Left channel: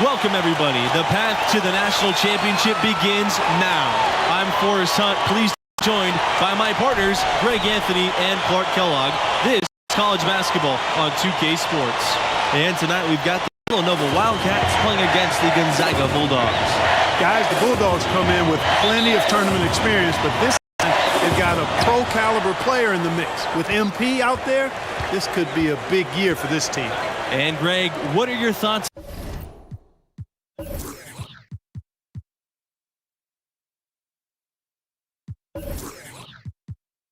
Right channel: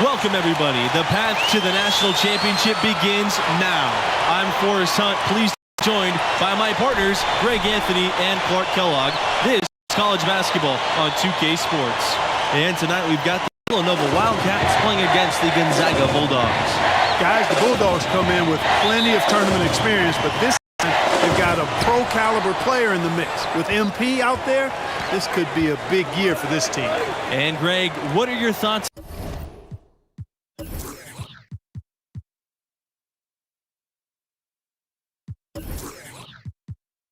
Welcome, everybody. The path to the national championship begins now. I'm Forrest Hunt, pleased to be joined by my partners, Greg Anthony and Clark Kellogg. This is college basketball on 2K Sports. And tonight we've got the Villanova Wildcats playing against the Gonzaga Bulldogs. Guys, the Bulldogs come in with plenty of tournament experience, but this time they've got a pro-caliber player in the mix. With MP out there, this could be a big year for this team. And Greg, what are your thoughts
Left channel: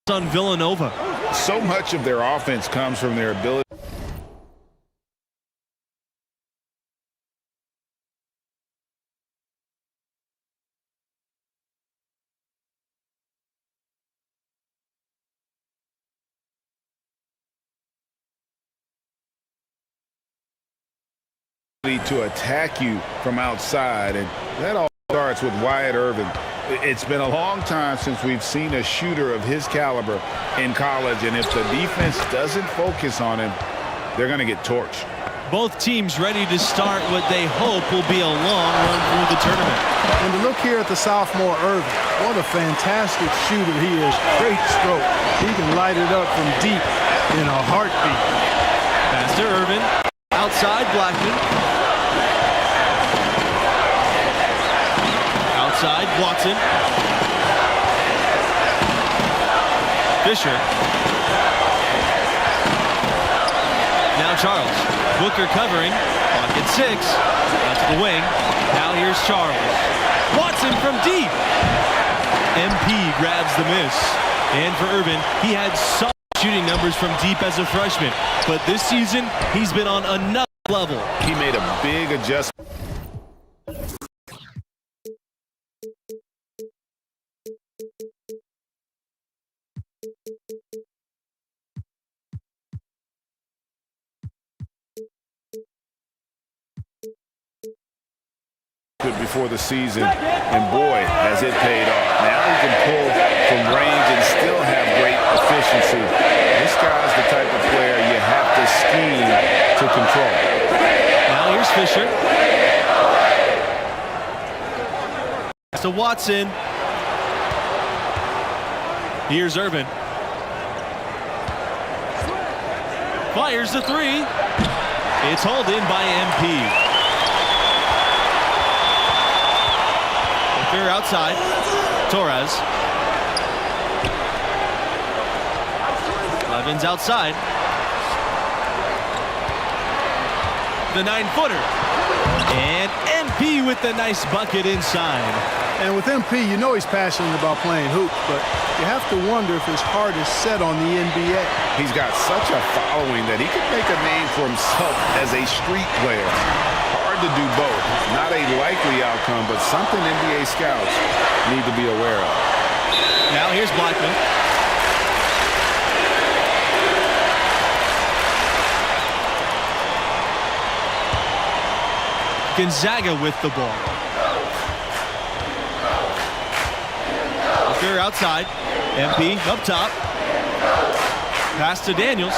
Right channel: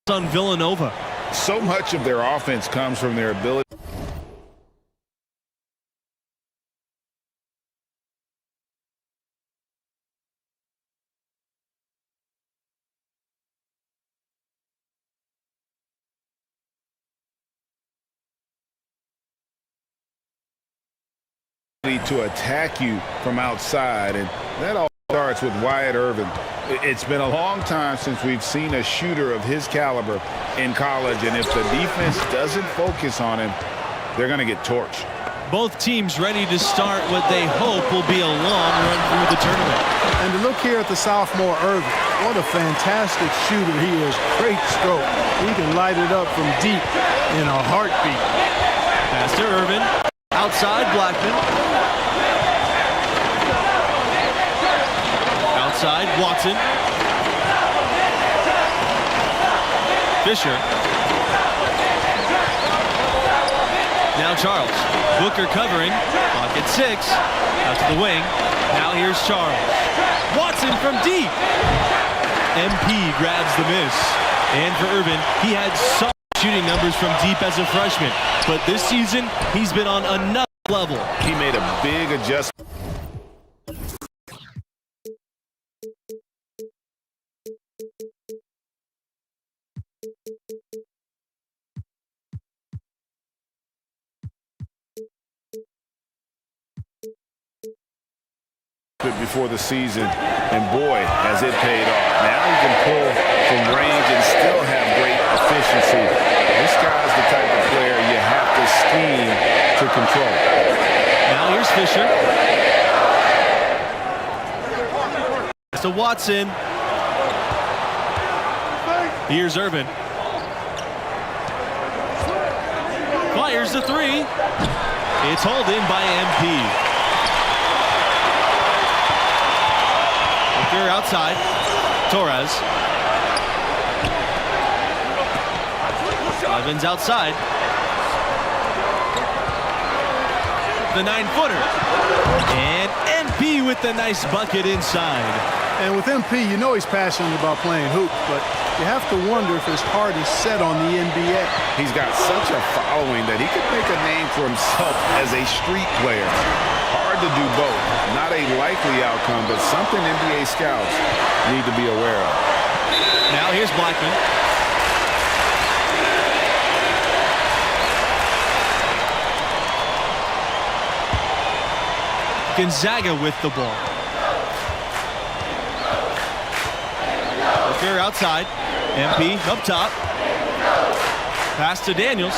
on Villanova? So much of their offense comes from their ability to attack you from outside, and that all starts with Wyatt Irvin. It's been a long time since we've seen a shooter of his caliber in college, and if the defense doesn't focus on him, they're going to get torched. Both teams ready to start what they hope will be a long run through the tournament. And to look here at the sophomore Irvin, what a fantastic shooter he is. Great stroke. He can light it up from deep in a heartbeat. Pass to Irvin. Outside, Blackman. Outside, Watson. Fisher. Now Charles. Booker covering. Clock at 6. Out to the wing. Now here's Charles. Watson from deep. MP grabs the miss. And for Irvin, he had solid shooting numbers from deep as a freshman. But this season, he's been on another level. He made a big adjustment. Before the season, and boy, has it paid off. Now he can pull from range and still have great efficiency. This guy's the type of player you have to scheme to control. Now here's Fisher. To Watson. Here's Irvin. Fires the three. It's hauled in by MP. Booker outside. Torres. Levin's outside. The 9-footer. And MP with the nice bucket inside. And with MP, you know he's passionate about playing hoops, but you have to wonder if his heart is set on the NBA. He's got such a following that he could make a name for himself as a street player. Hard hard to do both. Not a likely outcome, but something NBA scouts need to be aware of. Now here's Blackman. Gonzaga with the ball. Booker outside. MP up top. Pass to Daniels.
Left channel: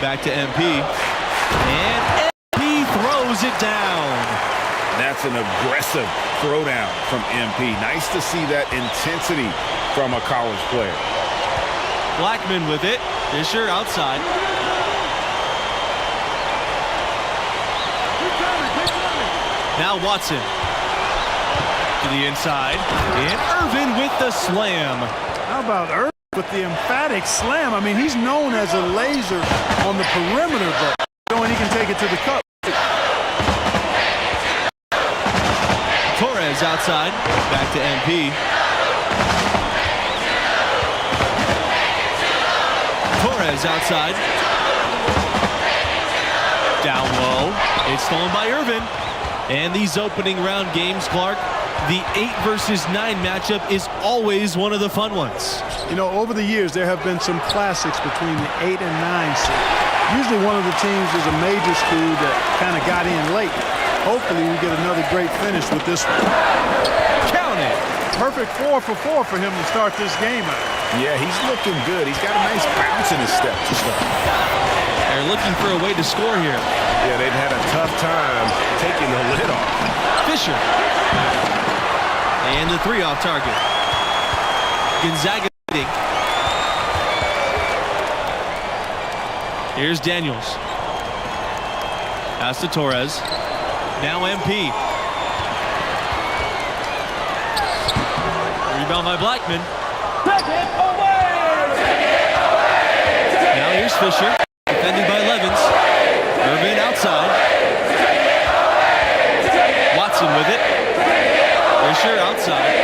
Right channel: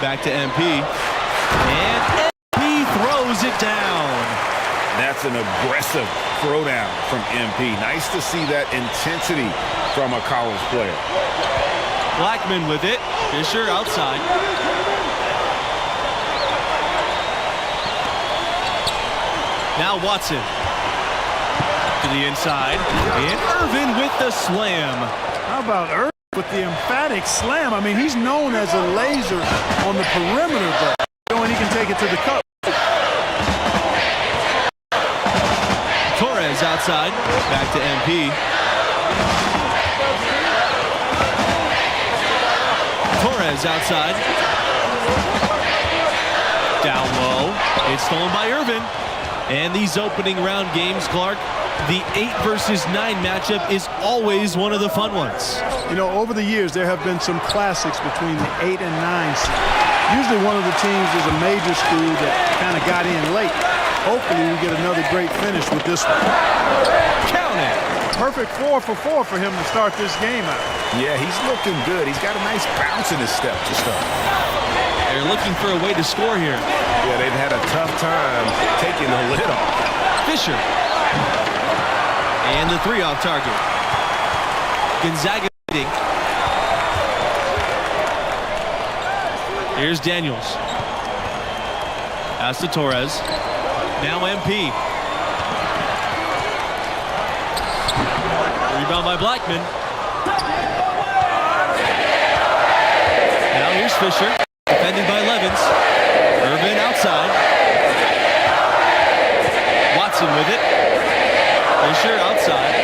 Back to MP. And MP throws it down. That's an aggressive throwdown from MP. Nice to see that intensity from a college player. Blackman with it. Fisher outside. Now Watson to the inside. And Irvin with the slam. How about Irvin with the emphatic slam? I mean, he's known as a laser on the perimeter, but knowing he can take it to the cup. Torres outside. Back to MP. Torres outside. Down low. It's stolen by Irvin. And these opening round games, Clark, the 8 versus 9 matchup is always one of the fun ones. You know, over the years, there have been some classics between the 8 and 9 seed. Usually one of the teams is a major school that kind of got in late. Hopefully we get another great finish with this one. Count it. Perfect 4 for 4 for him to start this game out. Yeah, he's looking good. He's got a nice bounce in his step to start. They're looking for a way to score here. Yeah, they've had a tough time taking the lid off. Fisher. And the 3 off target. Gonzaga leading. Here's Daniels. Pass to Torres. Now MP. Rebound by Blackman. Now here's Fisher. Defended by Levens. Irvin outside. Watson with it. Fisher outside.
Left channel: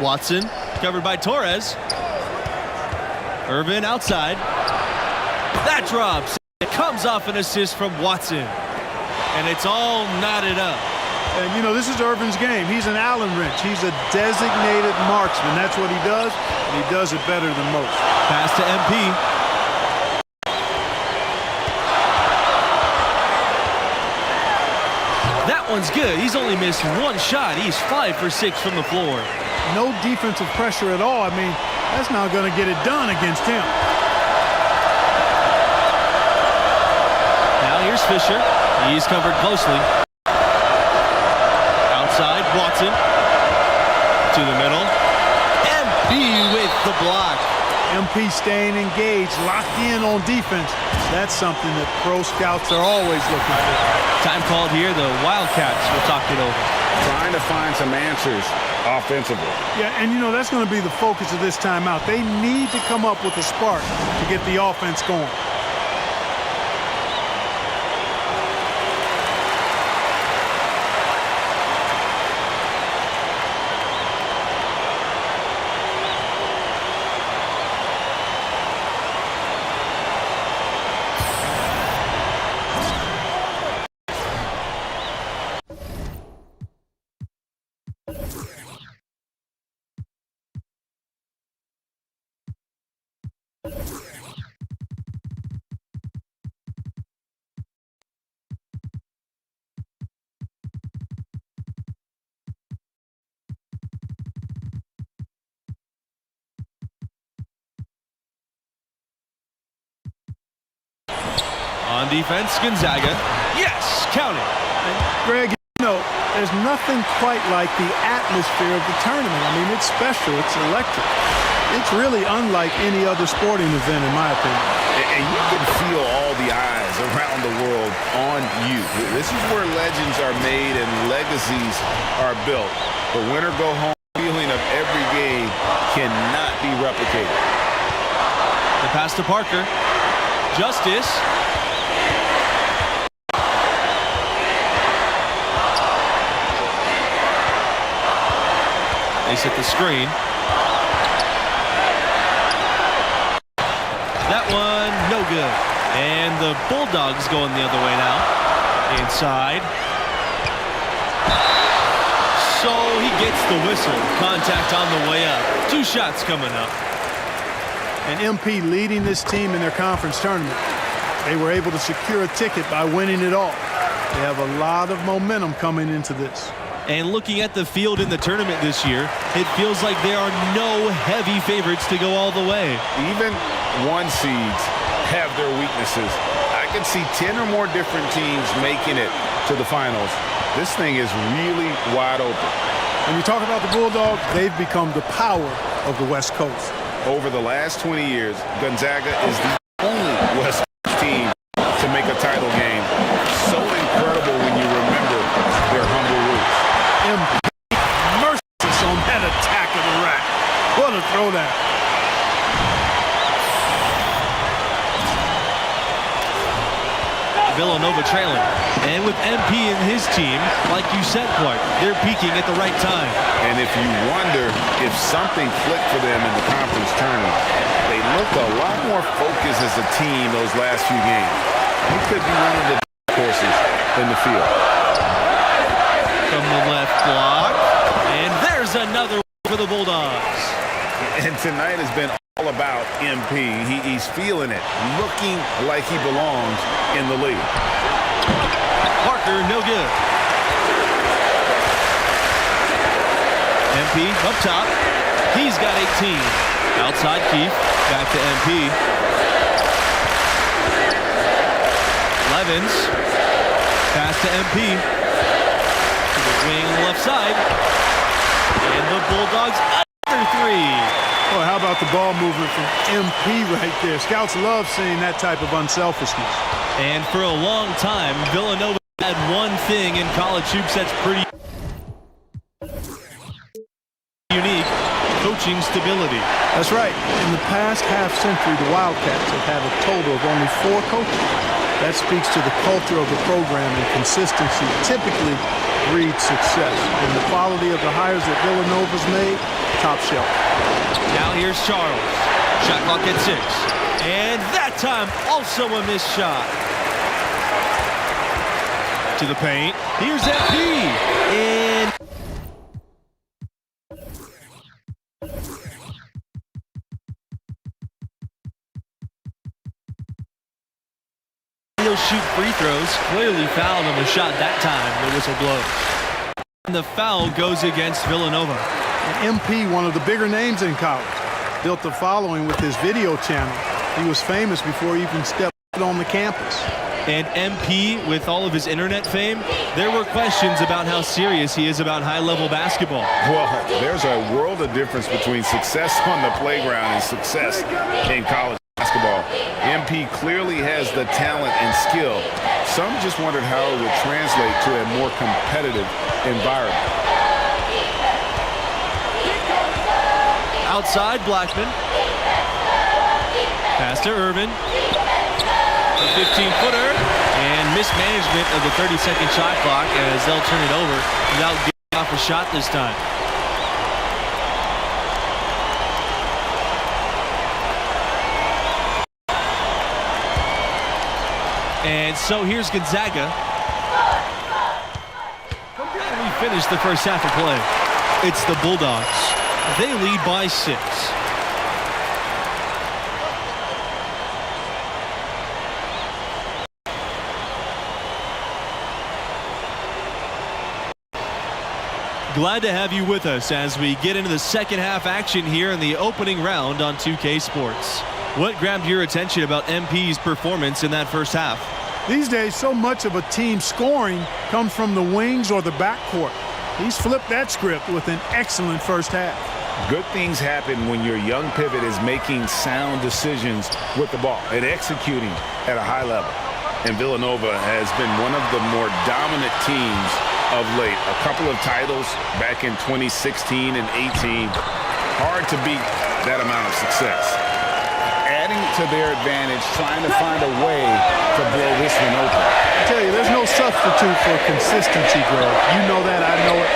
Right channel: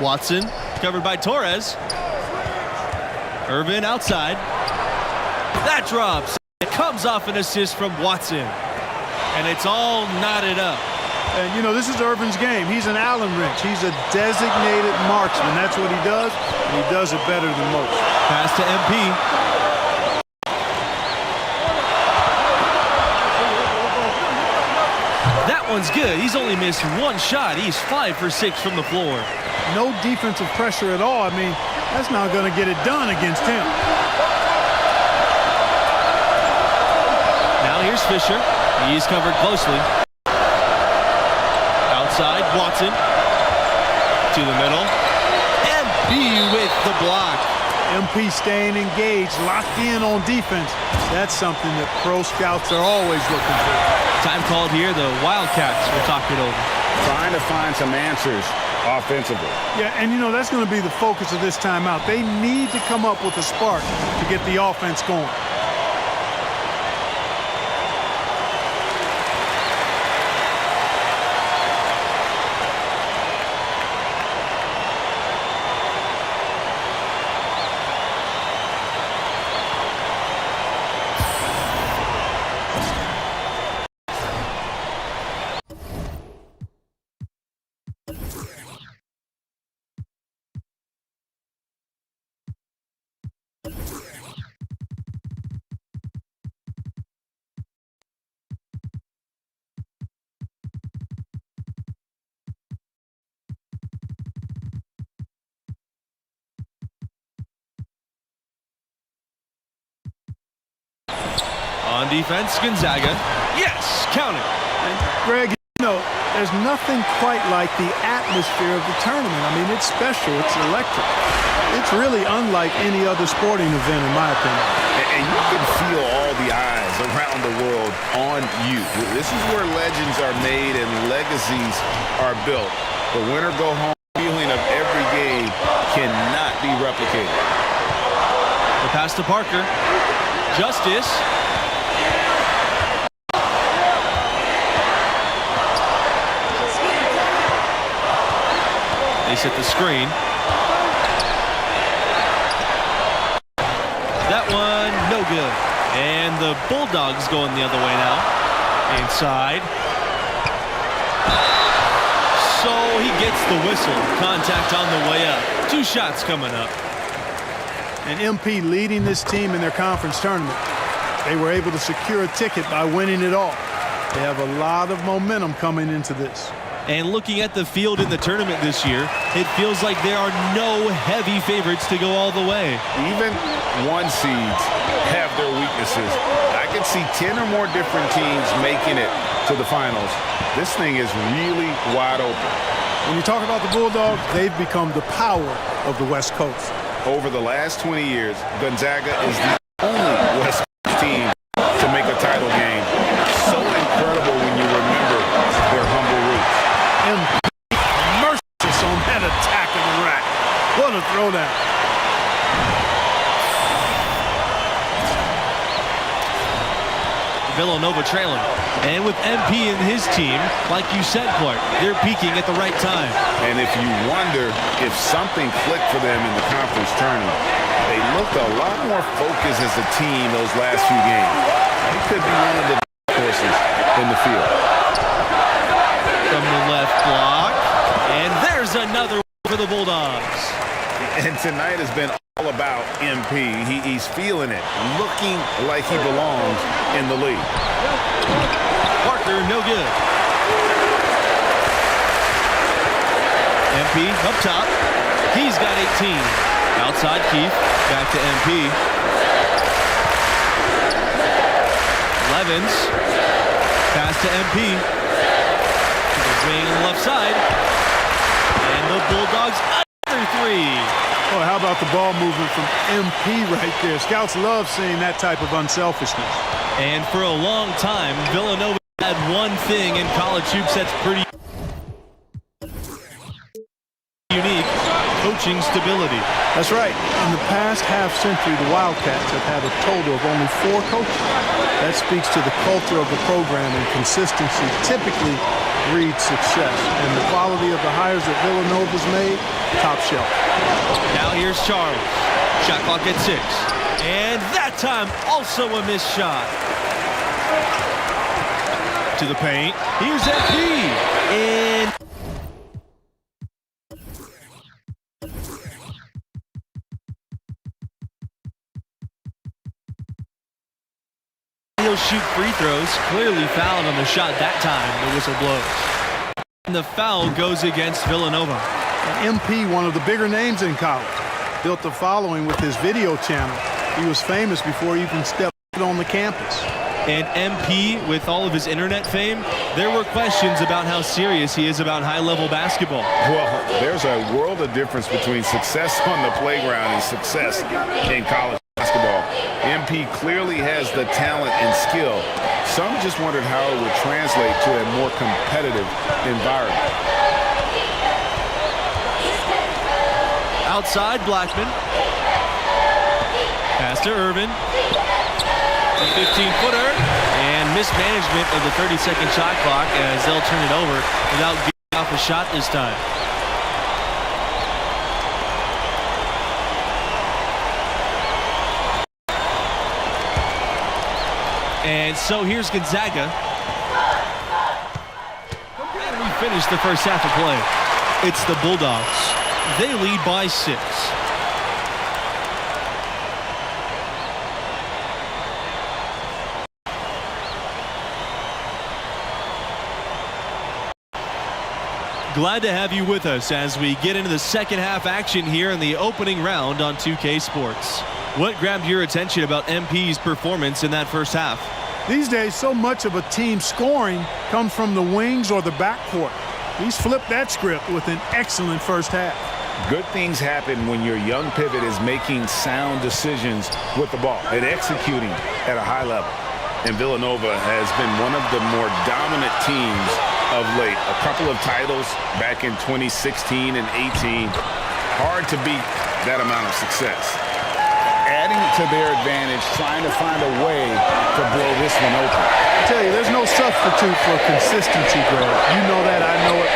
Watson covered by Torres. Irvin outside. That drops. It comes off an assist from Watson. And it's all knotted up. And, you know, this is Irvin's game. He's an Allen wrench. He's a designated marksman. That's what he does, and he does it better than most. Pass to MP. That one's good. He's only missed 1 shot. He's 5 for 6 from the floor. No defensive pressure at all. I mean, that's not going to get it done against him. Now here's Fisher. He's covered closely. Outside, Watson. To the middle. MP with the block. MP staying engaged, locked in on defense. That's something that pro scouts are always looking for. Time called here. The Wildcats will talk it over. Trying to find some answers offensively. Yeah, and you know, that's going to be the focus of this timeout. They need to come up with a spark to get the offense going. On defense, Gonzaga. Yes, count it. And Greg, you know, there's nothing quite like the atmosphere of the tournament. I mean, it's special. It's electric. It's really unlike any other sporting event, in my opinion. And you can feel all the eyes around the world on you. This is where legends are made and legacies are built. The winner-go-home feeling of every game cannot be replicated. The pass to Parker. Justice. They set the screen. That one, no good. And the Bulldogs going the other way now. Inside. So he gets the whistle. Contact on the way up. 2 shots coming up. And MP leading this team in their conference tournament. They were able to secure a ticket by winning it all. They have a lot of momentum coming into this. And looking at the field in the tournament this year, it feels like there are no heavy favorites to go all the way. Even 1 seeds have their weaknesses. I can see 10 or more different teams making it to the finals. This thing is really wide open. When you talk about the Bulldogs, they've become the power of the West Coast. Over the last 20 years, Gonzaga is the only West Coast team to make a title game. So incredible when you remember their humble roots. MP merciless on that attack of the rack. What a throwdown. Villanova trailing. And with MP and his team, like you said, Clark, they're peaking at the right time. And if you wonder if something clicked for them in the conference tournament, they looked a lot more focused as a team those last few games. They could be one of the horses in the field. From the left block. And there's another for the Bulldogs. And tonight has been all about MP. He's feeling it, looking like he belongs in the league. Parker, no good. MP up top. He's got 18. Outside Keith. Back to MP. Levens. Pass to MP. To the wing on the left side. And the Bulldogs another 3. Oh, how about the ball movement from MP right there? Scouts love seeing that type of unselfishness. And for a long time, Villanova had one thing in college hoops that's pretty unique: coaching stability. That's right. In the past half-century, the Wildcats have had a total of only 4 coaches. That speaks to the culture of the program, and consistency typically breeds success. And the quality of the hires that Villanova's made, top shelf. Now here's Charles. Shot clock at 6. And that time also a missed shot. To the paint. Here's MP. And he'll shoot free throws. Clearly fouled on the shot that time. The whistle blows. And the foul goes against Villanova. And MP, one of the bigger names in college, built a following with his video channel. He was famous before he even stepped on the campus. And MP, with all of his internet fame, there were questions about how serious he is about high-level basketball. Well, there's a world of difference between success on the playground and success in college basketball. MP clearly has the talent and skill. Some just wondered how it would translate to a more competitive environment. Outside, Blackman. Pass to Irvin. A 15-footer. And mismanagement of the 30-second shot clock as they'll turn it over without getting off a shot this time. And so here's Gonzaga. And we finished the first half of play. It's the Bulldogs. They lead by 6. Glad to have you with us as we get into the second half action here in the opening round on 2K Sports. What grabbed your attention about MP's performance in that first half? These days, so much of a team's scoring comes from the wings or the backcourt. He's flipped that script with an excellent first half. Good things happen when your young pivot is making sound decisions with the ball and executing at a high level. And Villanova has been one of the more dominant teams of late. A couple of titles back in 2016 and 18. Hard to beat that amount of success. Adding to their advantage, trying to find a way to blow this one open. I tell you, there's no substitute for consistency, Greg. You know that, I know it.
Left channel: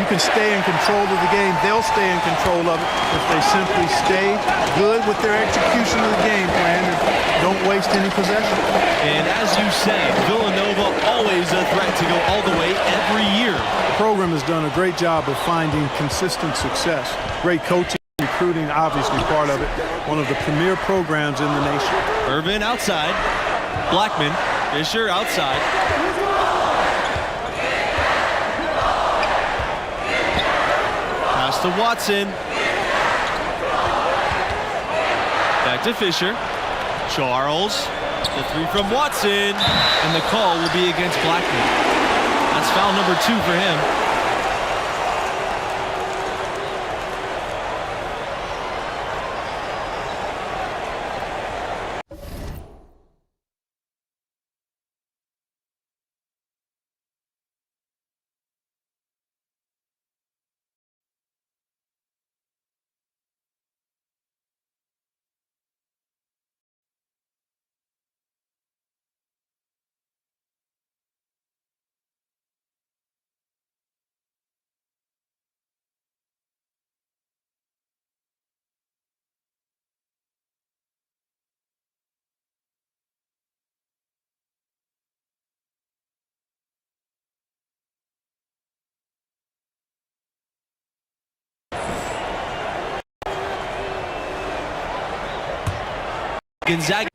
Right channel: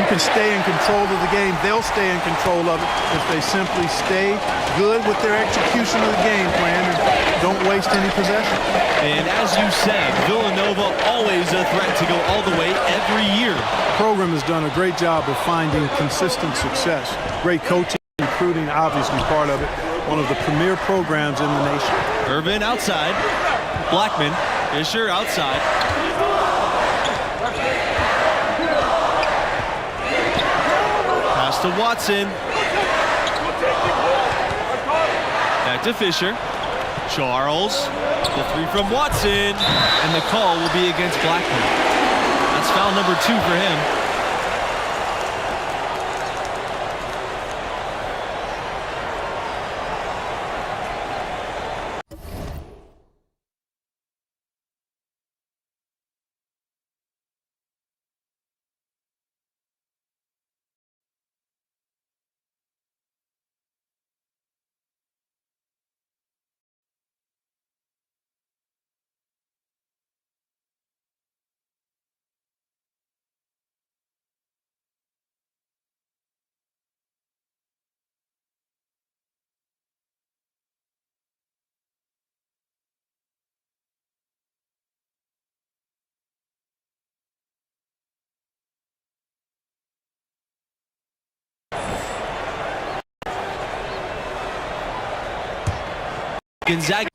You can stay in control of the game. They'll stay in control of it if they simply stay good with their execution of the game plan and don't waste any possession. And as you said, Villanova always a threat to go all the way every year. The program has done a great job of finding consistent success. Great coaching, recruiting, obviously part of it. One of the premier programs in the nation. Irvin outside. Blackman. Fisher outside. Pass to Watson. Back to Fisher. Charles. The three from Watson. And the call will be against Blackman. That's foul number 2 for him. Gonzaga.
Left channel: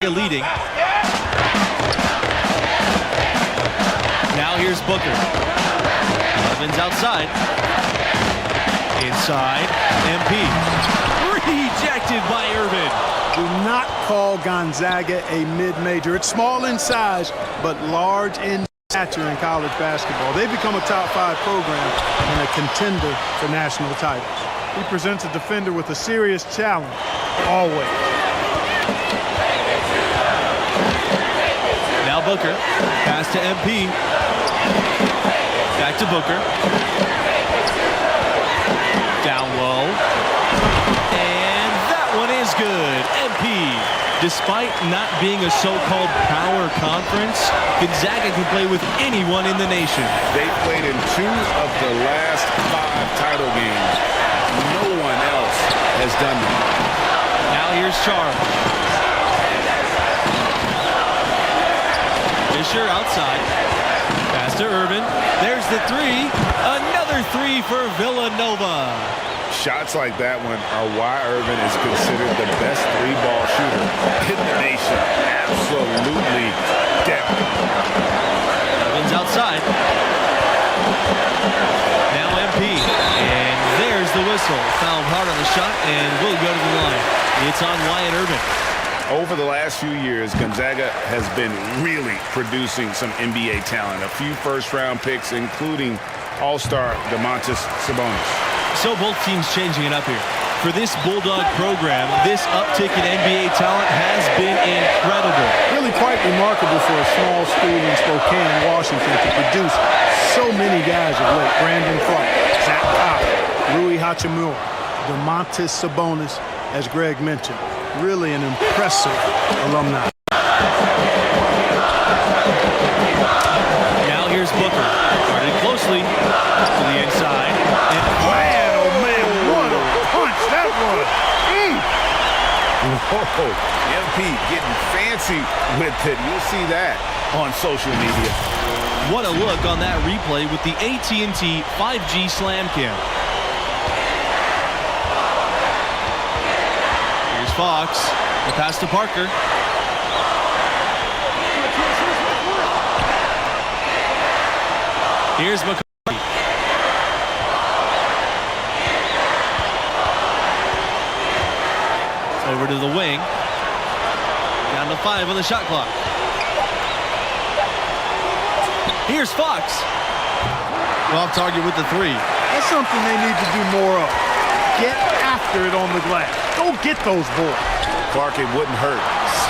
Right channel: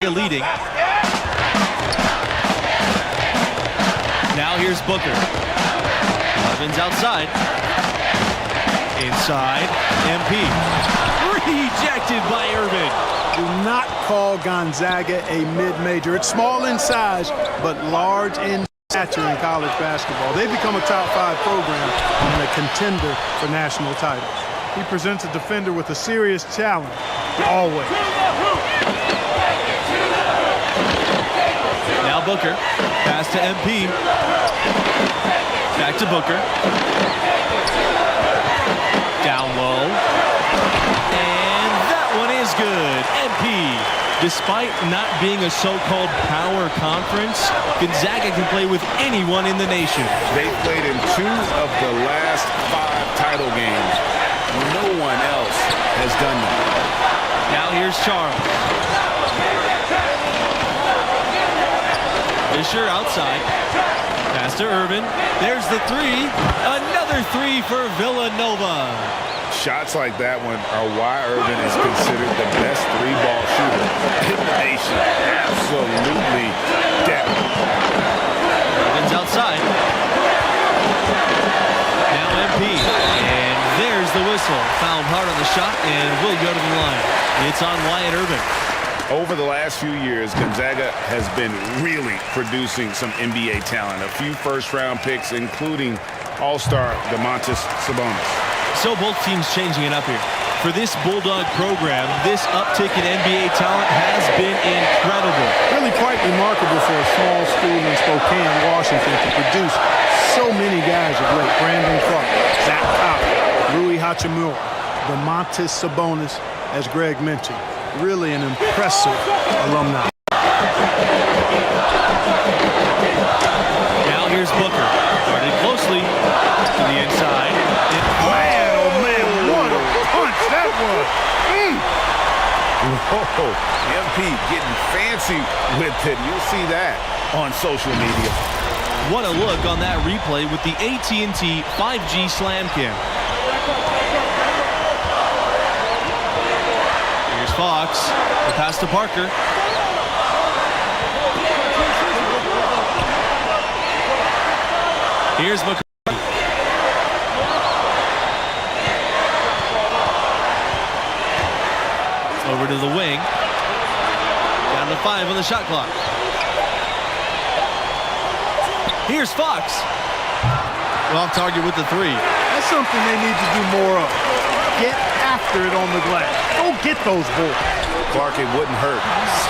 Leading. Now here's Booker. Evans outside. Inside. MP. Rejected by Irvin. Do not call Gonzaga a mid-major. It's small in size, but large in stature in college basketball. They've become a top 5 program and a contender for national titles. He presents a defender with a serious challenge, always. Now Booker. Pass to MP. Back to Booker. Down low. And that one is good. MP. Despite not being a so-called power conference, Gonzaga can play with anyone in the nation. They played in 2 of the last 5 title games. No one else has done that. Now here's Charles. Fisher outside. Pass to Irvin. There's the 3. Another 3 for Villanova. Shots like that one are why Irvin is considered the best 3-ball shooter in the nation. Absolutely deadly. Irvin's outside. Now MP. And there's the whistle. Fouled hard on the shot and will go to the line. It's on Wyatt Irvin. Over the last few years, Gonzaga has been really producing some NBA talent. A few first-round picks, including All-Star Domantas Sabonis. So both teams changing it up here. For this Bulldog program, this uptick in NBA talent has been incredible. Really quite remarkable for a small school in Spokane, Washington, to produce so many guys of late. Brandon Clark, Zach Collins, Rui Hachimura, Domantas Sabonis, as Greg mentioned. Really an impressive alumni. Now here's Booker. Guarded closely to the inside. And Man, oh man, what a punch that was. Whoa, MP getting fancy with it. You'll see that on social media. what a look on that replay with the AT&T 5G Slam Cam. Here's Fox. The pass to Parker. Here's McCarthy. Over to the wing. Down to 5 on the shot clock. Here's Fox. Well, off target with the 3. That's something they need to do more of. get after it on the glass. Go get those boards. Clark, it wouldn't hurt.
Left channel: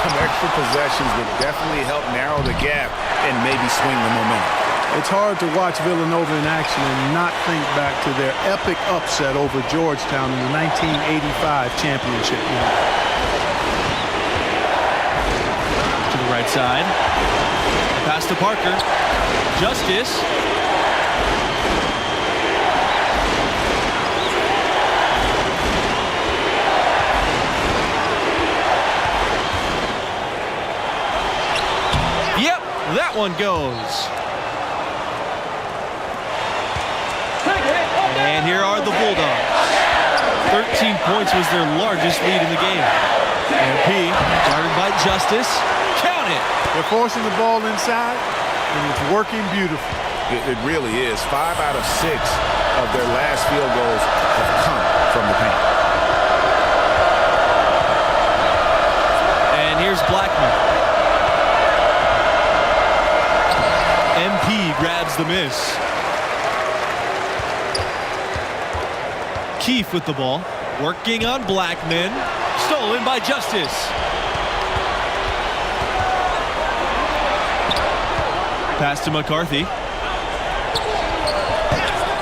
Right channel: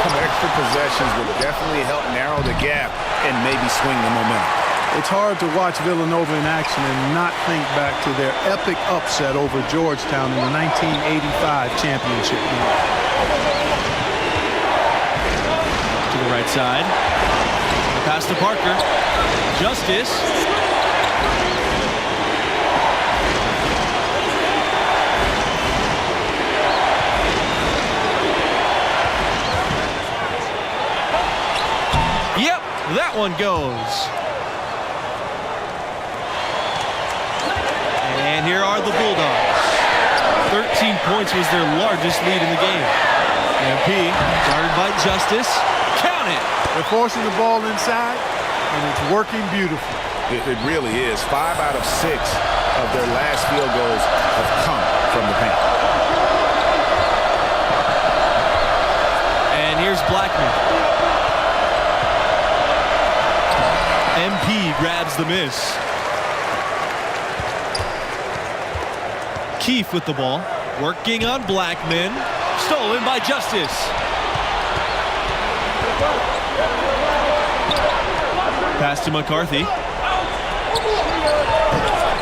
Some extra possessions would definitely help narrow the gap and maybe swing the momentum. It's hard to watch Villanova in action and not think back to their epic upset over Georgetown in the 1985 championship game. To the right side. The pass to Parker. Justice. Yep, that one goes. And here are the Bulldogs. 13 points was their largest lead in the game. MP guarded by Justice. Count it. They're forcing the ball inside, and it's working beautifully. It really is. 5 out of 6 of their last field goals have come from the paint. And here's Blackman. MP grabs the miss. Keefe with the ball, working on Blackman. Stolen by Justice. Pass to McCarthy.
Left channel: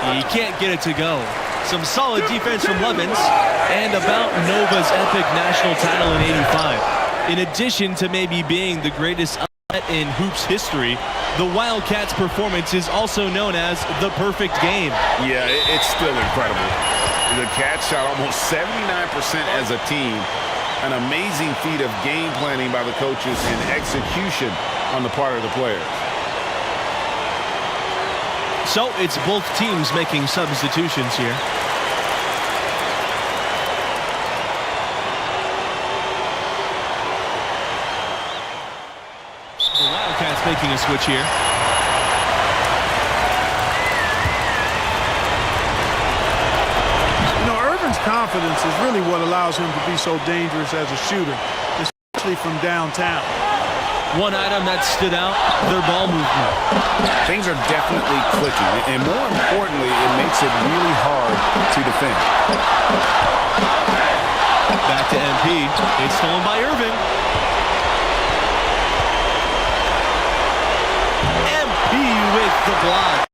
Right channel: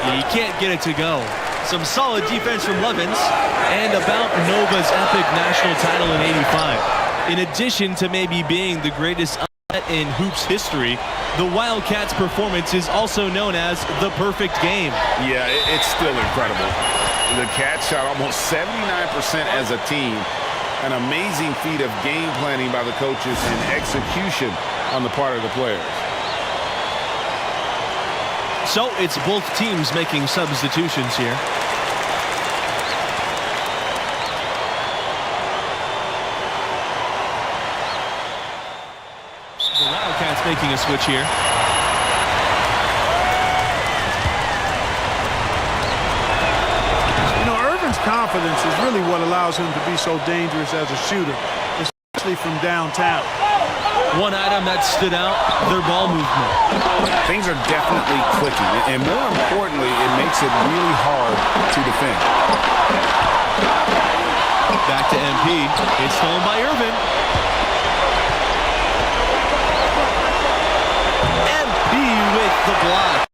He can't get it to go. Some solid defense from Levens, and about Nova's epic national title in '85. In addition to maybe being the greatest upset in hoops history, the Wildcats' performance is also known as the perfect game. Yeah, it's still incredible. The Cats shot almost 79% as a team. An amazing feat of game planning by the coaches and execution on the part of the players. So it's both teams making substitutions here. The Wildcats making a switch here. You know, Irvin's confidence is really what allows him to be so dangerous as a shooter, especially from downtown. One item that stood out, their ball movement. Things are definitely clicking, and more importantly, it makes it really hard to defend. Back to MP. It's stolen by Irvin. MP with the block.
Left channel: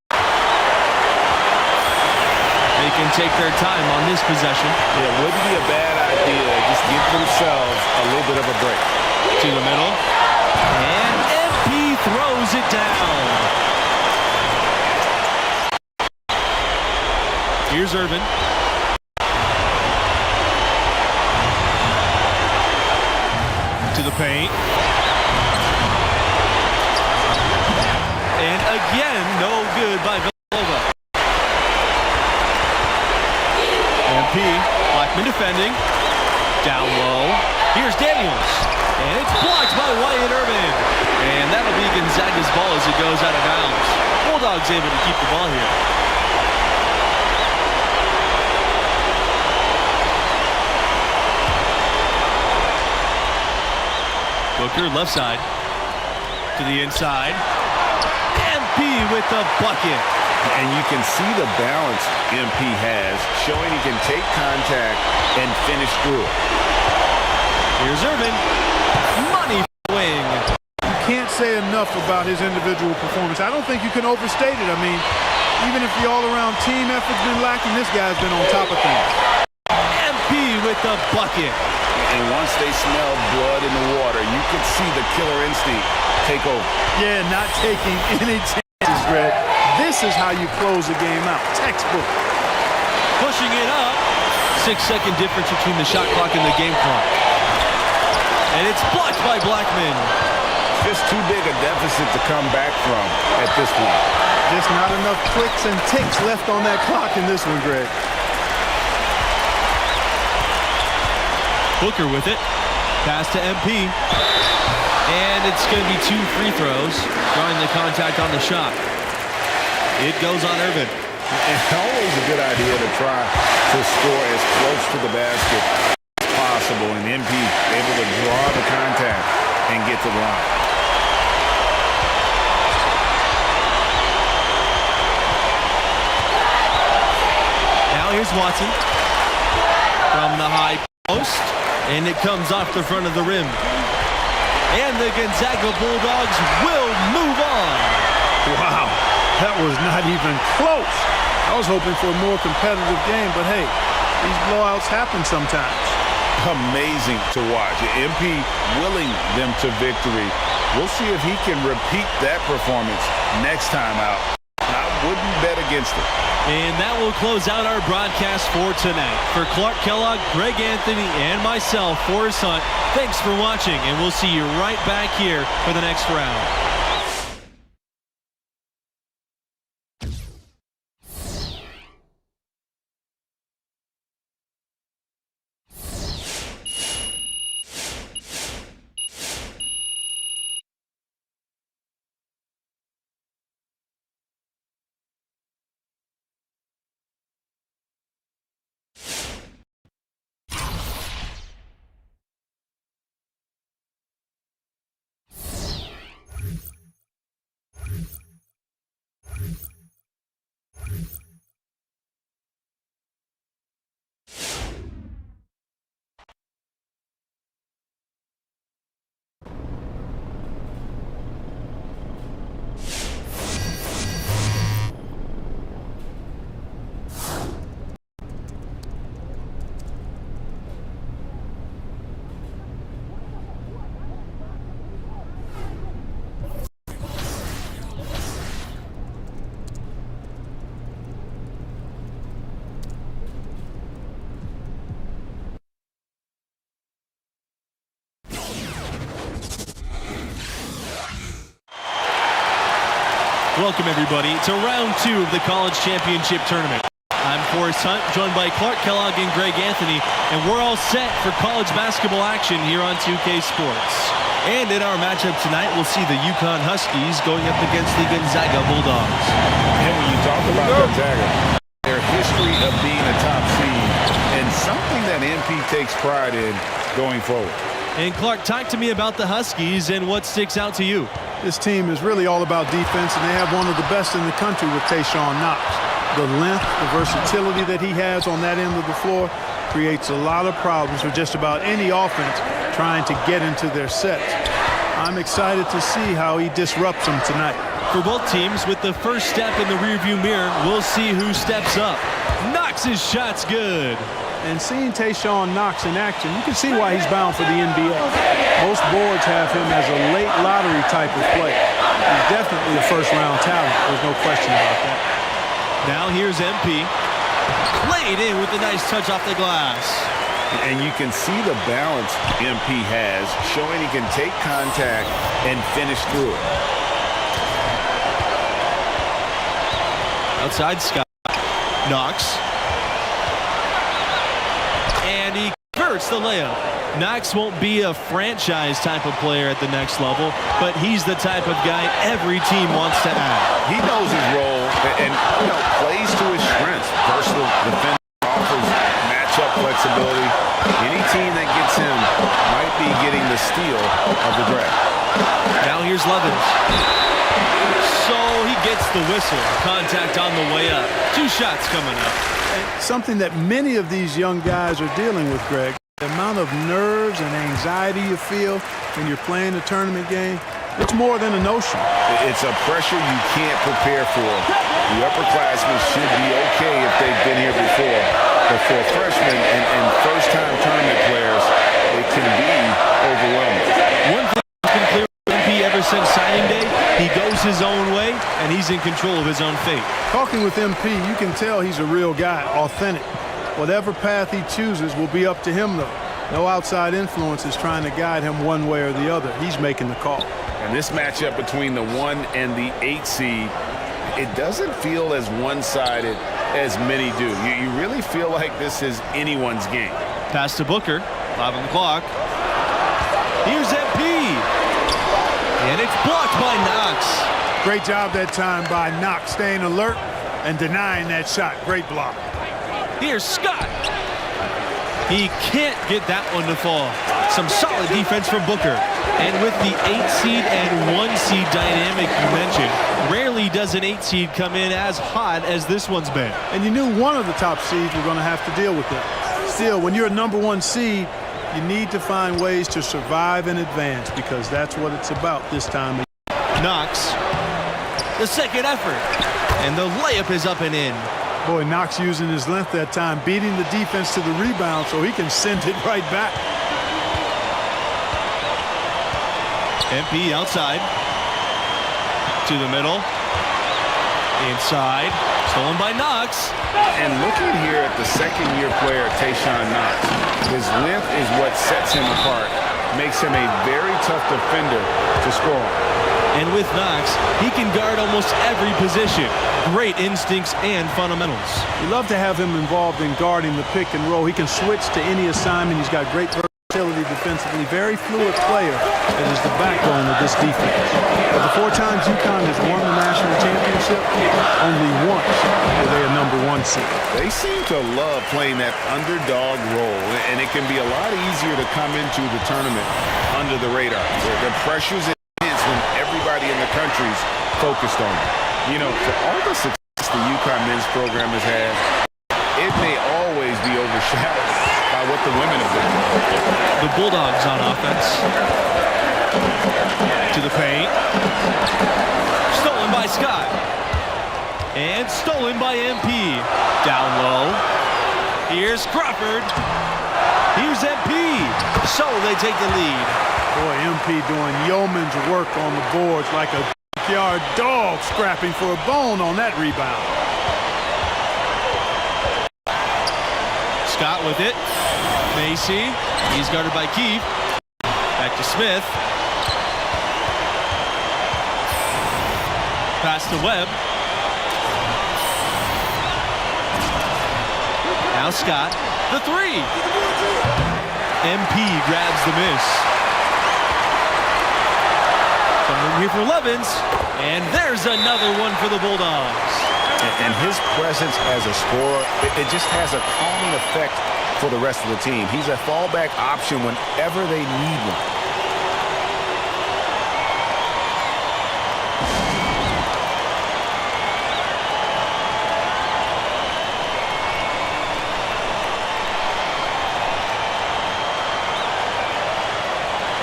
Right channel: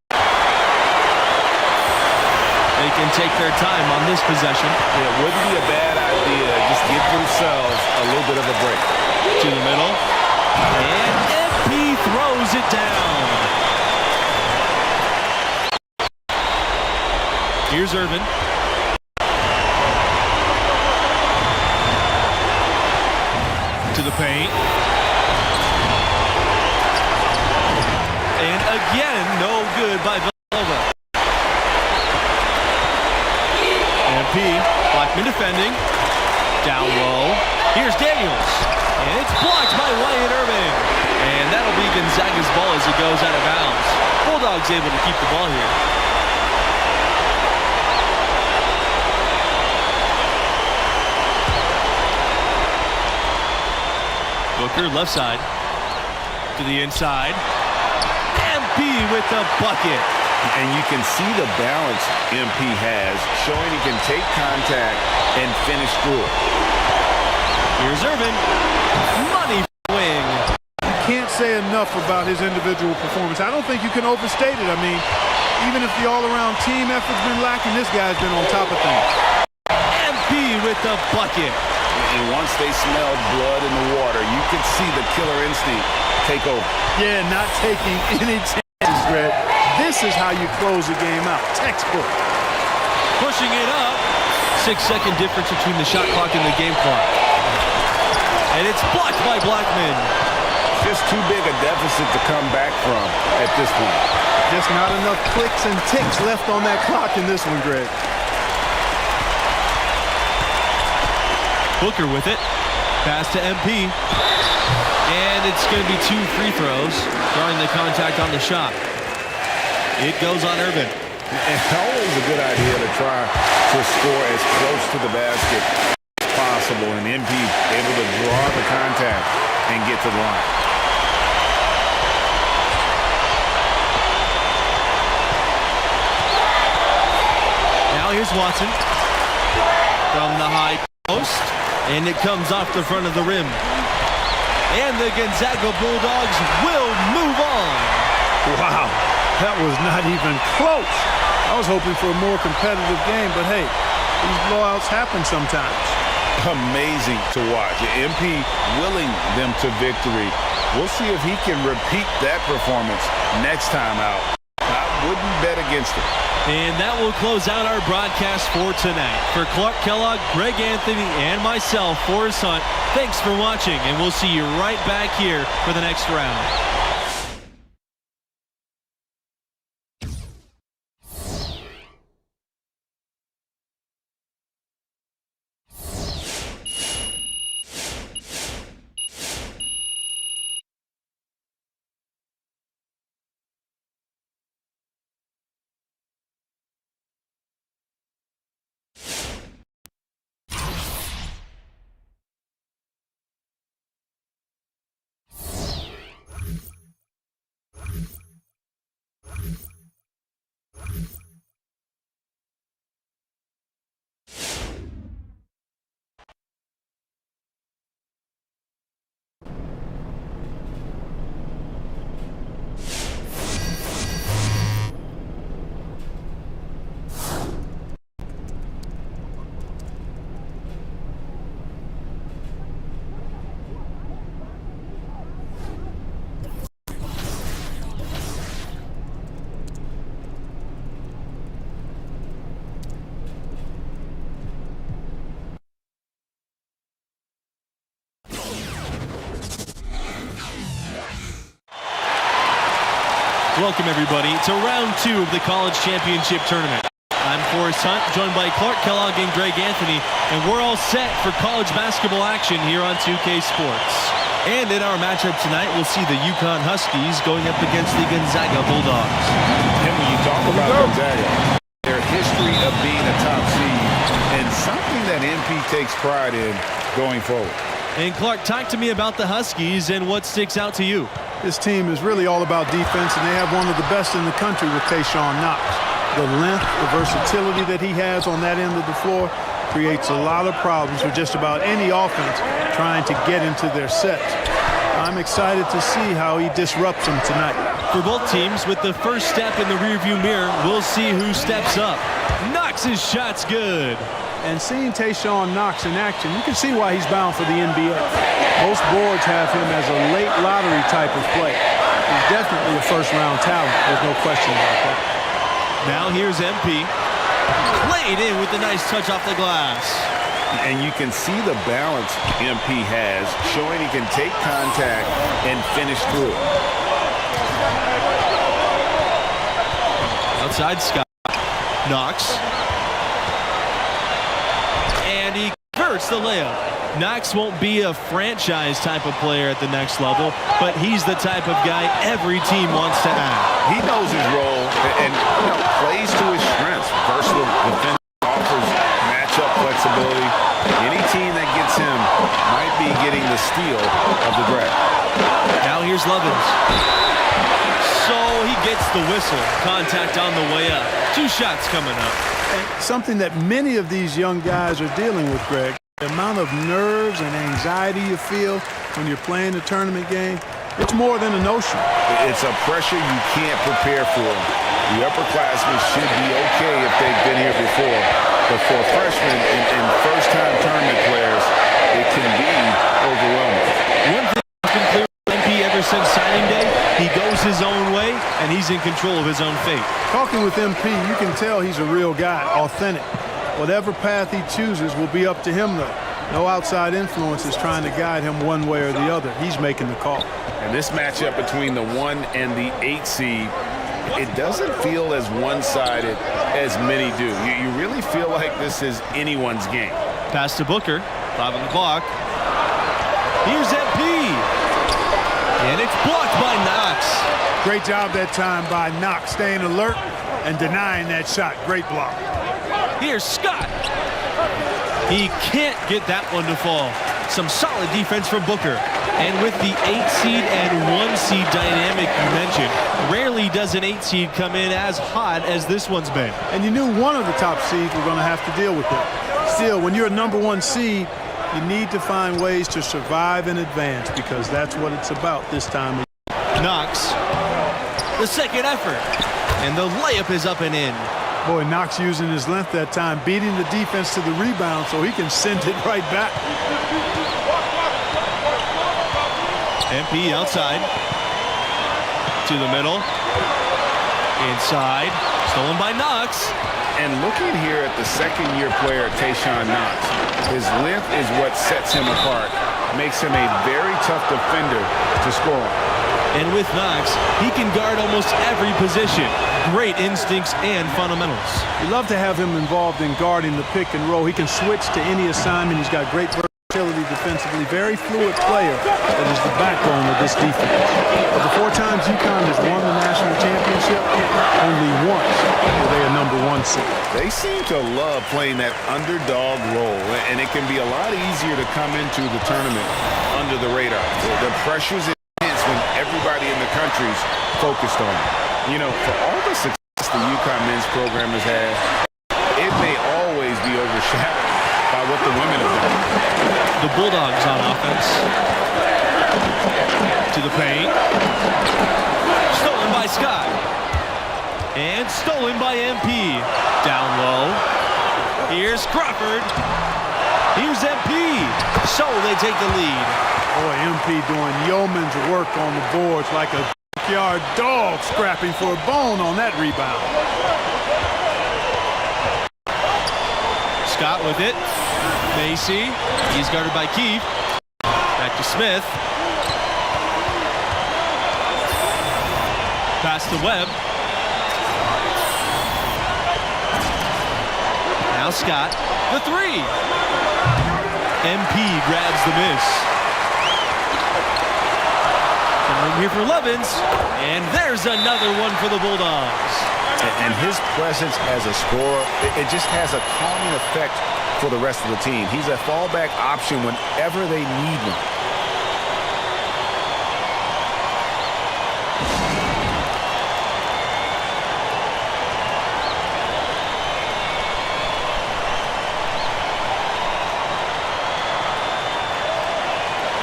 They can take their time on this possession. Yeah, it wouldn't be a bad idea. Just give themselves a little bit of a break. To the middle. And MP throws it down. Here's Irvin. To the paint. And again, no good by Villanova. MP, Blackman defending. Down low. Here's Daniels. And it's blocked by Wyatt Irvin. And that'll be Gonzaga's ball as it goes out of bounds. Bulldogs able to keep the ball here. Booker, left side. To the inside. MP with the bucket. And you can see the balance MP has, showing he can take contact and finish through it. Here's Irvin. Money wing. You can't say enough about his individual performance. I don't think you can overstate it. I mean, even if the all-around team effort's been lacking, this guy's been on top of things. MP with the bucket. And once they smelled blood in the water, you could see the killer instinct take over. Yeah, not taking any chances, Greg. This is how you close a game out. Textbook. Pushing it up. 6-second difference between the shot clock and the game clock. And it's blocked by Blackman. Just too big a deficit to come back from at this point. Just not enough clicks and ticks left on that clock in this one, Greg. Booker with it. Pass to MP. And it's going to be 2 free throws, drawing the contact on the shot. It goes on Irvin. It's always a good idea to try to score as close to the basket as possible, and MP able to draw the contact and get to the line. Now here's Watson. from the high post, and it comes off the front of the rim. And the Gonzaga Bulldogs will move on. Wow, that was not even close. I was hoping for a more competitive game, but hey, these blowouts happen sometimes. Amazing to watch. MP willing them to victory. We'll see if he can repeat that performance next time out. I wouldn't bet against it. And that will close out our broadcast for tonight. For Clark Kellogg, Greg Anthony, and myself, Forrest Hunt, thanks for watching, and we'll see you right back here for the next round. Welcome, everybody, to round 2 of the College Championship Tournament. I'm Forrest Hunt, joined by Clark Kellogg and Greg Anthony, and we're all set for college basketball action here on 2K Sports. And in our matchup tonight, we'll see the UConn Huskies going up against the Gonzaga Bulldogs. And when you talk about Gonzaga, their history of being a top seed and something that MP takes pride in going forward. And Clark, talk to me about the Huskies and what sticks out to you. This team is really all about defense, and they have one of the best in the country with Tayshaun Knox. The length, the versatility that he has on that end of the floor creates a lot of problems for just about any offense trying to get into their sets. I'm excited to see how he disrupts them tonight. For both teams, with the first step in the rearview mirror, we'll see who steps up. Knox's shot's good. And seeing Tayshaun Knox in action, you can see why he's bound for the NBA. Most boards have him as a late lottery type of player. He's definitely a first-round talent. There's no question about that. Now here's MP. Laid in with a nice touch off the glass. And you can see the balance MP has, showing he can take contact and finish through it. Outside Scott. Knox. And he converts the layup. Knox won't be a franchise type of player at the next level, but he's the type of guy every team wants to add. He knows his role and plays to his strengths. Versatile defender, offers matchup flexibility. Any team that gets him might be getting the steal of the draft. Now here's Levins. So he gets the whistle. Contact on the way up. 2 shots coming up. And something that many of these young guys are dealing with, Greg, the amount of nerves and anxiety you feel when you're playing a tournament game, it's more than a notion. It's a pressure you can't prepare for. The upperclassmen should be okay if they've been here before. But for freshmen and first-time tournament players, it can be overwhelming. One thing has been clear with MP ever since signing day, he goes his own way, and he's in control of his own fate. Talking with MP, you can tell he's a real guy, authentic. Whatever path he chooses will be up to him, though. No outside influence is trying to guide him one way or the other. He's making the call. And this matchup between the 1 and the 8 seed, it doesn't feel as one-sided as many do. You really feel like this is anyone's game. Pass to Booker. 5 on the clock. Here's MP. And it's blocked by Knox. Great job that time by Knox, staying alert and denying that shot. Great block. Here's Scott. He can't get that one to fall. Some solid defense from Booker. And with the 8 seed and 1 seed dynamic you mentioned, rarely does an 8 seed come in as hot as this one's been. And you knew one of the top seeds were going to have to deal with it. Still, when you're a #1 seed, you need to find ways to survive and advance because that's what it's about this time of year. Knox, the second effort, and the layup is up and in. Boy, Knox using his length that time, beating the defense to the rebound so he can send it right back. MP outside. To the middle. Inside. Stolen by Knox. And looking here at the second-year player, Tayshaun Knox, his length is what sets him apart, makes him a very tough defender to score on. And with Knox, he can guard almost every position. Great instincts and fundamentals. You love to have him involved in guarding the pick and roll. He can switch to any assignment. He's got great versatility defensively. Very fluid player that is the backbone of this defense. Of the 4 times UConn has won the national championship, only once were they a #1 seed. They seem to love playing that underdog role, and it can be a lot easier to come into the tournament under the radar. The pressure's intense when everybody in the country's focused on you. You know, for all the success the UConn men's program has had, it may always be overshadowed by what the women have done. The Bulldogs on offense. To the paint. Stolen by Scott. And stolen by MP. Down low. Here's Crawford. Here's MP. So they take the lead. Boy, MP doing yeoman's work on the boards like a backyard dog scrapping for a bone on that rebound. Scott with it. Macy. He's guarded by Keefe. Back to Smith. Pass to Webb. Now Scott. The 3. MP grabs the miss. Some room here for Levens. And there's another one for the Bulldogs. And his presence as a scorer, it just has a calming effect for the rest of the team. He's a fallback option whenever they need one.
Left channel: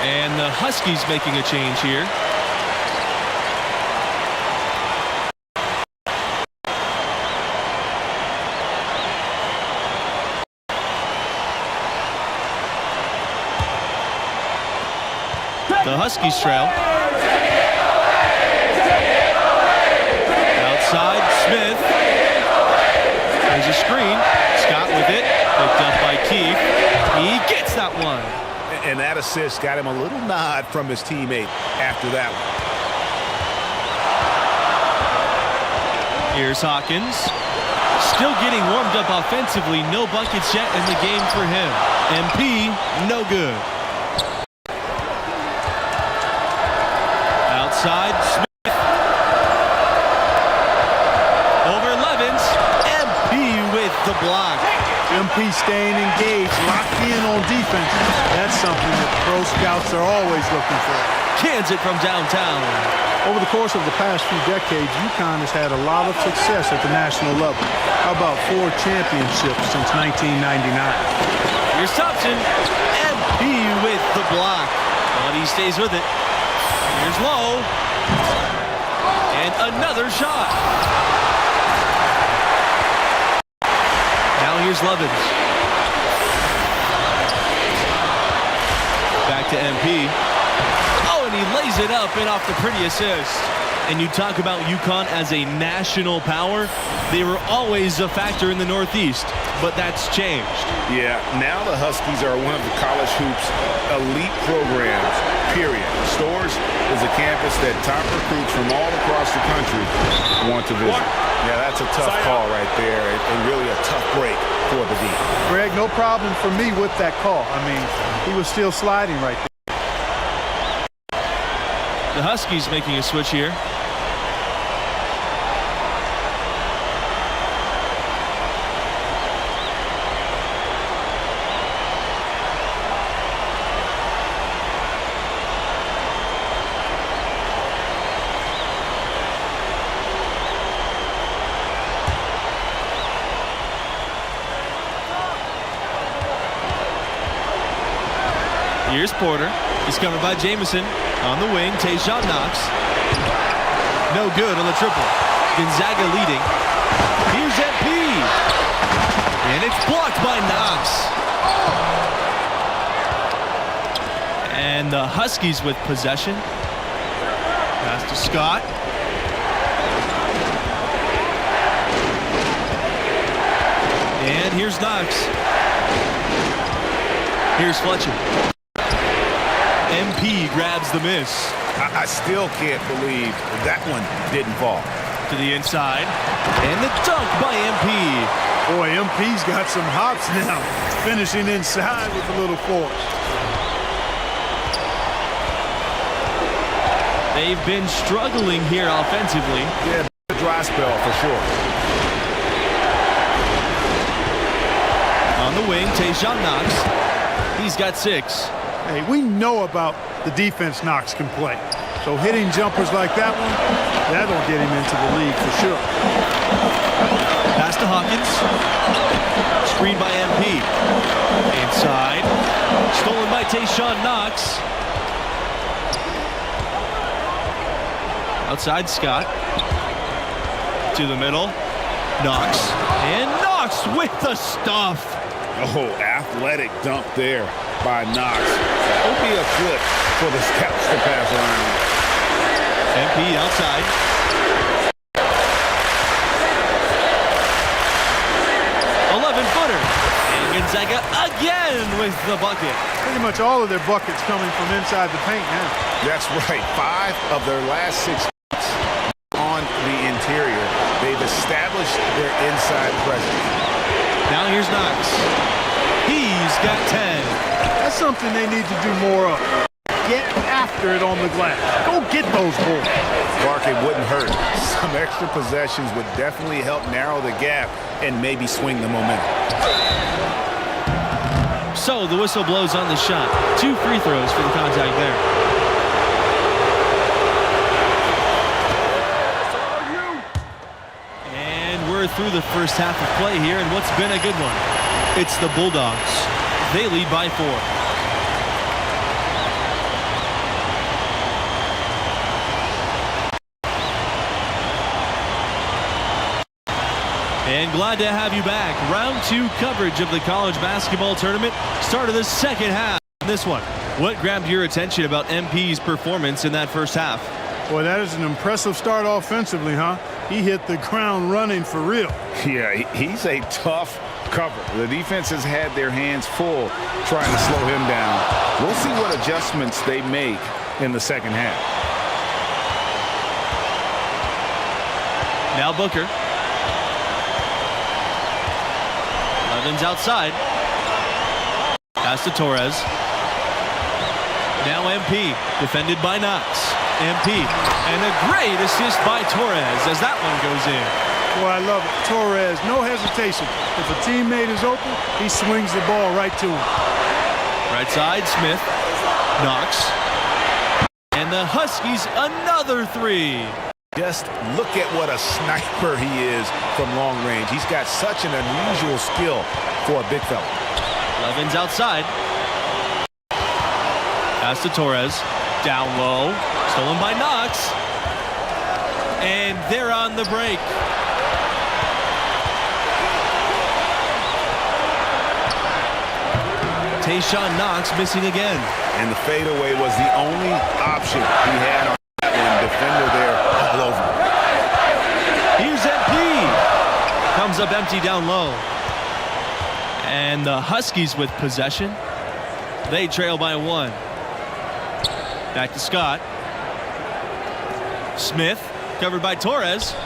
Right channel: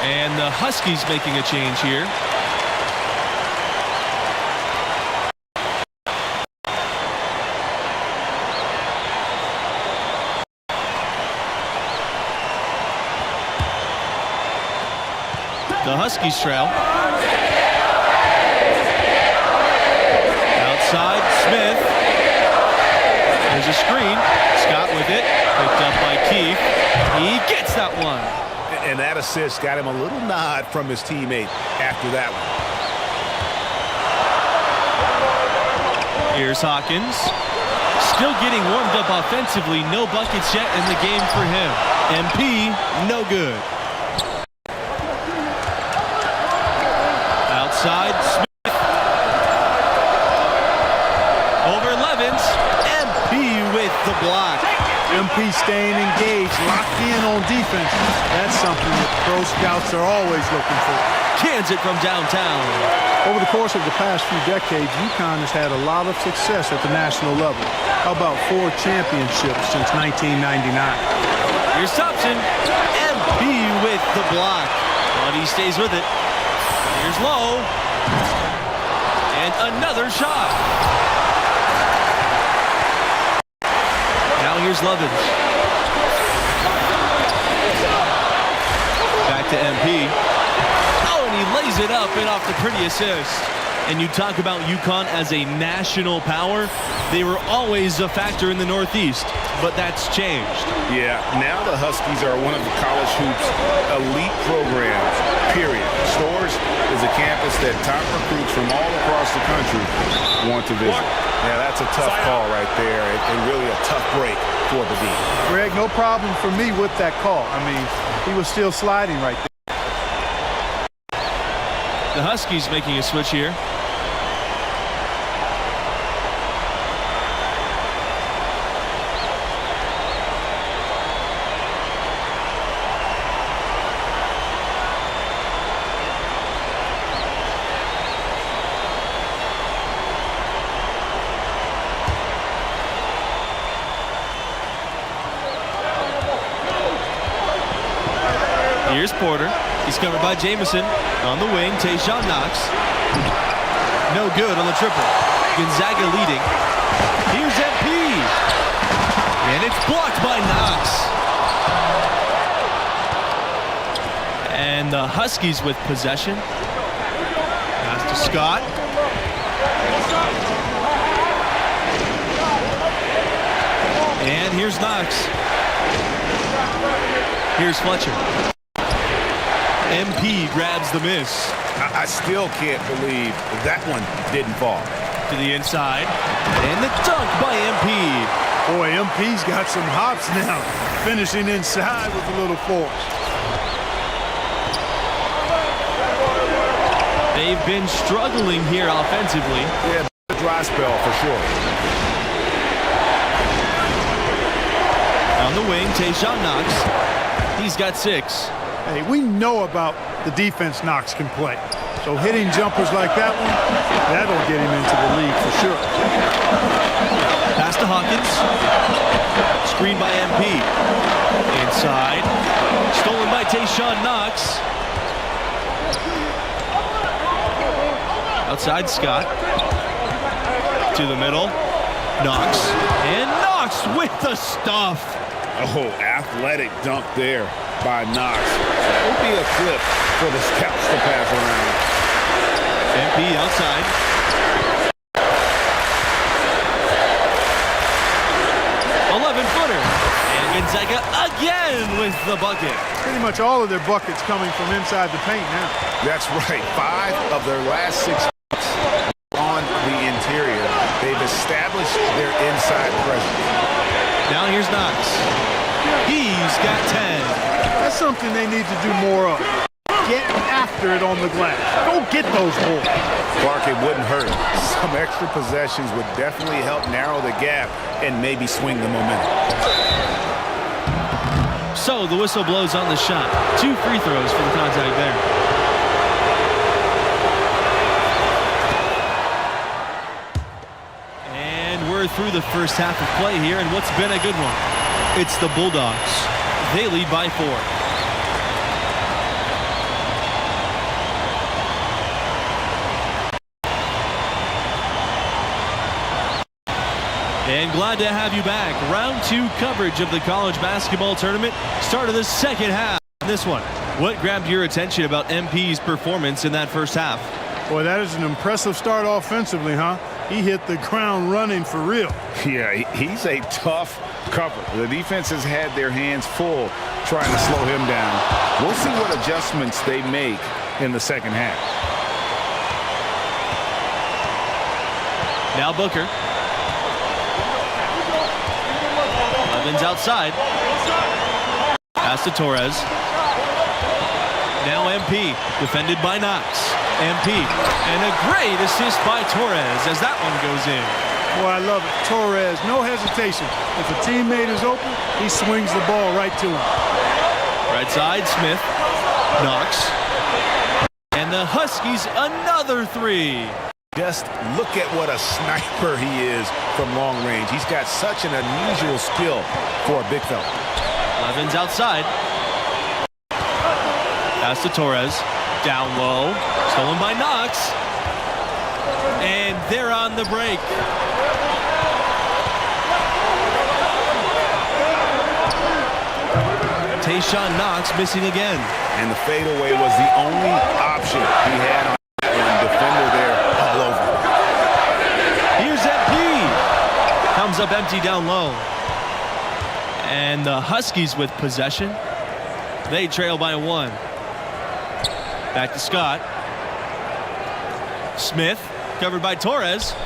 And the Huskies making a change here. The Huskies trail. Outside, Smith. There's a screen. Scott with it. Picked up by Keefe. He gets that one. And that assist got him a little nod from his teammate after that one. Here's Hawkins. Still getting warmed up offensively. No buckets yet in the game for him. MP, no good. Outside, Smith. Over Levens. MP with the block. MP staying engaged, locked in on defense. That's something that pro scouts are always looking for. Cans it from downtown. Over the course of the past few decades, UConn has had a lot of success at the national level. How about 4 championships since 1999? Here's Thompson. MP with the block. But he stays with it. Here's Lowe. And another shot. Now here's Levens. Back to MP. Oh, and he lays it up and off the pretty assist. And you talk about UConn as a national power. They were always a factor in the Northeast, but that's changed. Yeah, now the Huskies are one of the college hoops elite programs, period. Storrs is a campus that top recruits from all across the country want to visit. Yeah, that's a tough call right there, and really a tough break for the D. Greg, no problem for me with that call. I mean, he was still sliding right there. The Huskies making a switch here. Here's Porter. He's covered by Jamison. On the wing, Tayshaun Knox. No good on the triple. Gonzaga leading. Here's MP. And it's blocked by Knox. And the Huskies with possession. Pass to Scott. And here's Knox. Here's Fletcher. MP grabs the miss. I still can't believe that one didn't fall. To the inside. And the dunk by MP. Boy, MP's got some hops now. Finishing inside with a little force. They've been struggling here offensively. Yeah, a dry spell for sure. On the wing, Tayshaun Knox. He's got 6. Hey, we know about the defense Knox can play. So hitting jumpers like that one, that'll get him into the league for sure. Pass to Hawkins. Screen by MP. Inside. Stolen by Tayshaun Knox. Outside Scott. To the middle. Knox. And Knox with the stuff. Oh, athletic dunk there by Knox. That would be a clip for the scouts to pass around. MP outside. .11-footer. And Gonzaga again with the bucket. Pretty much all of their buckets coming from inside the paint now. That's right. 5 of their last 6 on the interior. They've established their inside presence. Now here's Knox. He's got 10. That's something they need to do more of. Get after it on the glass. Go get those boards. Clark, it wouldn't hurt. Some extra possessions would definitely help narrow the gap and maybe swing the momentum. So the whistle blows on the shot. 2 free throws for the contact there. And we're through the first half of play here, and what's been a good one. It's the Bulldogs. They lead by 4. And glad to have you back. Round 2 coverage of the college basketball tournament. Start of the second half. This one. What grabbed your attention about MP's performance in that first half? Boy, that is an impressive start offensively, huh? He hit the ground running for real. Yeah, he's a tough cover. The defense has had their hands full trying to slow him down. We'll see what adjustments they make in the second half. Now Booker. Levin's outside. Pass to Torres. Now MP, defended by Knox. MP, and a great assist by Torres as that one goes in. Boy, I love it. Torres, no hesitation. If a teammate is open, he swings the ball right to him. Right side, Smith. Knox. And the Huskies, another 3. Just look at what a sniper he is from long range. He's got such an unusual skill for a big fella. Levin's outside. Pass to Torres. Down low. Stolen by Knox. And they're on the break. Tayshaun Knox missing again. And the fadeaway was the only option he had on that one. Defender there all over. Here's MP. Comes up empty down low. And the Huskies with possession. They trail by 1. Back to Scott. Smith, covered by Torres.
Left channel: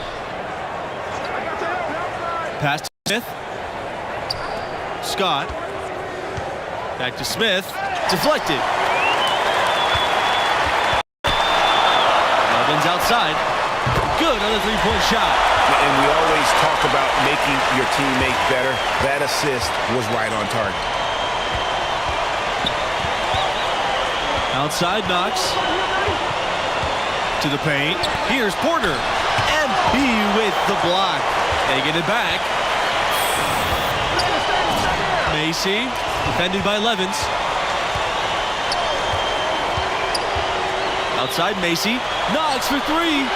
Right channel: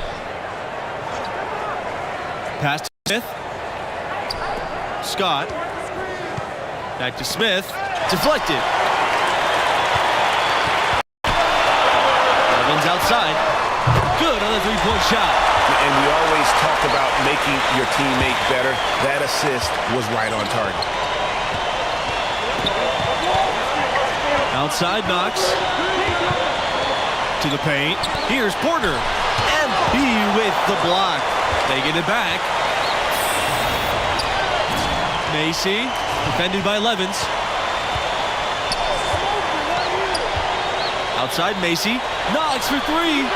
Pass to Smith. Scott. Back to Smith. Deflected. Levin's outside. Good on the three-point shot. And we always talk about making your teammate better. That assist was right on target. Outside Knox. To the paint. Here's Porter. MP with the block. They get it back. Macy, defended by Levins. Outside Macy. Knocks for three.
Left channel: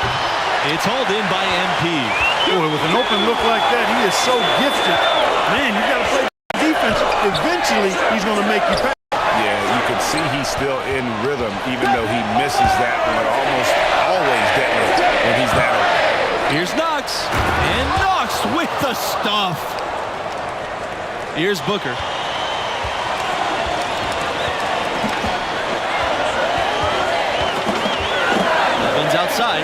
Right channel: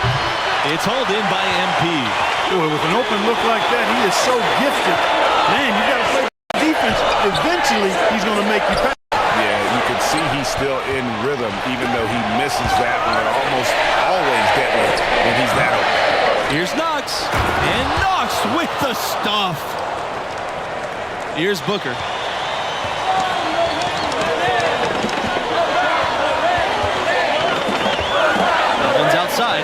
It's hauled in by MP. Boy, with an open look like that, he is so gifted. Man, you got to play defense. Eventually, he's going to make you pay. Yeah, you can see he's still in rhythm, even though he misses that one. Almost always deadly when he's that open. Here's Knox. And Knox with the stuff. Here's Booker. Evans outside.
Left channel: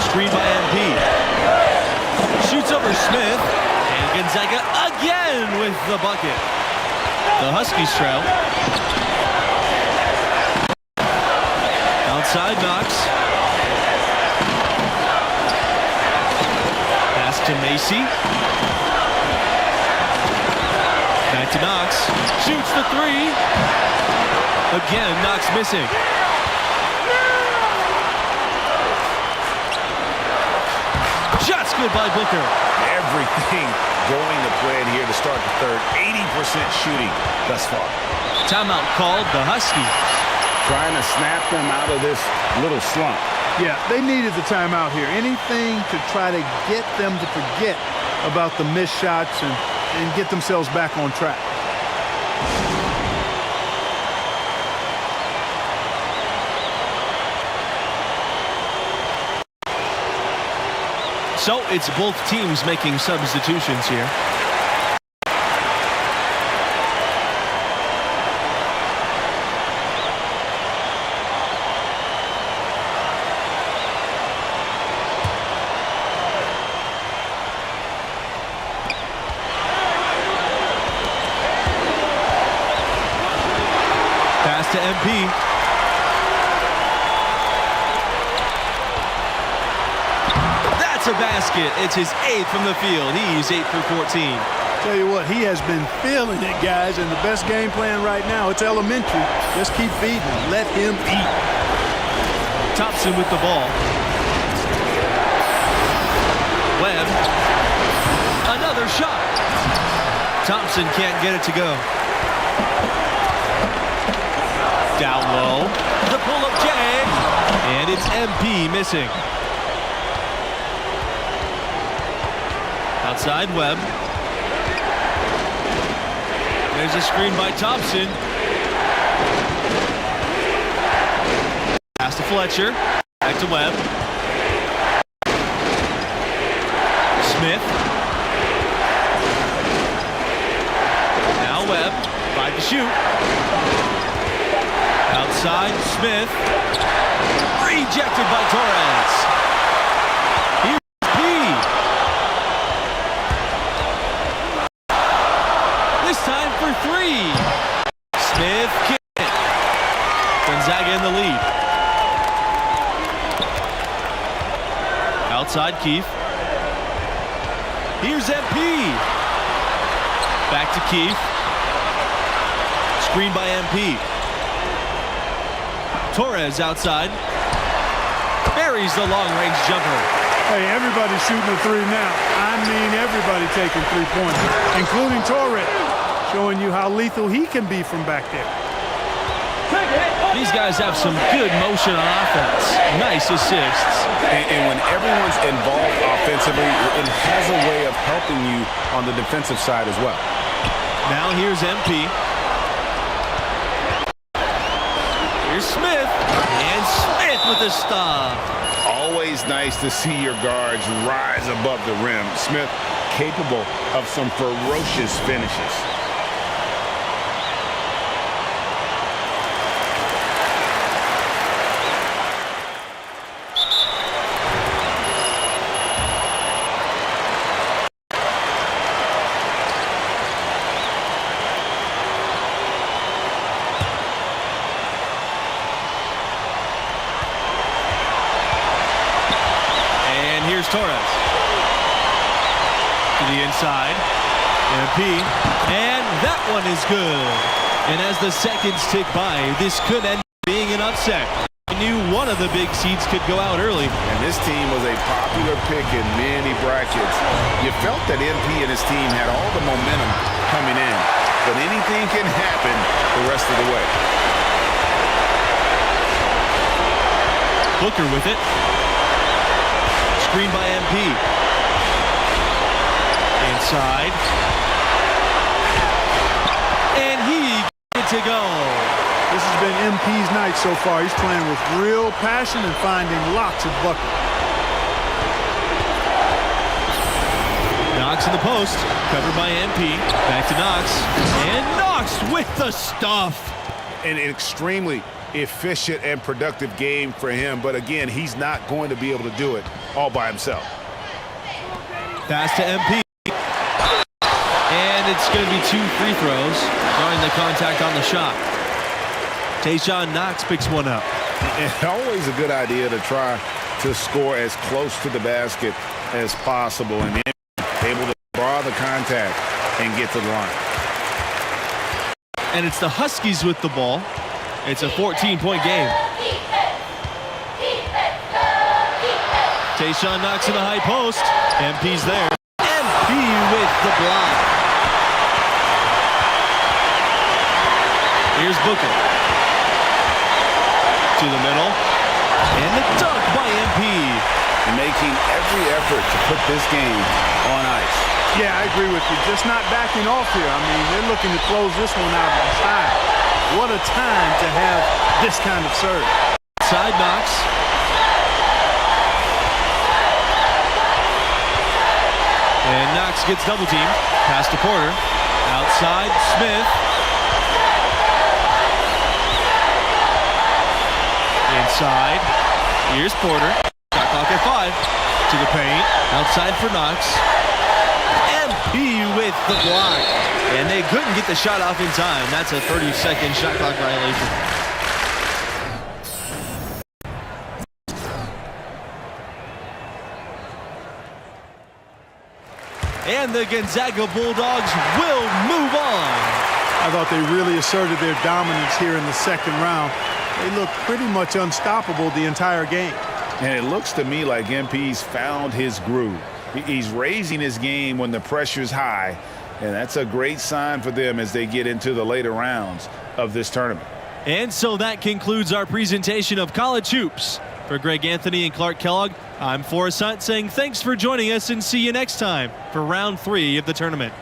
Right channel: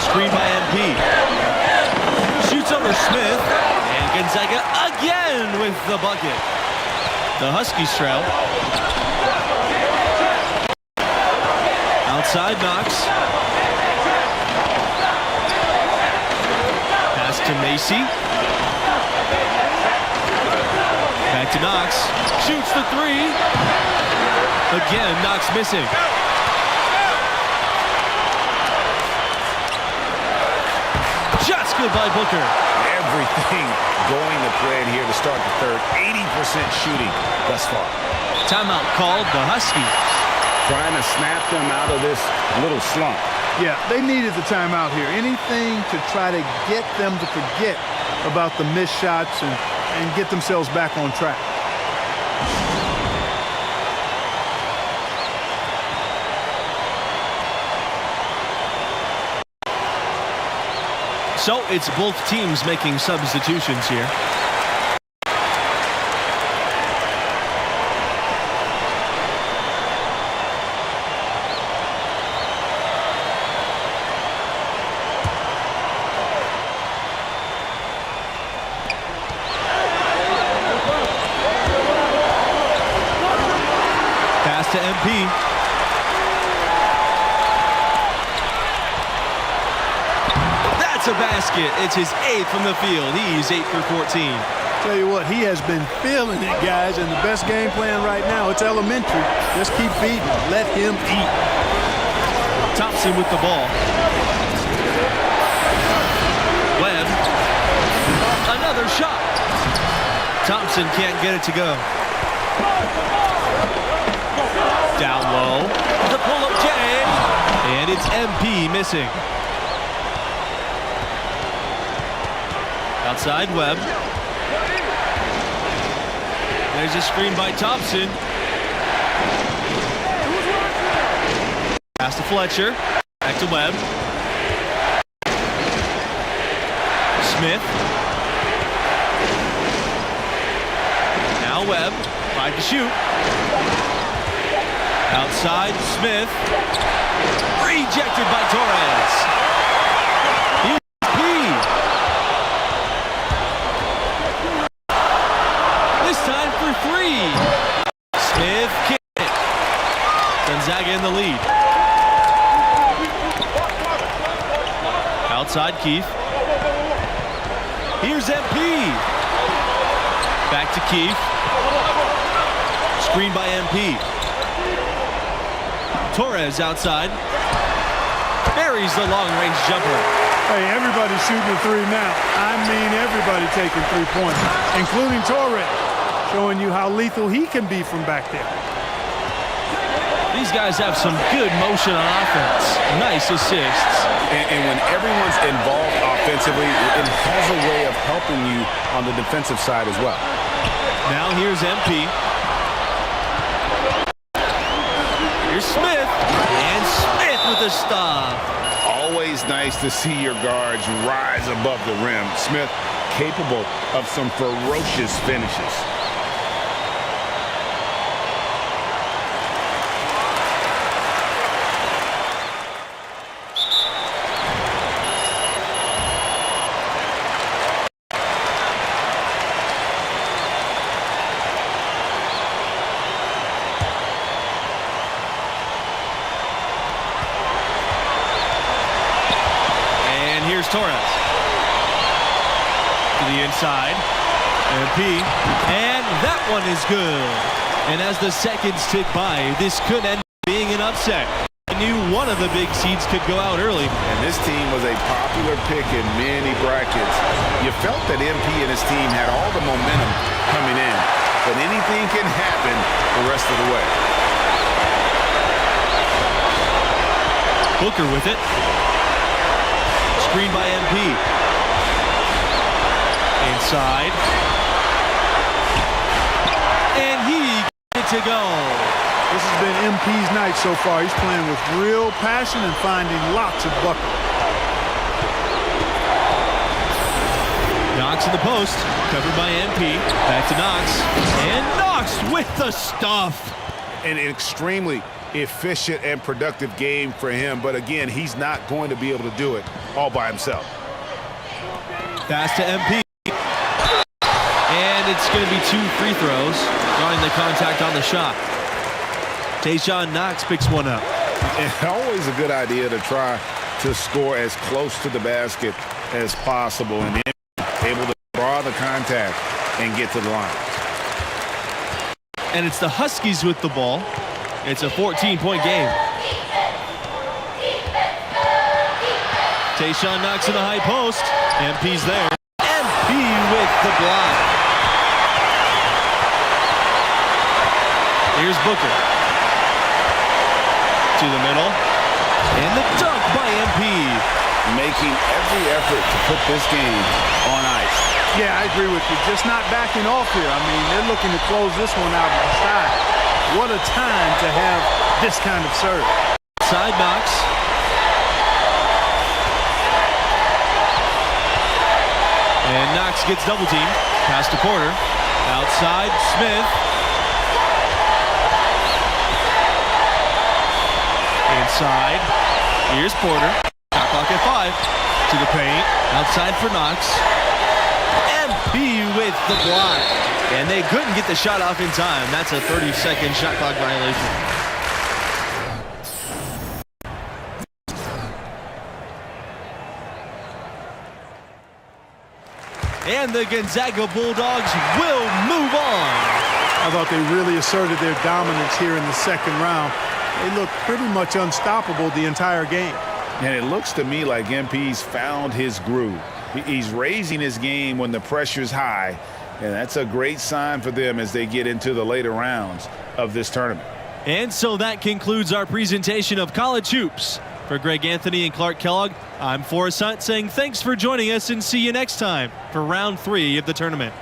Screen by MP. Shoots over Smith. And Gonzaga again with the bucket. The Huskies trail. Outside Knox. Pass to Macy. Back to Knox. Shoots the three. Again, Knox missing. Shots good by Booker. Everything going to plan here to start the third. 80% shooting thus far. Timeout called, the Huskies. Trying to snap them out of this little slump. Yeah, they needed the timeout here. Anything to try to get them to forget about the missed shots and get themselves back on track. So it's both teams making substitutions here. Pass to MP. That's a basket. It's his 8th from the field. He's 8 for 14. Tell you what, he has been feeling it, guys, and the best game plan right now, it's elementary. Just keep feeding him. Let him eat. Thompson with the ball. Webb. Another shot. Thompson can't get it to go. Down low. The pull-up J. And it's MP missing. Outside Webb. There's a screen by Thompson. Pass to Fletcher. Back to Webb. Smith. Now Webb. 5 to shoot. Outside Smith. Rejected by Torres. Here's P. This time for 3. Smith kicked it. Gonzaga in the lead. Outside Keith. Here's MP. Back to Keith. Screen by MP. Torres outside. Buries the long-range jumper. Hey, everybody's shooting a 3 now. I mean everybody taking 3-pointers, including Torres, showing you how lethal he can be from back there. These guys have some good motion on offense. Nice assists. And when everyone's involved offensively, it has a way of helping you on the defensive side as well. Now here's MP. Here's Smith. And Smith with the stop. Always nice to see your guards rise above the rim. Smith capable of some ferocious finishes. And here's Torres. To the inside. MP. And that one is good. And as the seconds tick by, this could end up being an upset. I knew one of the big seeds could go out early. And this team was a popular pick in many brackets. You felt that MP and his team had all the momentum coming in. But anything can happen the rest of the way. Booker with it. Screen by MP. Inside. And he gets it to go. This has been MP's night so far. He's playing with real passion and finding lots of buckets. Knox in the post, covered by MP. Back to Knox. And Knox with the stuff. An extremely efficient and productive game for him. But again, he's not going to be able to do it all by himself. Pass to MP. And it's going to be 2 free throws, drawing the contact on the shot. Tayshaun Knox picks one up. It's always a good idea to try to score as close to the basket as possible and then able to draw the contact and get to the line. And it's the Huskies with the ball. It's a 14-point game. Tayshaun Knox in the high post. MP's there. MP with the block. Here's Booker. To the middle. And the dunk by MP. Making every effort to put this game on ice. Yeah, I agree with you. Just not backing off here. I mean, they're looking to close this one out in style. What a time to have this kind of serve. Side Knox. And Knox gets double teamed. Pass to Porter. Outside, Smith. Inside. Here's Porter. Shot clock at 5. To the paint. Outside for Knox. MP with the block. And they couldn't get the shot off in time. That's a 30-second shot clock violation. And the Gonzaga Bulldogs will move on. I thought they really asserted their dominance here in the second round. They looked pretty much unstoppable the entire game. And it looks to me like MP's found his groove. He's raising his game when the pressure's high, and that's a great sign for them as they get into the later rounds of this tournament. And so that concludes our presentation of college hoops. For Greg Anthony and Clark Kellogg, I'm Forrest Hunt saying thanks for joining us and see you next time for round 3 of the tournament.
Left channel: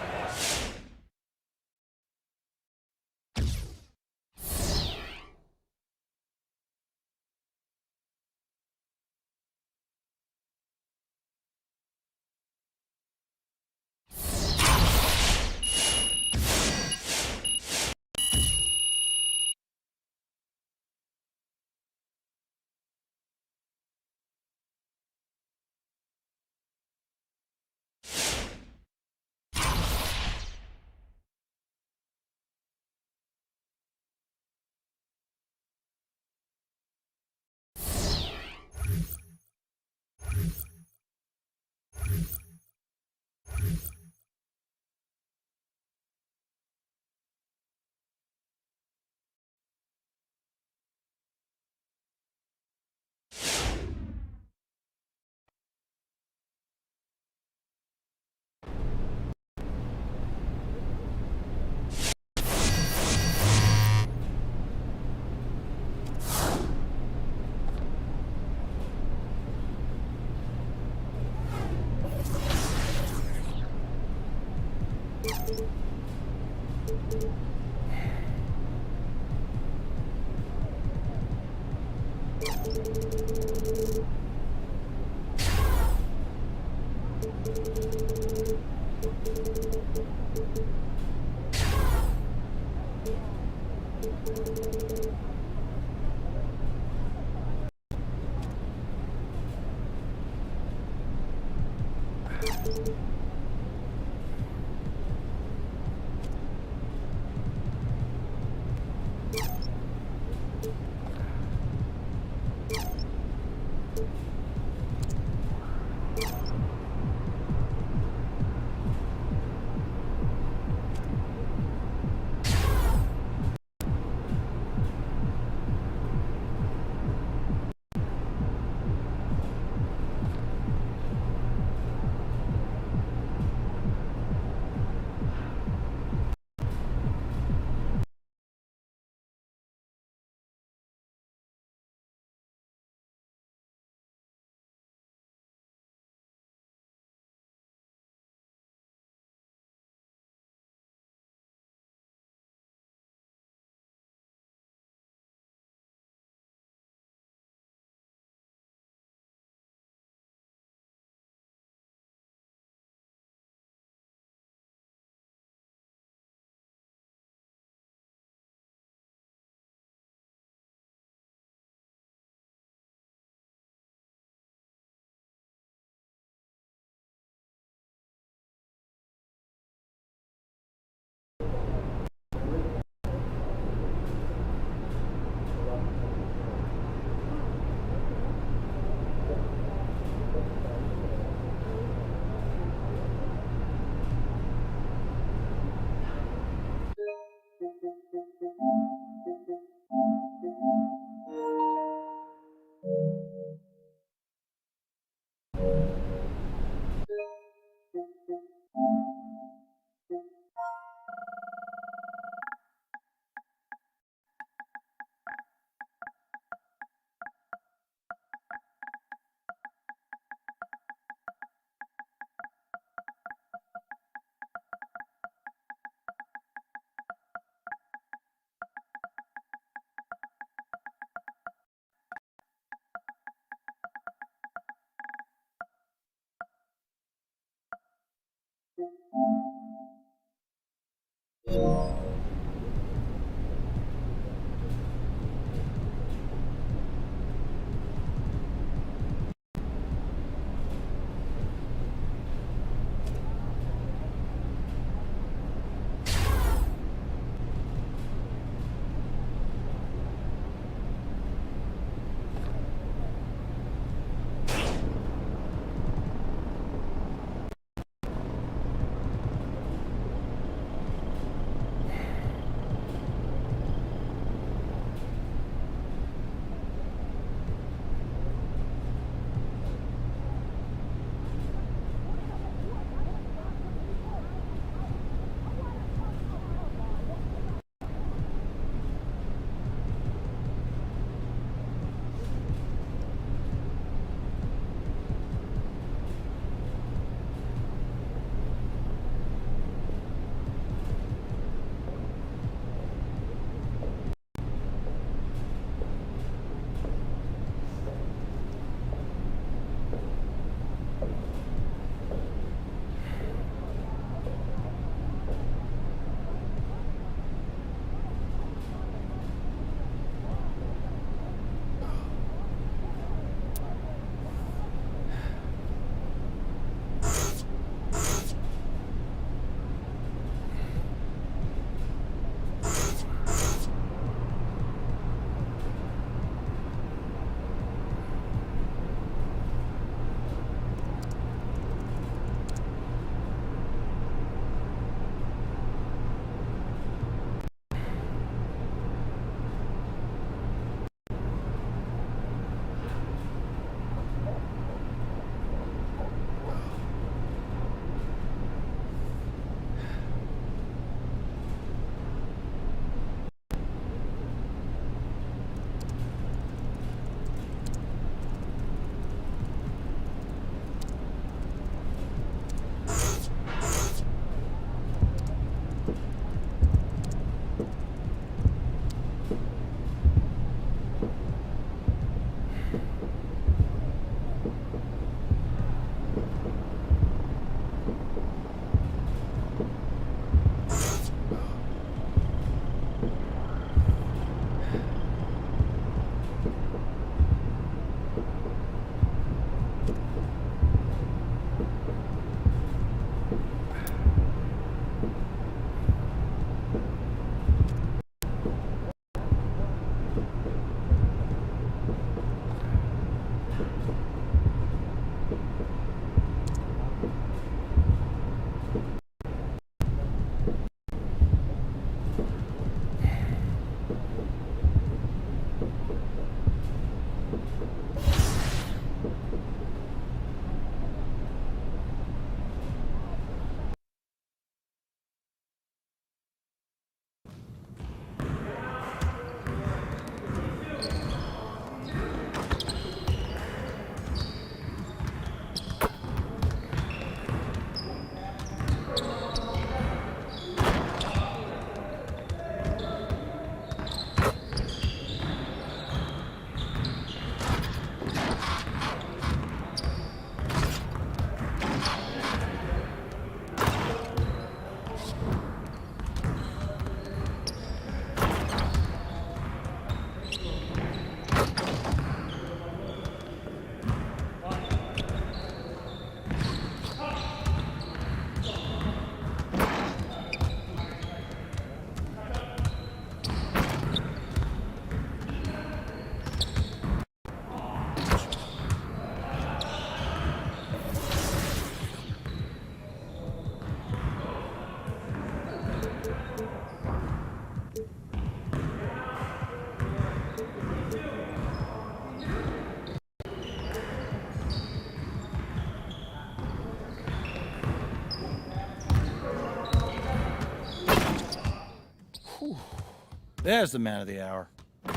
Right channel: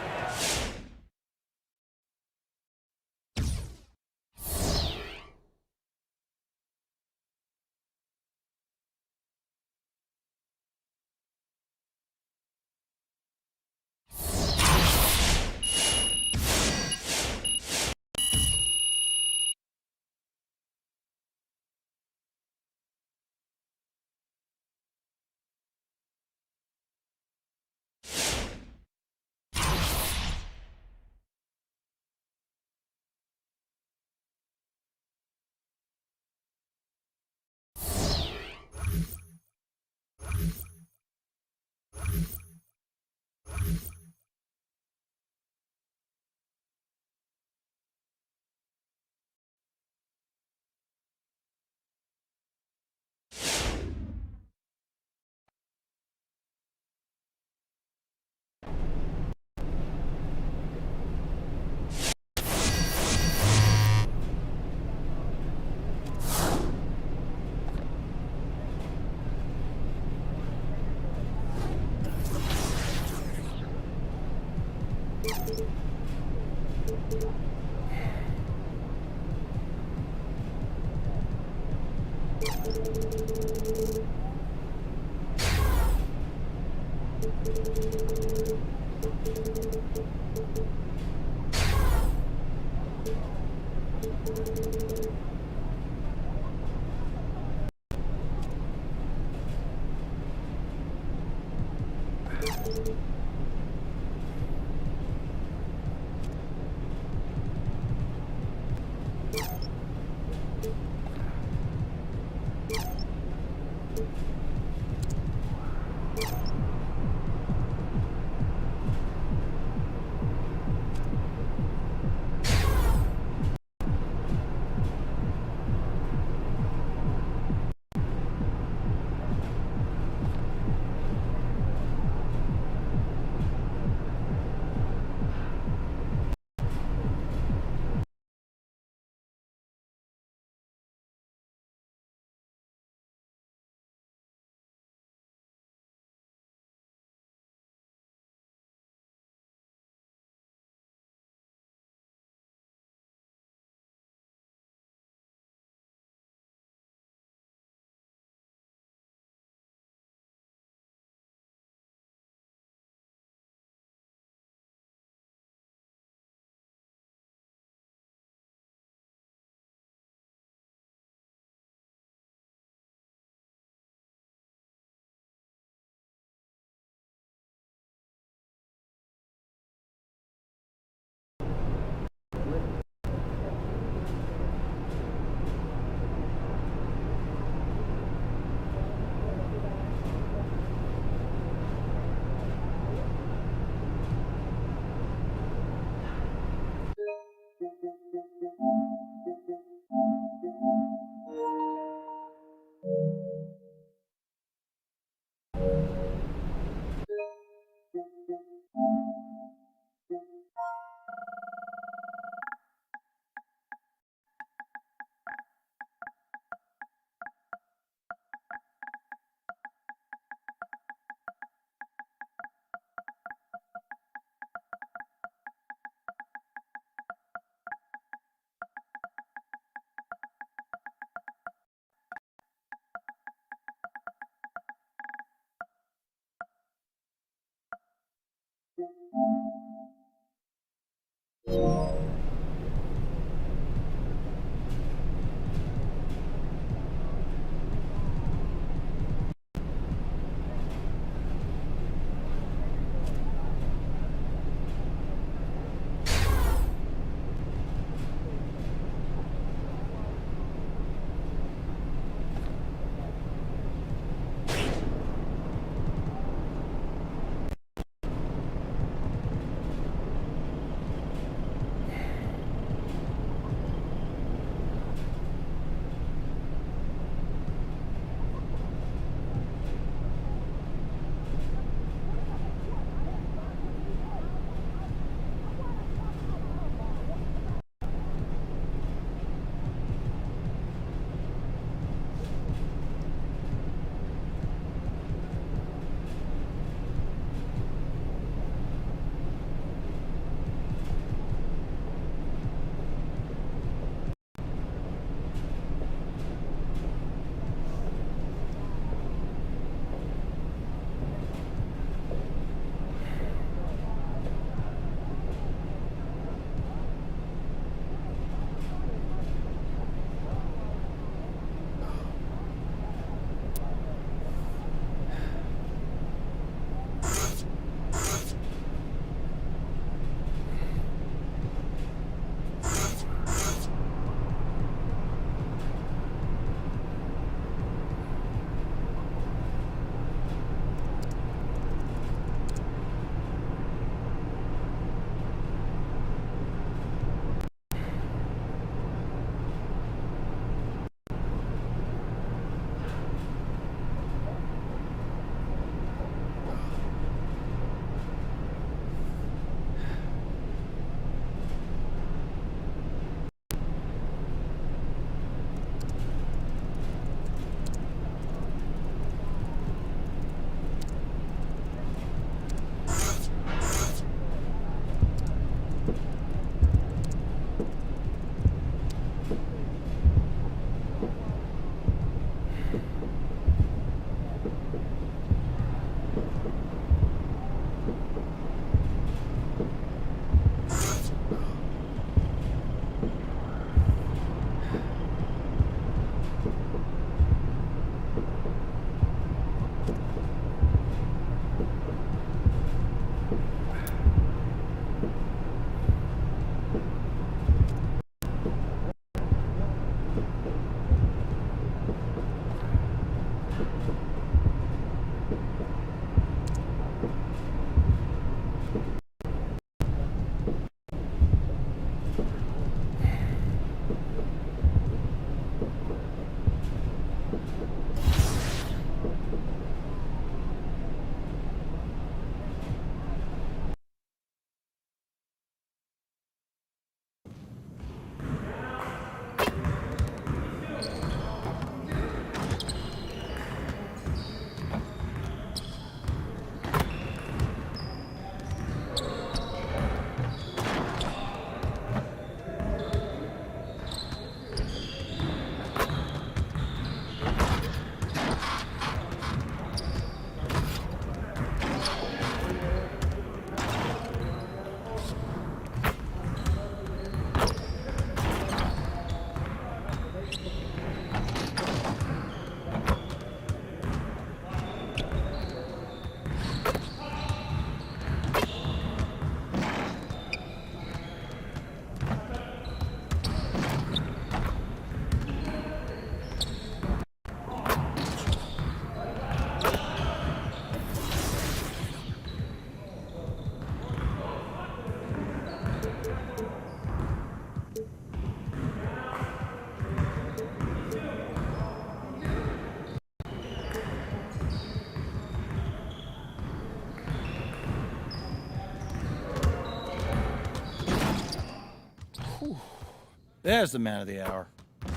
There's the man of the hour.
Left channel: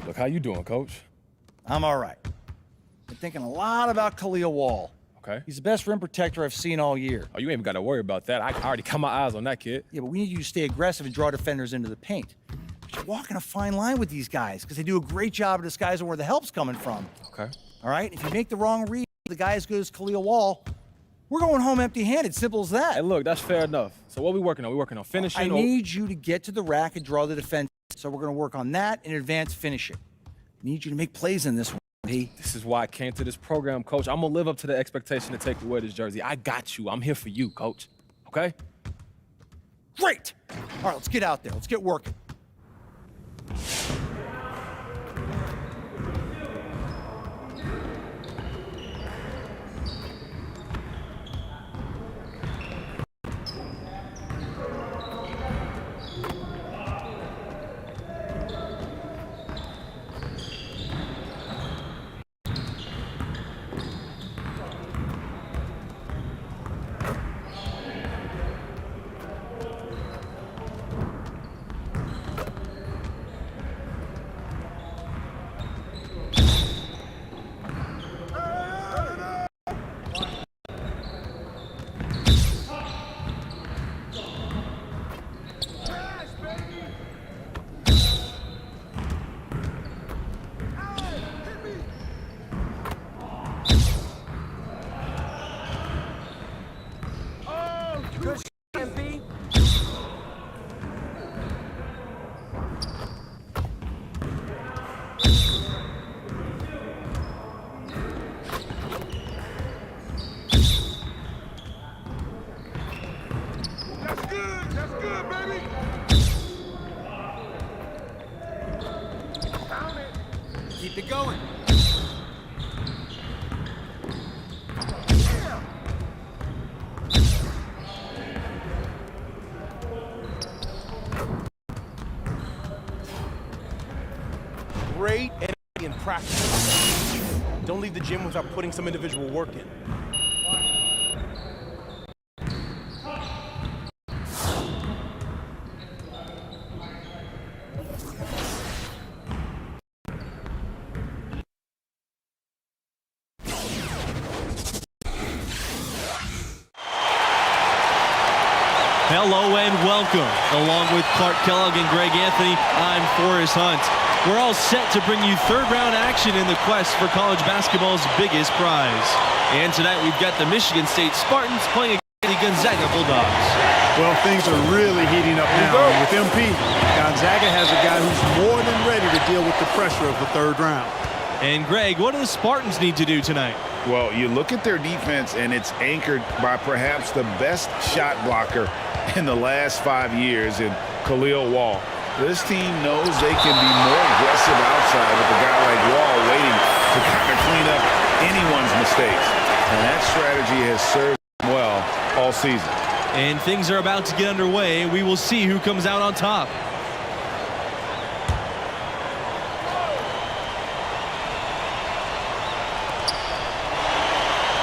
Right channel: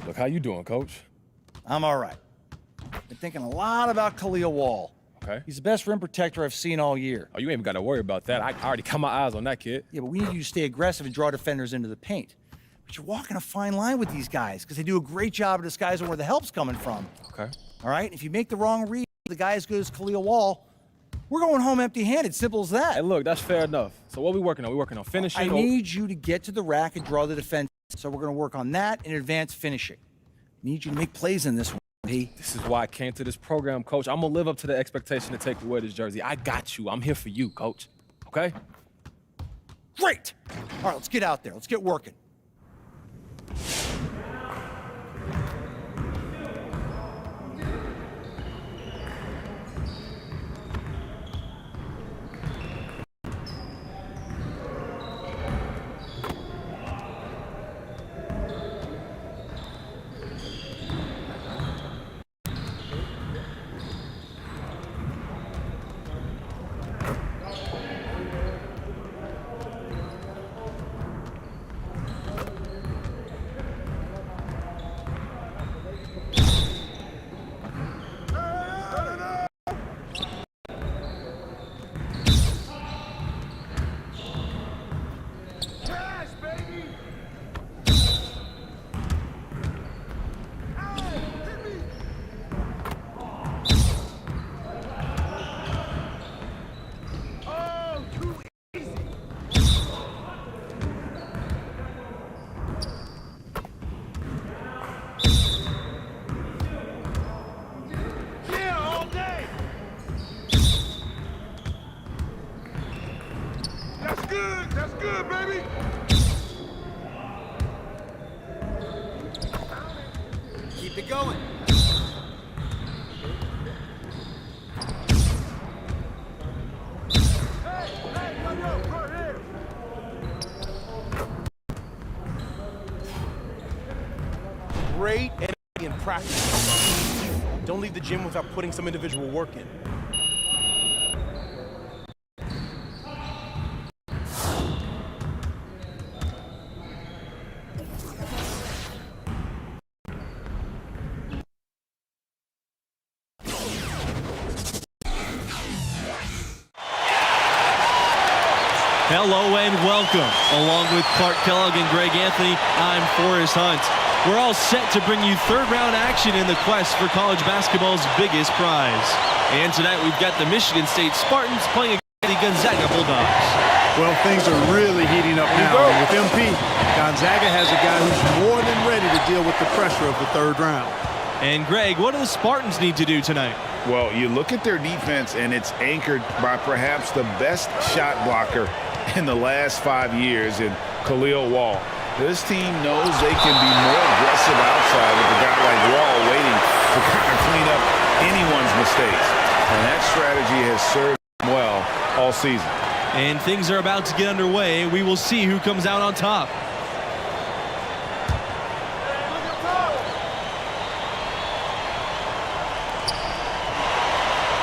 Look, how you doing, Coach? I'm all right. Been thinking a lot about Khalil Wall. Okay. He's the best rim protector I've seen all year. Oh, you ain't even got to worry about that. I already got my eyes on that kid. Yeah, but we need you to stay aggressive and draw defenders into the paint. But you're walking a fine line with these guys because they do a great job of disguising where the help's coming from. Okay. All right? If you make the wrong read, the guy as good as Khalil Wall, we're going home empty-handed. Simple as that. Hey, look, that's fair enough. So what we working on? We working on finishing? I need you to get to the rack and draw the defense. So we're going to work on that and advanced finishing. I need you to make plays in this one, P. This is why I came to this program, Coach. I'm going to live up to the expectation to take away this jersey. I got you. I'm here for you, Coach. Okay? Great! All right, let's get out there. Let's get working. That's good, baby. Keep it going. Great energy in practice. Don't leave the gym without putting some individual work in. Hello and welcome. Along with Clark Kellogg and Greg Anthony, I'm Forrest Hunt. We're all set to bring you third-round action in the quest for college basketball's biggest prize. And tonight we've got the Michigan State Spartans playing against the Gonzaga Bulldogs. Well, things are really heating up now. And with MP, Gonzaga has a guy who's more than ready to deal with the pressure of the third round. And Greg, what do the Spartans need to do tonight? Well, you look at their defense, and it's anchored by perhaps the best shot blocker in the last 5 years in Khalil Wall. This team knows they can be more aggressive outside with a guy like Wall waiting to kind of clean up anyone's mistakes. And that strategy has served them well all season. And things are about to get underway. We will see who comes out on top.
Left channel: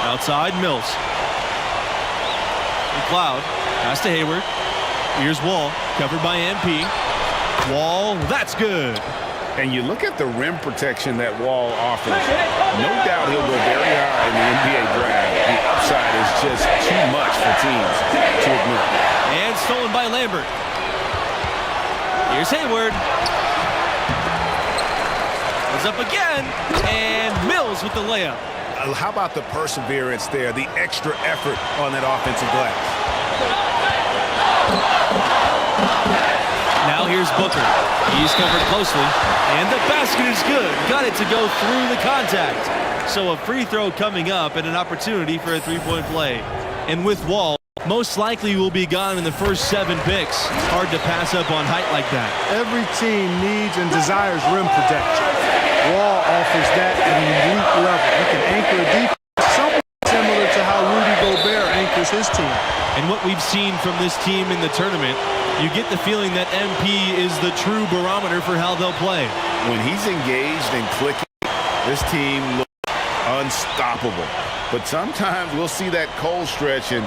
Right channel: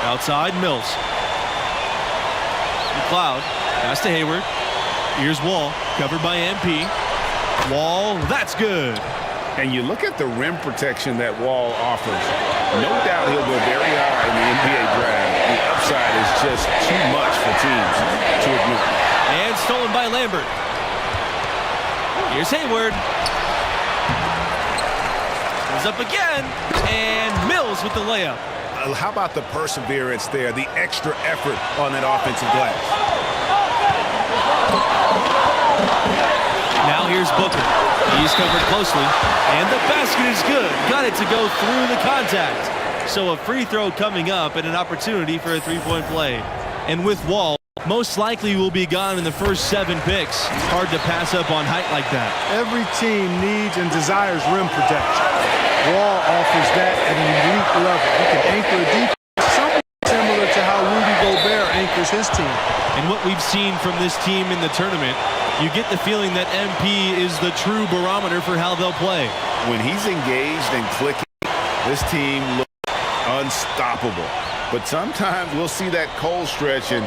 Outside, Mills. McLeod, pass to Hayward. Here's Wall, covered by MP. Wall, that's good. And you look at the rim protection that Wall offers. No doubt he'll go very high in the NBA draft. The upside is just too much for teams to ignore. And stolen by Lambert. Here's Hayward. Goes up again. And Mills with the layup. How about the perseverance there, the extra effort on that offensive glass? Now here's Booker. He's covered closely. And the basket is good. Got it to go through the contact. So a free throw coming up and an opportunity for a three-point play. And with Wall, most likely will be gone in the first 7 picks. Hard to pass up on height like that. Every team needs and desires rim protection. Wall offers that at an elite level. He can anchor a defense somewhat similar to how Rudy Gobert anchors his team. And what we've seen from this team in the tournament, you get the feeling that MP is the true barometer for how they'll play. When he's engaged and clicking, this team looks unstoppable. But sometimes we'll see that cold stretch, and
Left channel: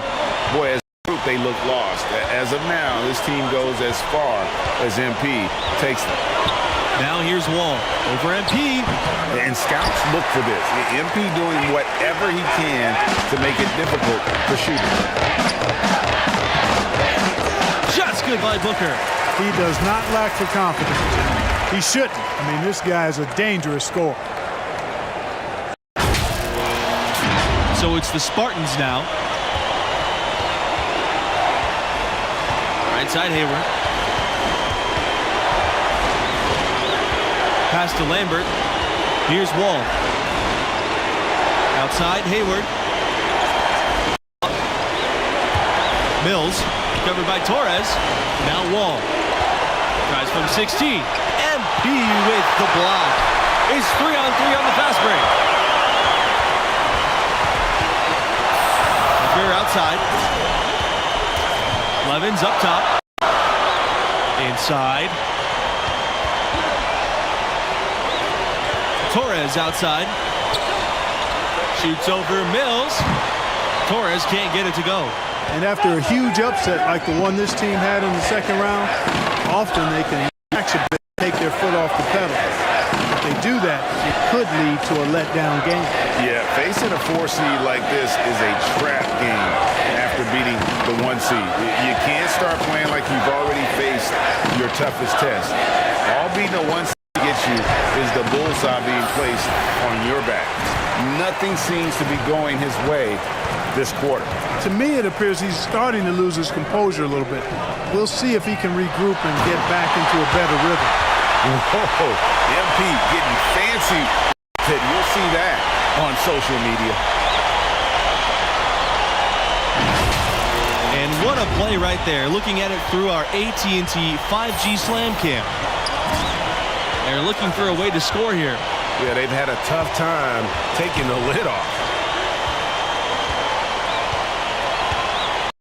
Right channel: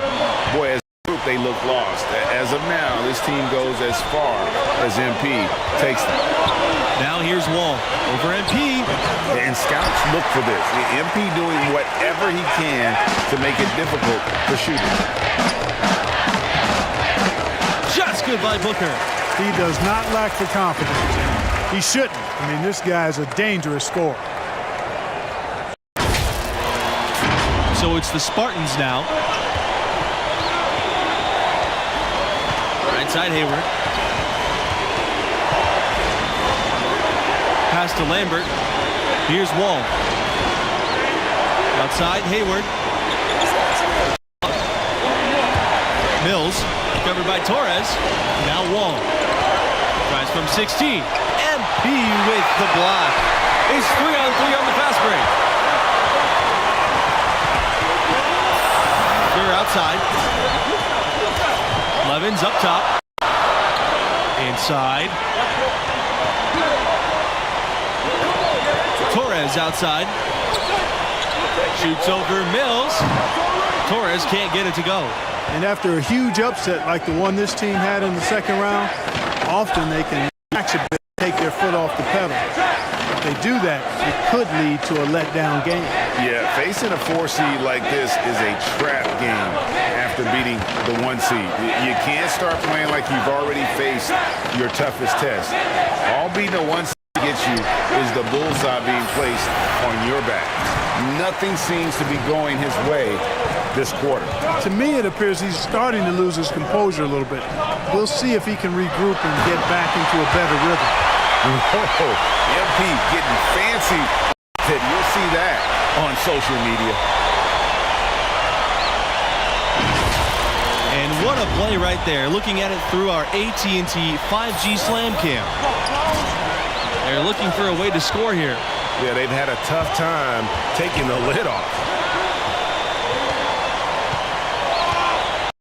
boy, as a group, they look lost. As of now, this team goes as far as MP takes them. Now here's Wall over MP. And scouts look for this. MP doing whatever he can to make it difficult for shooters. Just good by Booker. He does not lack for confidence. He shouldn't. I mean, this guy is a dangerous scorer. So it's the Spartans now. Right side Hayward. Pass to Lambert. Here's Wall. Outside Hayward. Mills covered by Torres. Now Wall. Tries from 16. MP with the block. It's 3-on-3 on the fast break. Booker outside. Levins up top. Inside. Torres outside. Shoots over Mills. Torres can't get it to go. And after a huge upset like the one this team had in the second round, often they can relax a bit, take their foot off the pedal. If they do that, it could lead to a letdown game. Yeah, facing a 4 seed like this is a trap game after beating the 1 seed. You can't start playing like you've already faced your toughest test. All beating a 1 seed gets you is the bullseye being placed on your back. Nothing seems to be going his way this quarter. To me, it appears he's starting to lose his composure a little bit. We'll see if he can regroup and get back into a better rhythm. Whoa, MP getting fancy. You'll see that on social media. And what a play right there. Looking at it through our AT&T 5G Slam Cam. They're looking for a way to score here. Yeah, they've had a tough time taking the lid off.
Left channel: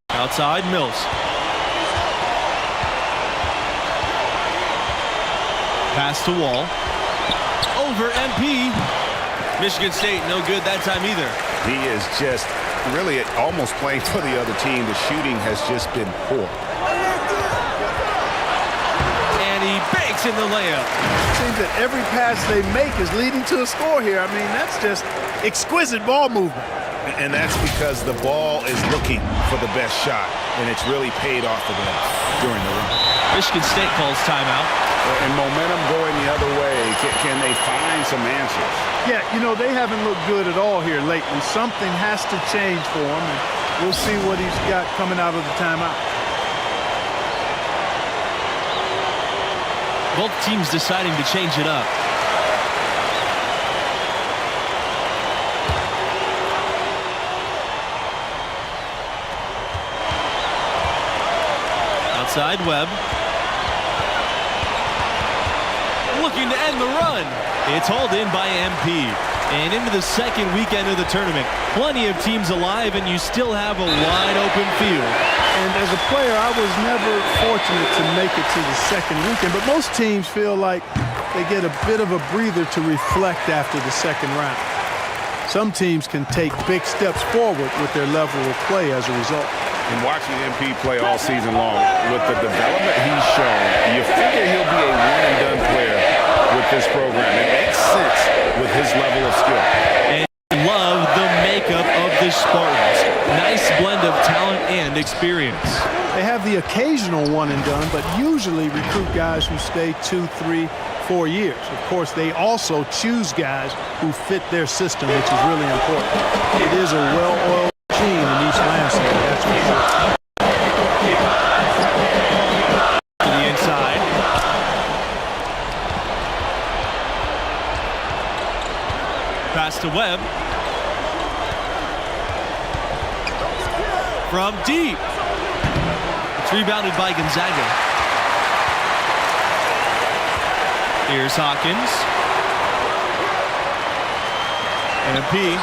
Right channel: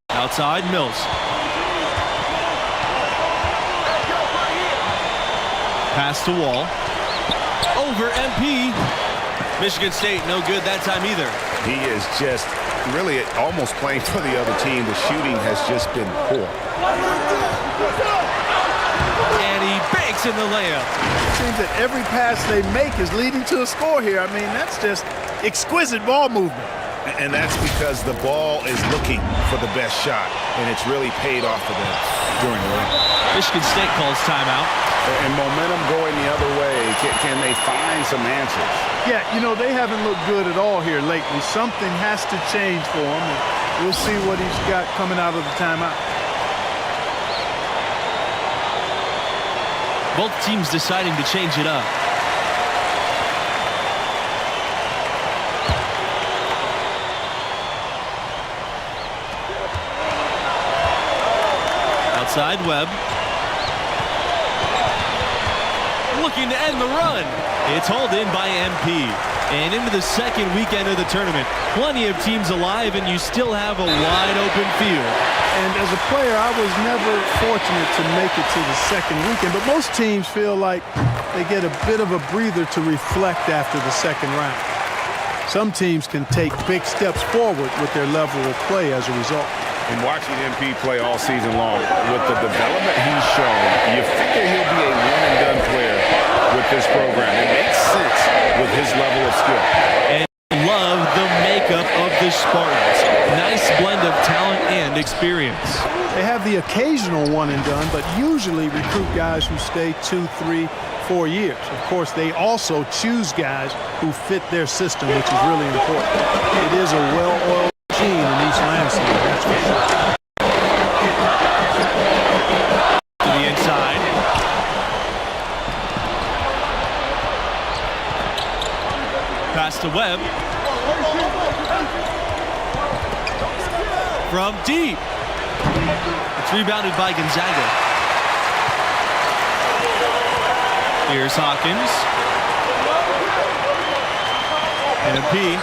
Outside Mills. Pass to Wall. Over MP. Michigan State no good that time either. He is just really almost playing for the other team. The shooting has just been poor. And he banks in the layup. It seems that every pass they make is leading to a score here. I mean, that's just exquisite ball movement. And that's because the ball is looking for the best shot, and it's really paid off for them during the run. Michigan State calls timeout. And momentum going the other way. Can they find some answers? Yeah, you know, they haven't looked good at all here lately. Something has to change for him, and we'll see what he's got coming out of the timeout. Both teams deciding to change it up. Outside Webb. Looking to end the run. It's hauled in by MP. And into the second weekend of the tournament. Plenty of teams alive, and you still have a wide open field. And as a player, I was never fortunate to make it to the second weekend, but most teams feel like they get a bit of a breather to reflect after the second round. Some teams can take big steps forward with their level of play as a result. And watching MP play all season long, with the development he's shown, you figure he'll be a one-and-done player with this program. It makes sense with his level of skill. And love the makeup of the Spartans. Nice blend of talent and experience. They have the occasional one-and-done, but usually recruit guys who stay 2, 3, 4 years. Of course, they also choose guys who fit their system, which is really important. It is a well-oiled machine in East Lansing, that's for sure. To the inside. Pass to Webb. From deep. It's rebounded by Gonzaga. Here's Hawkins. MP.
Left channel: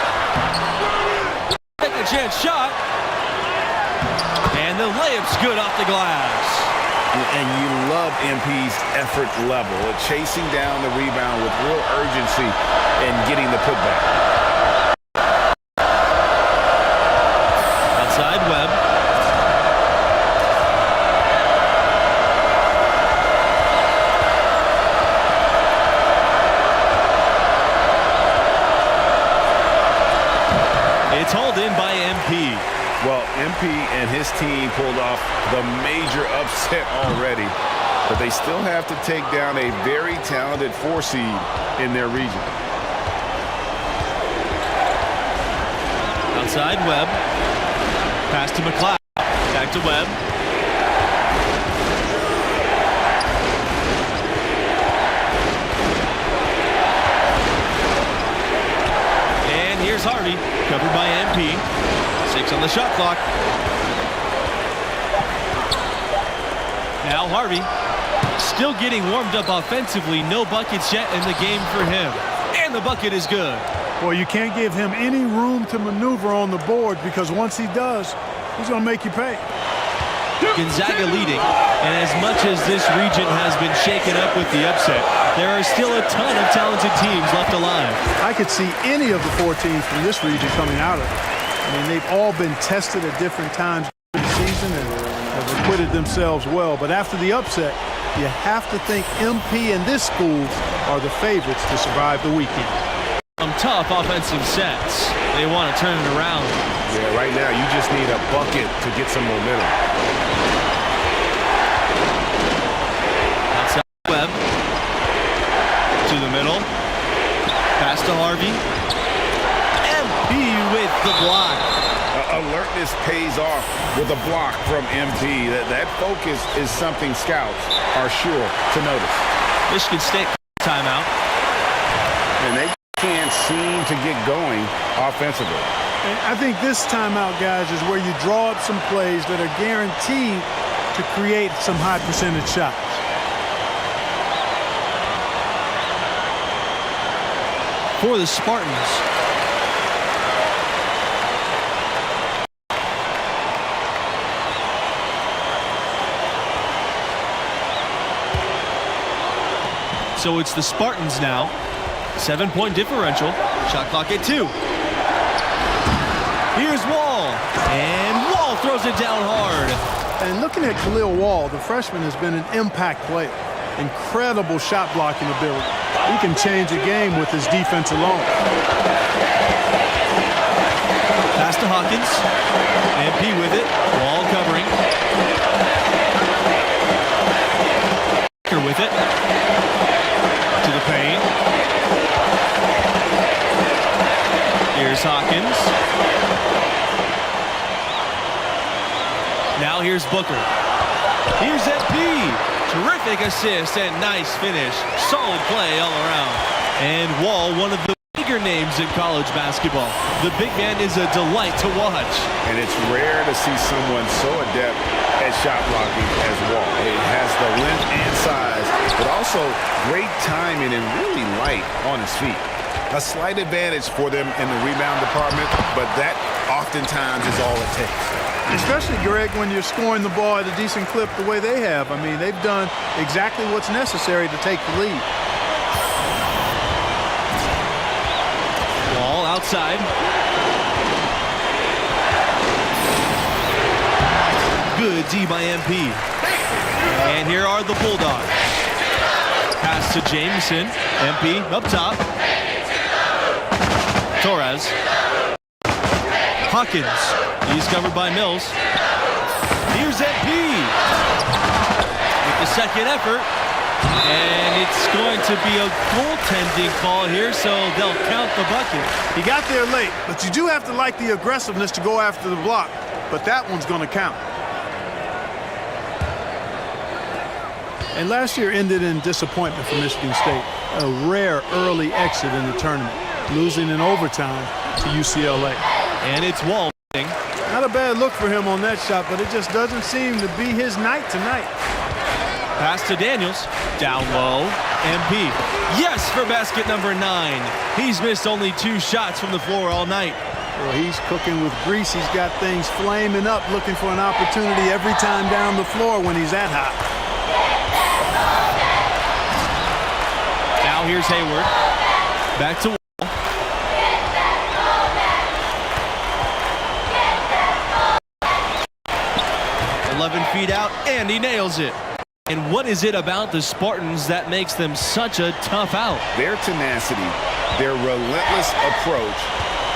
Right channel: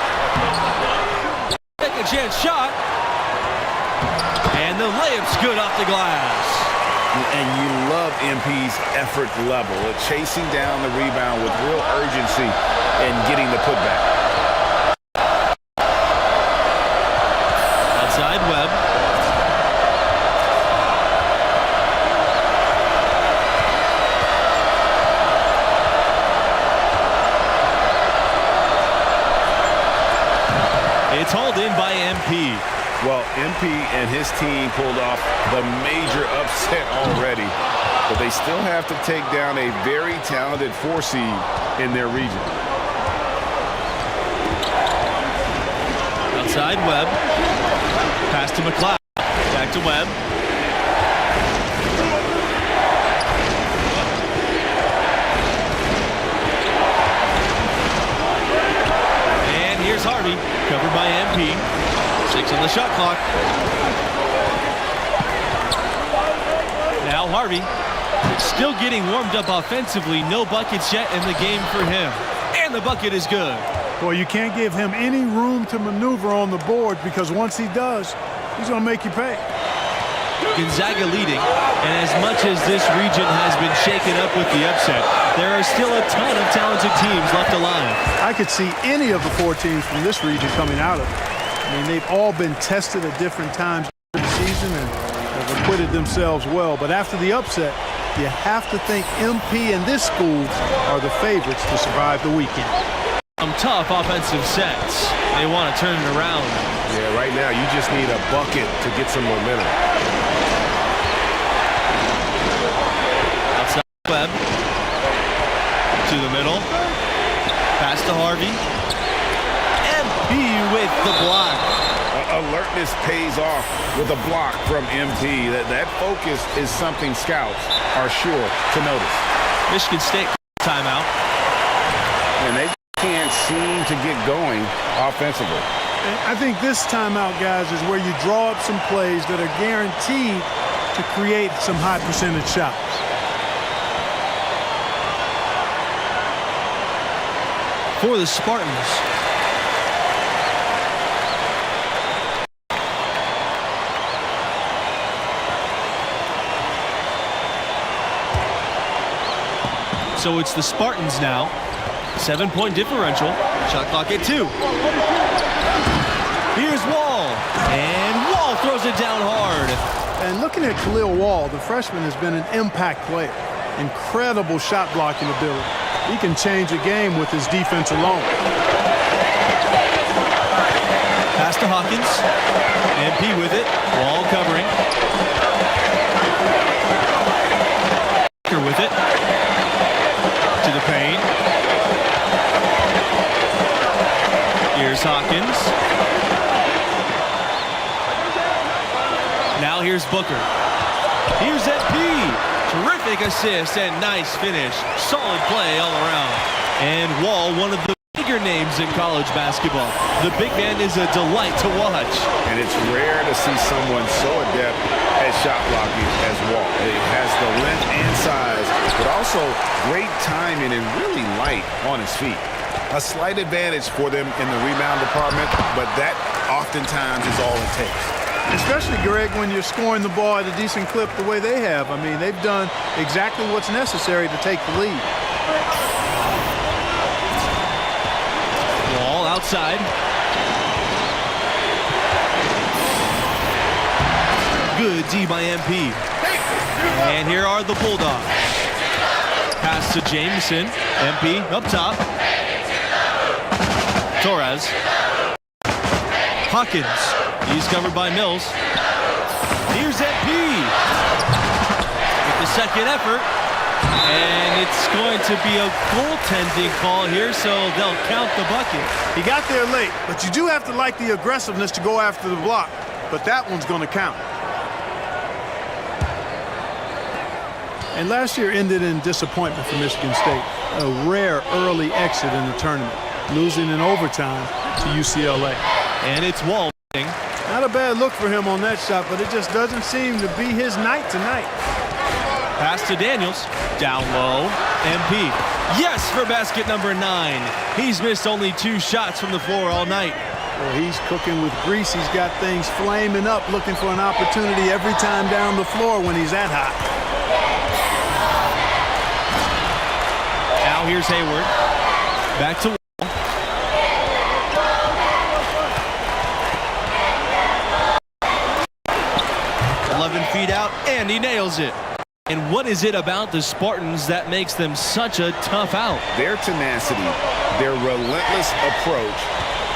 Take a chance shot. And the layup's good off the glass. And you love MP's effort level, chasing down the rebound with real urgency and getting the putback. Outside Webb. It's hauled in by MP. Well, MP and his team pulled off the major upset already, but they still have to take down a very talented 4 seed in their region. Outside Webb. Pass to McLeod. Back to Webb. And here's Harvey, covered by MP. 6 on the shot clock. Now Harvey, still getting warmed up offensively. No buckets yet in the game for him. And the bucket is good. Well, you can't give him any room to maneuver on the board because once he does, he's going to make you pay. Gonzaga leading, and as much as this region has been shaken up with the upset, there are still a ton of talented teams left alive. I could see any of the 4 teams from this region coming out of it. I mean, they've all been tested at different times during the season and have acquitted themselves well. But after the upset, you have to think MP and this school are the favorites to survive the weekend. Some tough offensive sets. They want to turn it around. Yeah, right now you just need a bucket to get some momentum. Outside Webb. To the middle. Pass to Harvey. MP with the block. Alertness pays off with a block from MP. That focus is something scouts are sure to notice. Michigan State timeout. And they can't seem to get going offensively. And I think this timeout, guys, is where you draw up some plays that are guaranteed to create some high percentage shots. For the Spartans. So it's the Spartans now. 7-point differential. Shot clock at 2. Here's Wall. And Wall throws it down hard. And looking at Khalil Wall, the freshman has been an impact player. Incredible shot blocking ability. He can change a game with his defense alone. Pass to Hawkins. MP with it. Wall covering. With it. To the paint. Here's Hawkins. Now here's Booker. Here's MP. Terrific assist and nice finish. Solid play all around. And Wall, one of the bigger names in college basketball. The big man is a delight to watch. And it's rare to see someone so adept at shot blocking as Wall. He has the length and size, but also great timing and really light on his feet. A slight advantage for them in the rebound department, but that oftentimes is all it takes. Especially, Greg, when you're scoring the ball at a decent clip the way they have. I mean, they've done exactly what's necessary to take the lead. Wall outside. Good D by MP. And here are the Bulldogs. Pass to Jameson. MP up top. Torres. Hawkins. He's covered by Mills. Here's MP. With the second effort. And it's going to be a goaltending call here, so they'll count the bucket. He got there late, but you do have to like the aggressiveness to go after the block. But that one's going to count. And last year ended in disappointment for Michigan State. A rare early exit in the tournament, losing in overtime to UCLA. And it's Wall. Not a bad look for him on that shot, but it just doesn't seem to be his night tonight. Pass to Daniels. Down low. MP. Yes for basket number 9. He's missed only 2 shots from the floor all night. Well, he's cooking with grease. He's got things flaming up, looking for an opportunity every time down the floor when he's that hot. Now here's Hayward. Back to Wall. 11 feet out, and he nails it. And what is it about the Spartans that makes them such a tough out? Their tenacity, their relentless approach,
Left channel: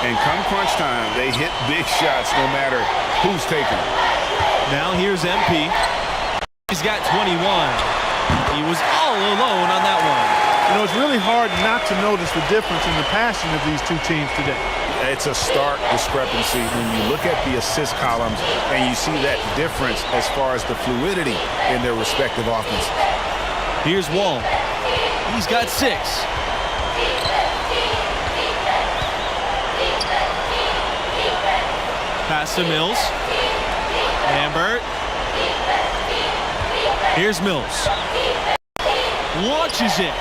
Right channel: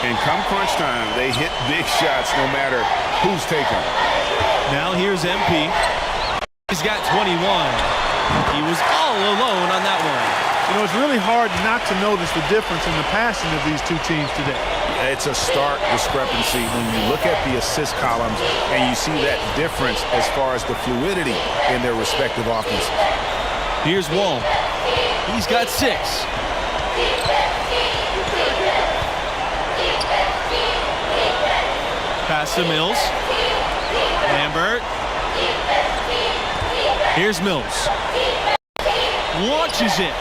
And come crunch time, they hit big shots no matter who's taking them. Now here's MP. He's got 21. He was all alone on that one. You know, it's really hard not to notice the difference in the passing of these two teams today. It's a stark discrepancy when you look at the assist columns and you see that difference as far as the fluidity in their respective offenses. Here's Wall. He's got 6. Pass to Mills. Lambert. Here's Mills. Launches it.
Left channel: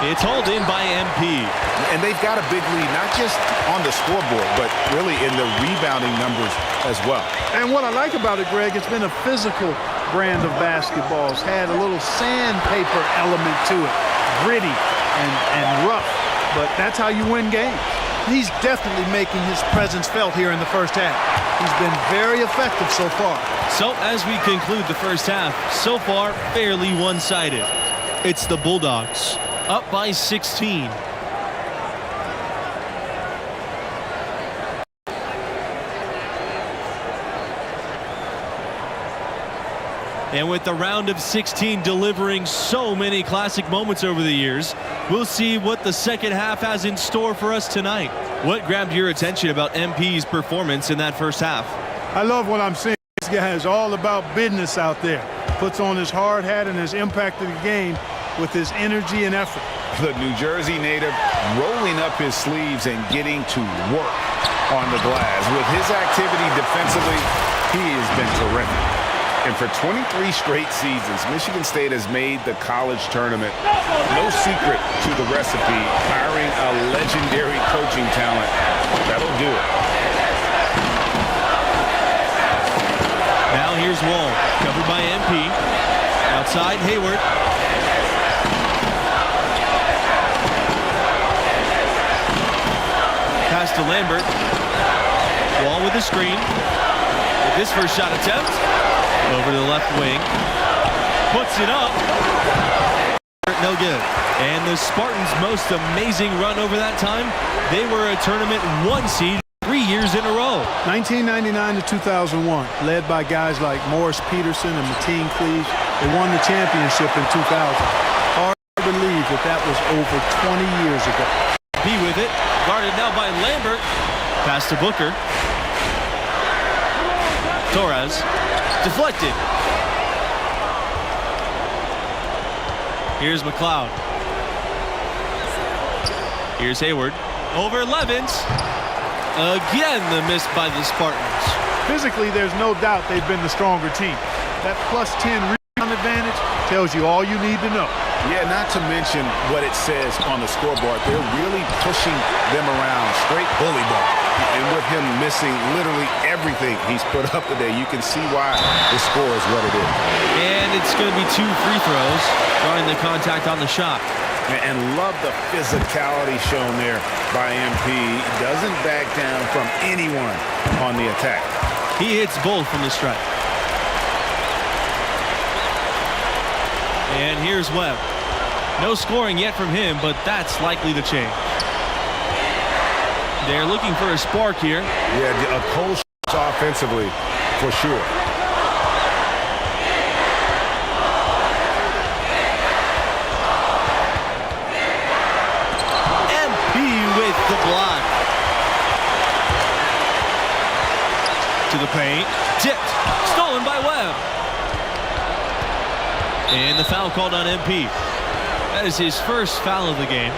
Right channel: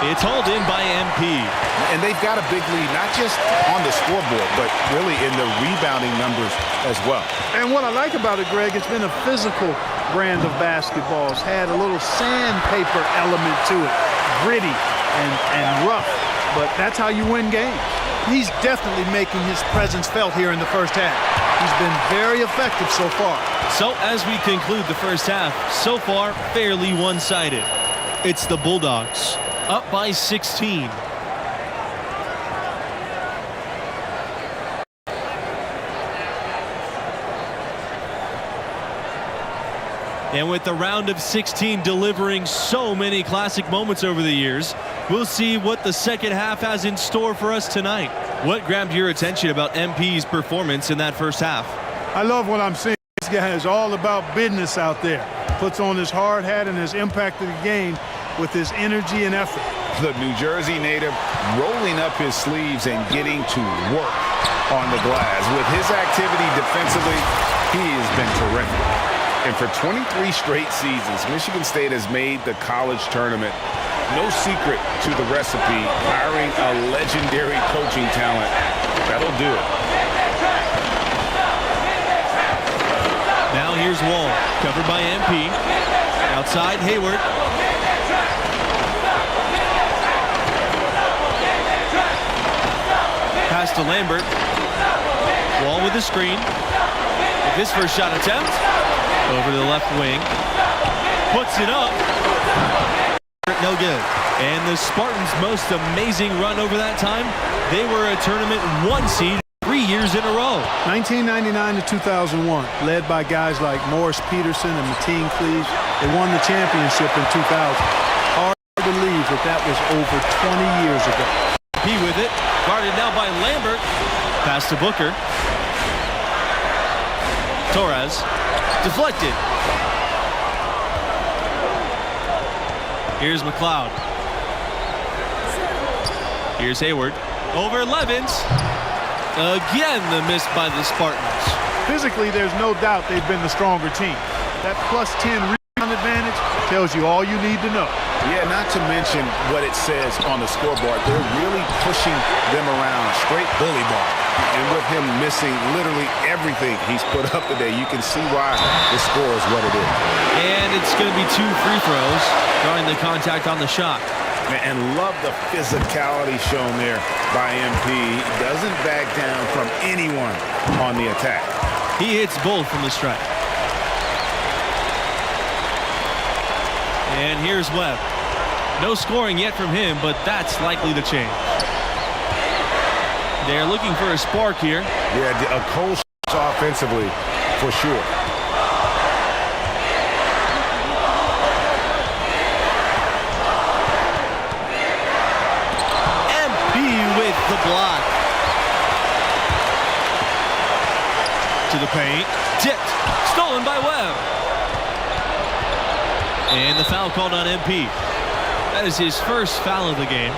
It's hauled in by MP. And they've got a big lead, not just on the scoreboard, but really in the rebounding numbers as well. And what I like about it, Greg, it's been a physical brand of basketball. It's had a little sandpaper element to it, gritty and rough, but that's how you win games. He's definitely making his presence felt here in the first half. He's been very effective so far. So as we conclude the first half, so far fairly one-sided. It's the Bulldogs up by 16. And with the round of 16 delivering so many classic moments over the years, we'll see what the second half has in store for us tonight. What grabbed your attention about MP's performance in that first half? I love what I'm seeing. This guy is all about business out there. Puts on his hard hat and has impacted the game with his energy and effort. The New Jersey native rolling up his sleeves and getting to work on the glass. With his activity defensively, he has been terrific. And for 23 straight seasons, Michigan State has made the college tournament. No secret to the recipe, hiring a legendary coaching talent. That'll do it. Now here's Wall, covered by MP. Outside, Hayward. Pass to Lambert. Wall with the screen. With his first shot attempt. Over to the left wing. Puts it up. No good. And the Spartans' most amazing run over that time, they were a tournament 1 seed 3 years in a row. 1999 to 2001, led by guys like Morris Peterson and Mateen Cleaves. They won the championship in 2000. Hard to believe that was over 20 years ago. P with it. Guarded now by Lambert. Pass to Booker. Torres. Deflected. Here's McLeod. Here's Hayward. Over Levins. Again, the miss by the Spartans. Physically, there's no doubt they've been the stronger team. That plus 10 rebound advantage tells you all you need to know. Yeah, not to mention what it says on the scoreboard. They're really pushing them around, straight bully ball. And with him missing literally everything he's put up today, you can see why the score is what it is. And it's going to be 2 free throws, drawing the contact on the shot. And love the physicality shown there by MP. He doesn't back down from anyone on the attack. He hits both from the stripe. And here's Webb. No scoring yet from him, but that's likely to change. They're looking for a spark here. Yeah, a cold offensively for sure. MP with the block. To the paint. Tipped. Stolen by Webb. And the foul called on MP. That is his first foul of the game.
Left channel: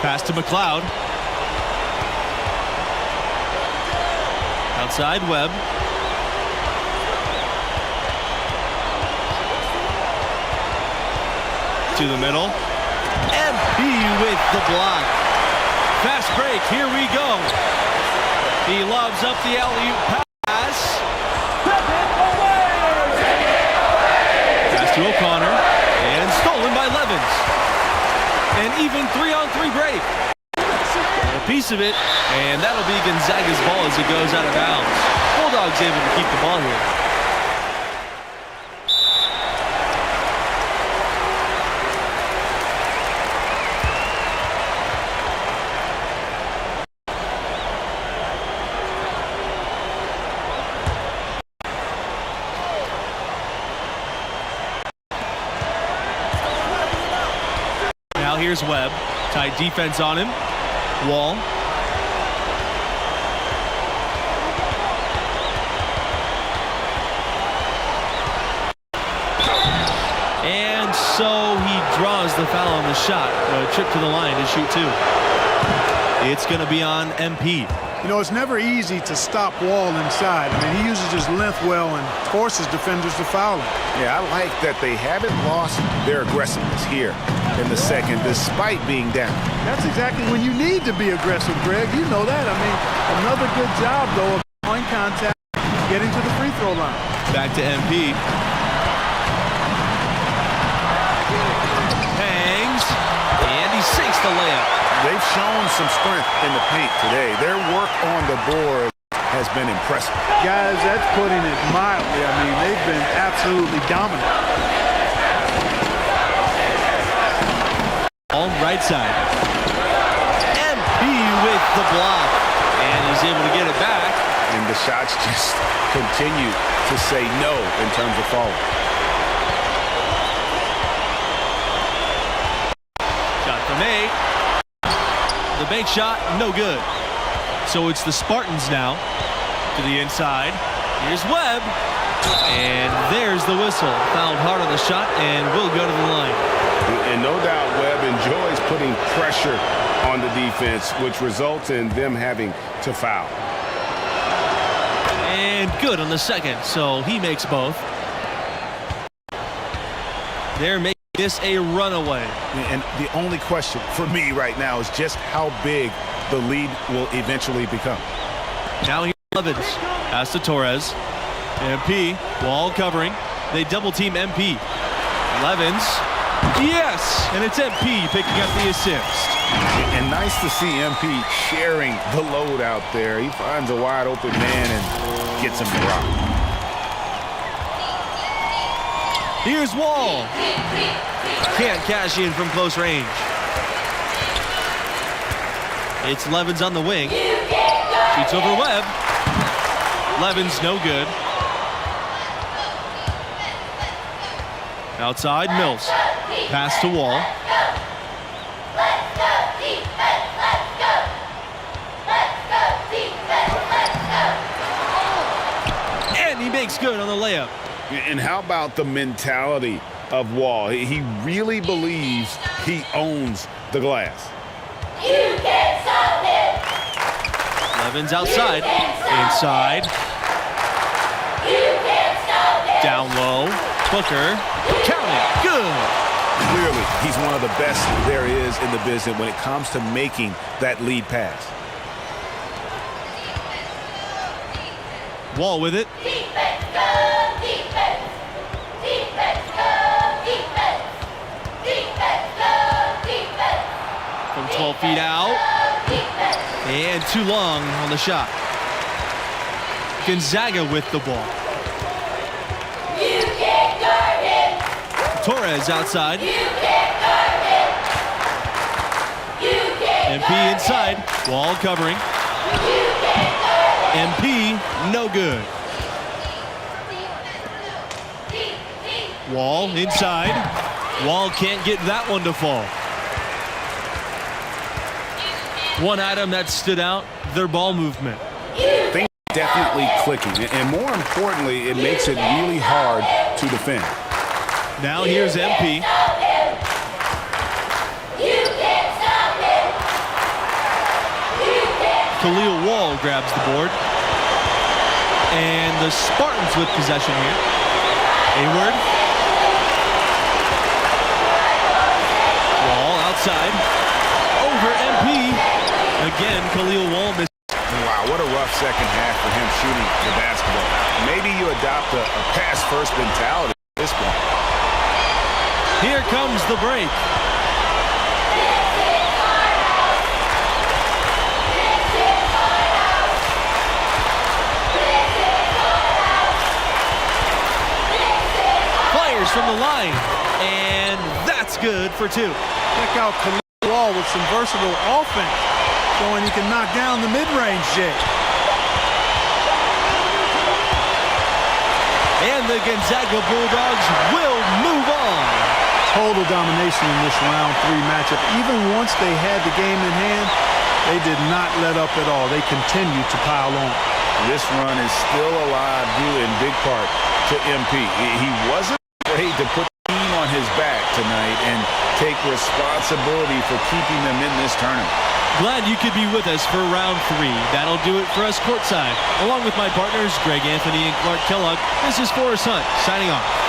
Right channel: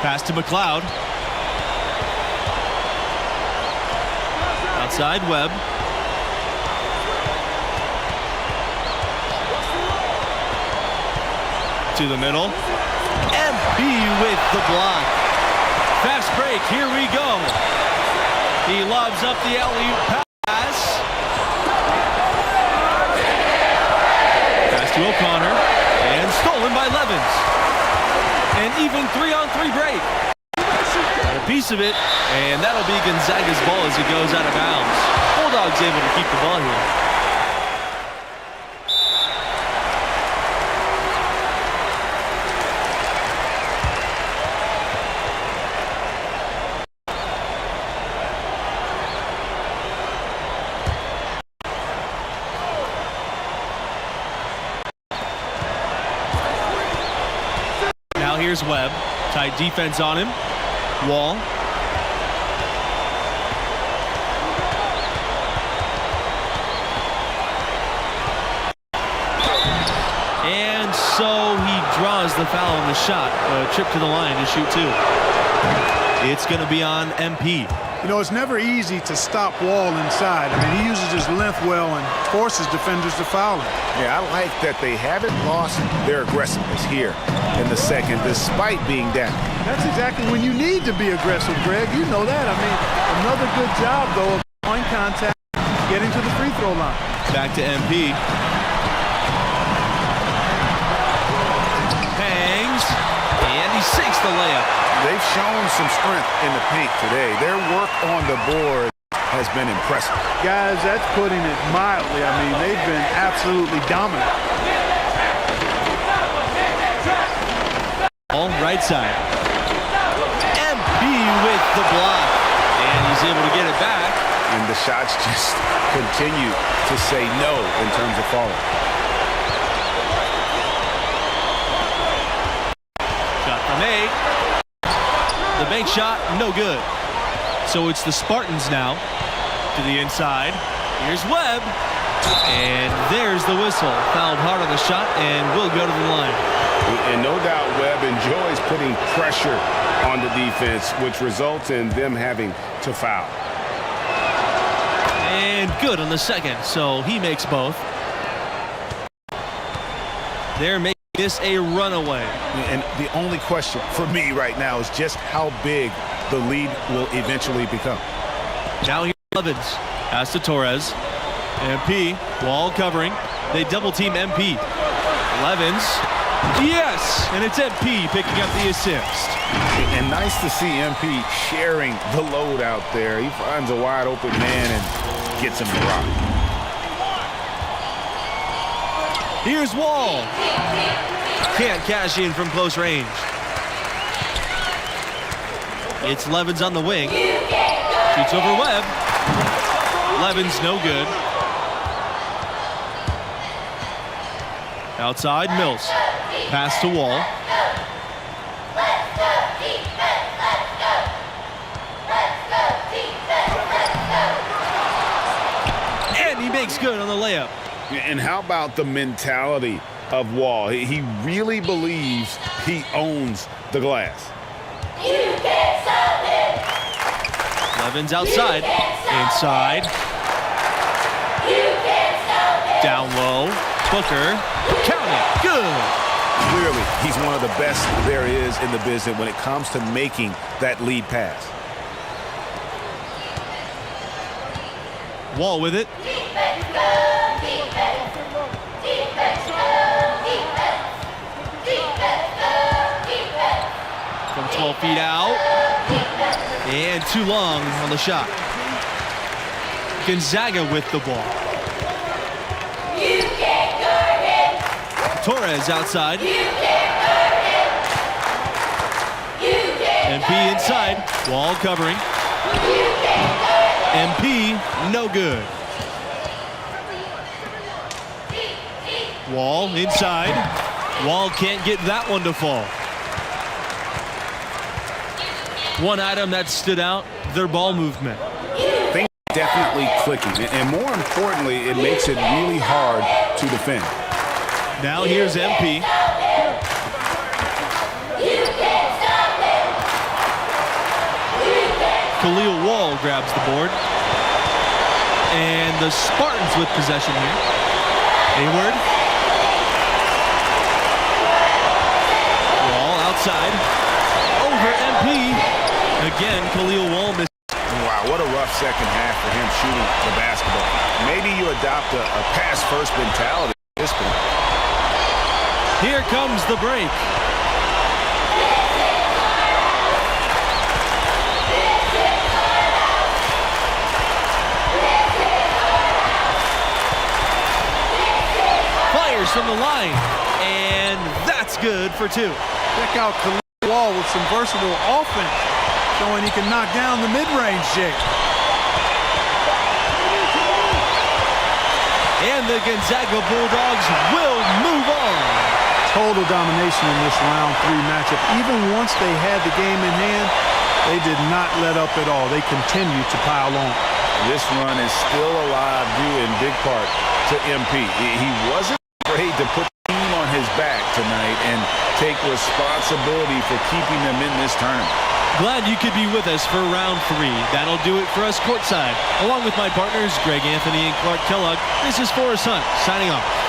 Pass to McLeod. Outside Webb. To the middle. MP with the block. Fast break, here we go. He lobs up the alley-oop pass. Pass to O'Connor. And stolen by Levins. An even 3-on-3 break. Got a piece of it, and that'll be Gonzaga's ball as it goes out of bounds. Bulldogs able to keep the ball here. Now here's Webb. Tight defense on him. Wall. And so he draws the foul on the shot. A trip to the line to shoot two. It's going to be on MP. You know, it's never easy to stop Wall inside. I mean, he uses his length well and forces defenders to foul him. Yeah, I like that they haven't lost their aggressiveness here in the second, despite being down. That's exactly when you need to be aggressive, Greg. You know that. I mean, another good job, though, of point contact, getting to the free throw line. Back to MP. Hangs, and he sinks the layup. They've shown some strength in the paint today. Their work on the board has been impressive. Guys, that's putting it mildly. I mean, they've been absolutely dominant. All right side. MP with the block. And he's able to get it back. And the shots just continue to say no in terms of falling. Shot from 8. The bank shot, no good. So it's the Spartans now to the inside. Here's Webb. And there's the whistle. Fouled hard on the shot and will go to the line. And no doubt Webb enjoys putting pressure on the defense, which results in them having to foul. And good on the second, so he makes both. They're making this a runaway. And the only question for me right now is just how big the lead will eventually become. Now here's Levins. Pass to Torres. MP, Wall covering. They double team MP. Levins. Yes, and it's MP picking up the assist. And nice to see MP sharing the load out there. He finds a wide open man and gets him to rock. Here's Wall. Can't cash in from close range. It's Levins on the wing. Shoots over Webb. Levins no good. Outside, Mills. Pass to Wall. And he makes good on the layup. And how about the mentality of Wall? He really believes he owns the glass. You can't stop him. Levins outside. Inside. You can't stop him. Down low. Booker. Count it. Good. Clearly, he's one of the best there is in the business when it comes to making that lead pass. Wall with it. Defense, go, defense. Defense, go, defense. Defense, go, defense. From 12 feet out. And too long on the shot. Gonzaga with the ball. You can't guard him. Torres outside. You can't guard him. You can't MP inside. Wall covering. You can't guard him. MP no good. Wall inside. Wall can't get that one to fall. One item that stood out, their ball movement. Things are definitely clicking. And more importantly, it makes it really hard to defend. Now here's MP. Khalil Wall grabs the board. And the Spartans with possession here. Hayward. Wall outside. Over MP. Again, Khalil Wall missed. Wow, what a rough second half for him shooting the basketball. Maybe you adopt a pass-first mentality at this point. Here comes the break. from the line, and that's good for 2. Check out Khalil Wall with some versatile offense, showing he can knock down the mid-range J. And the Gonzaga Bulldogs will move on. Total domination in this round 3 matchup. Even once they had the game in hand, they did not let up at all. They continued to pile on. This run is still alive due in big part to MP. He wasn't afraid to put the team on his back tonight and take responsibility for keeping them in this tournament. Glad you could be with us for round 3. That'll do it for us courtside. Along with my partners, Greg Anthony and Clark Kellogg, this is Forrest Hunt signing off.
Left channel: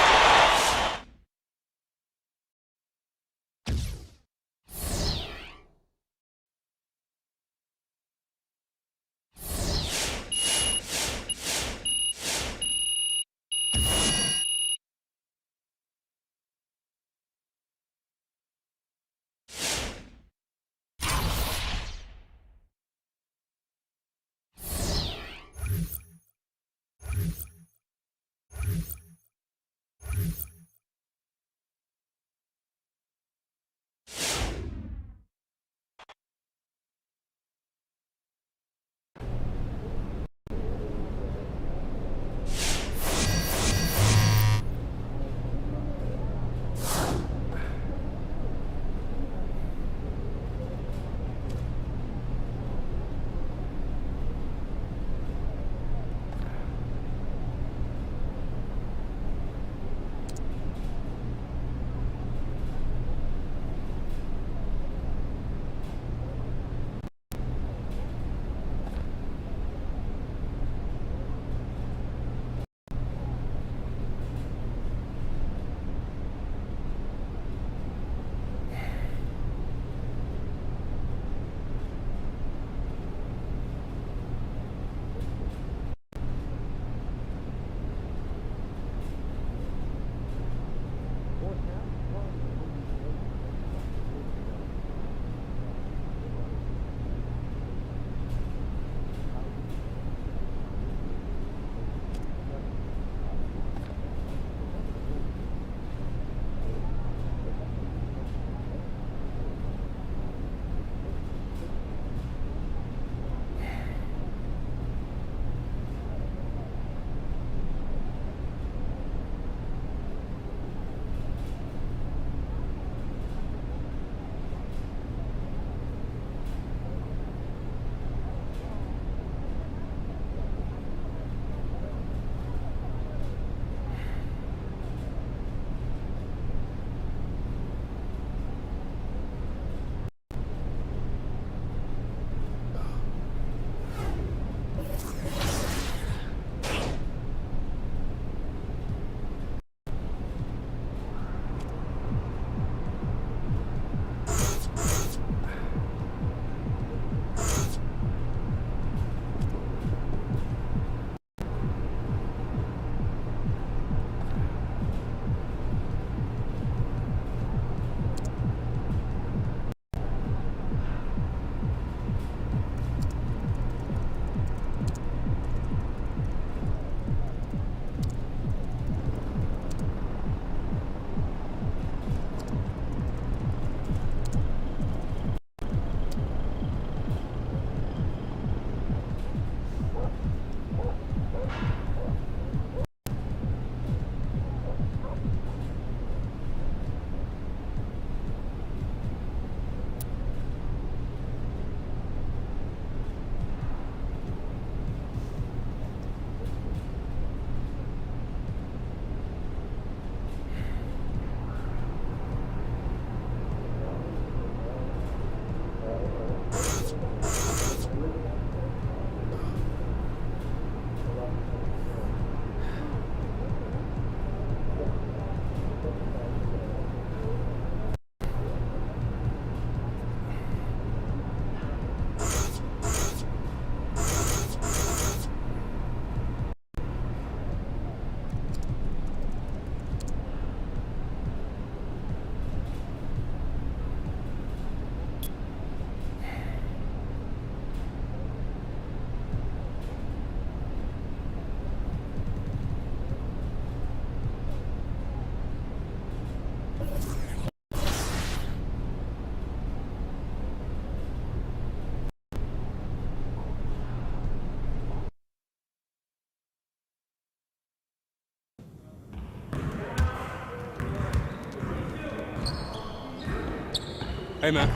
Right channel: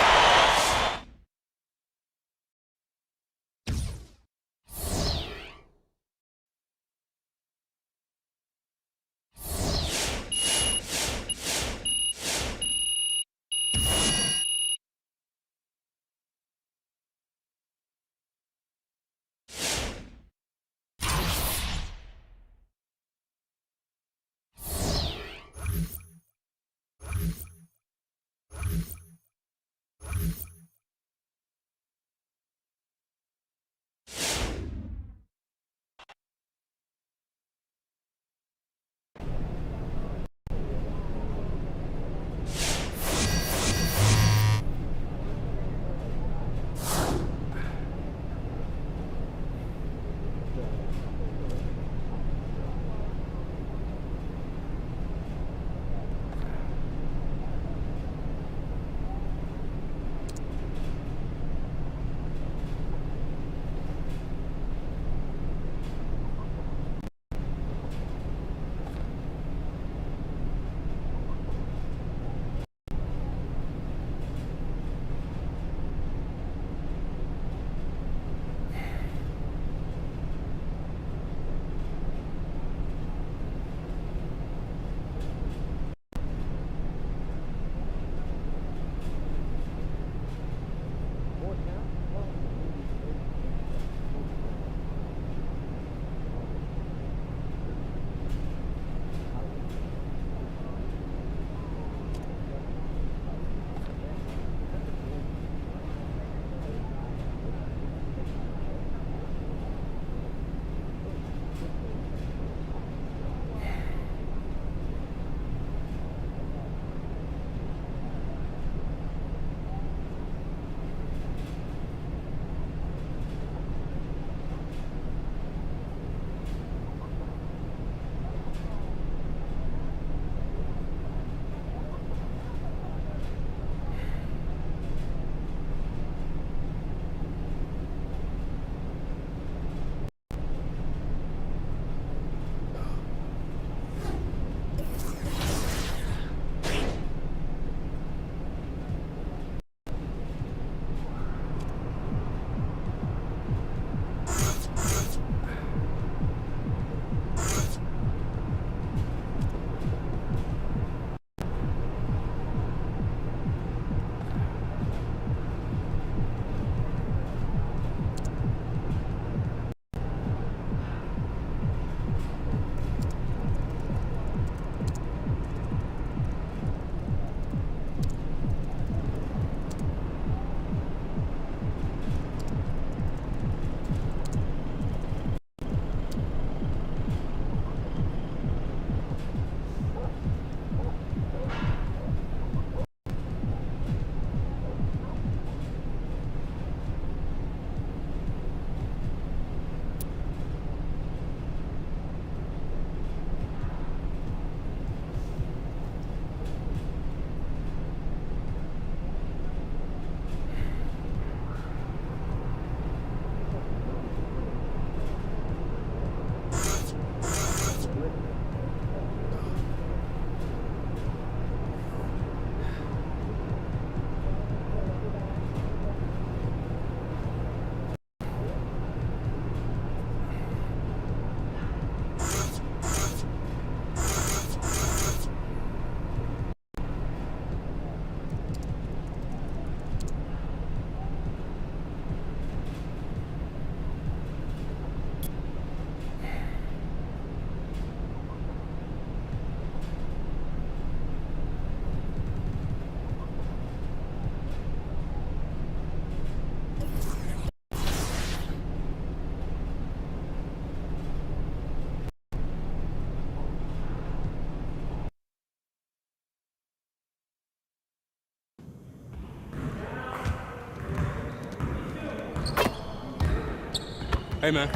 Hey, man.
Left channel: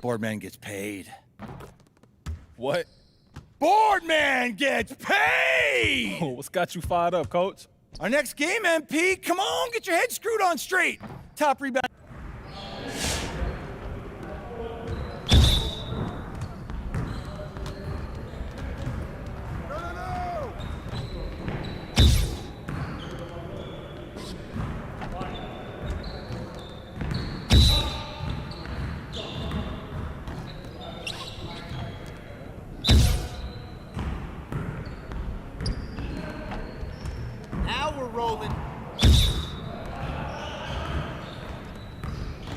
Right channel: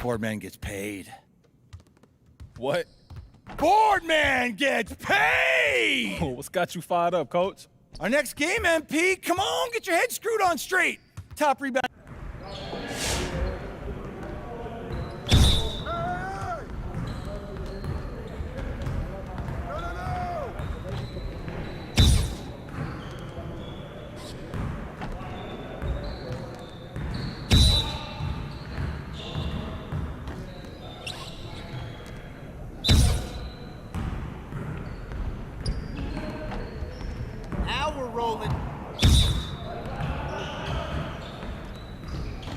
Boardman gets paid. What? Boardman gets paid! Oh, what's got you fired up, coach? Our next game, MP. Come on, get your head screwed on straight. Top rebound. Now we're rolling.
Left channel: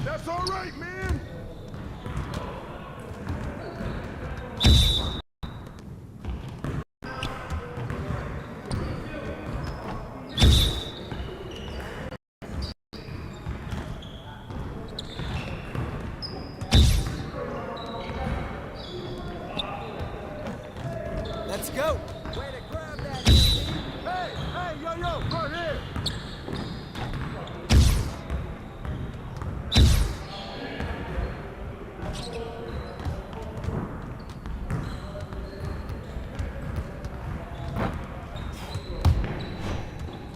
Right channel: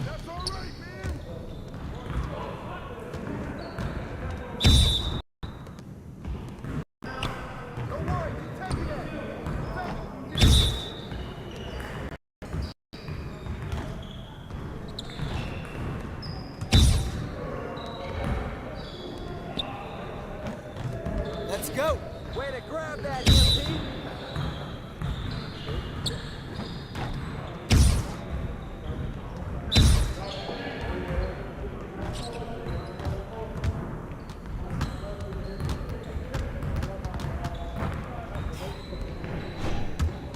That's all right, man. Let's go. Way to grab that, MP. Hey, yo, right here.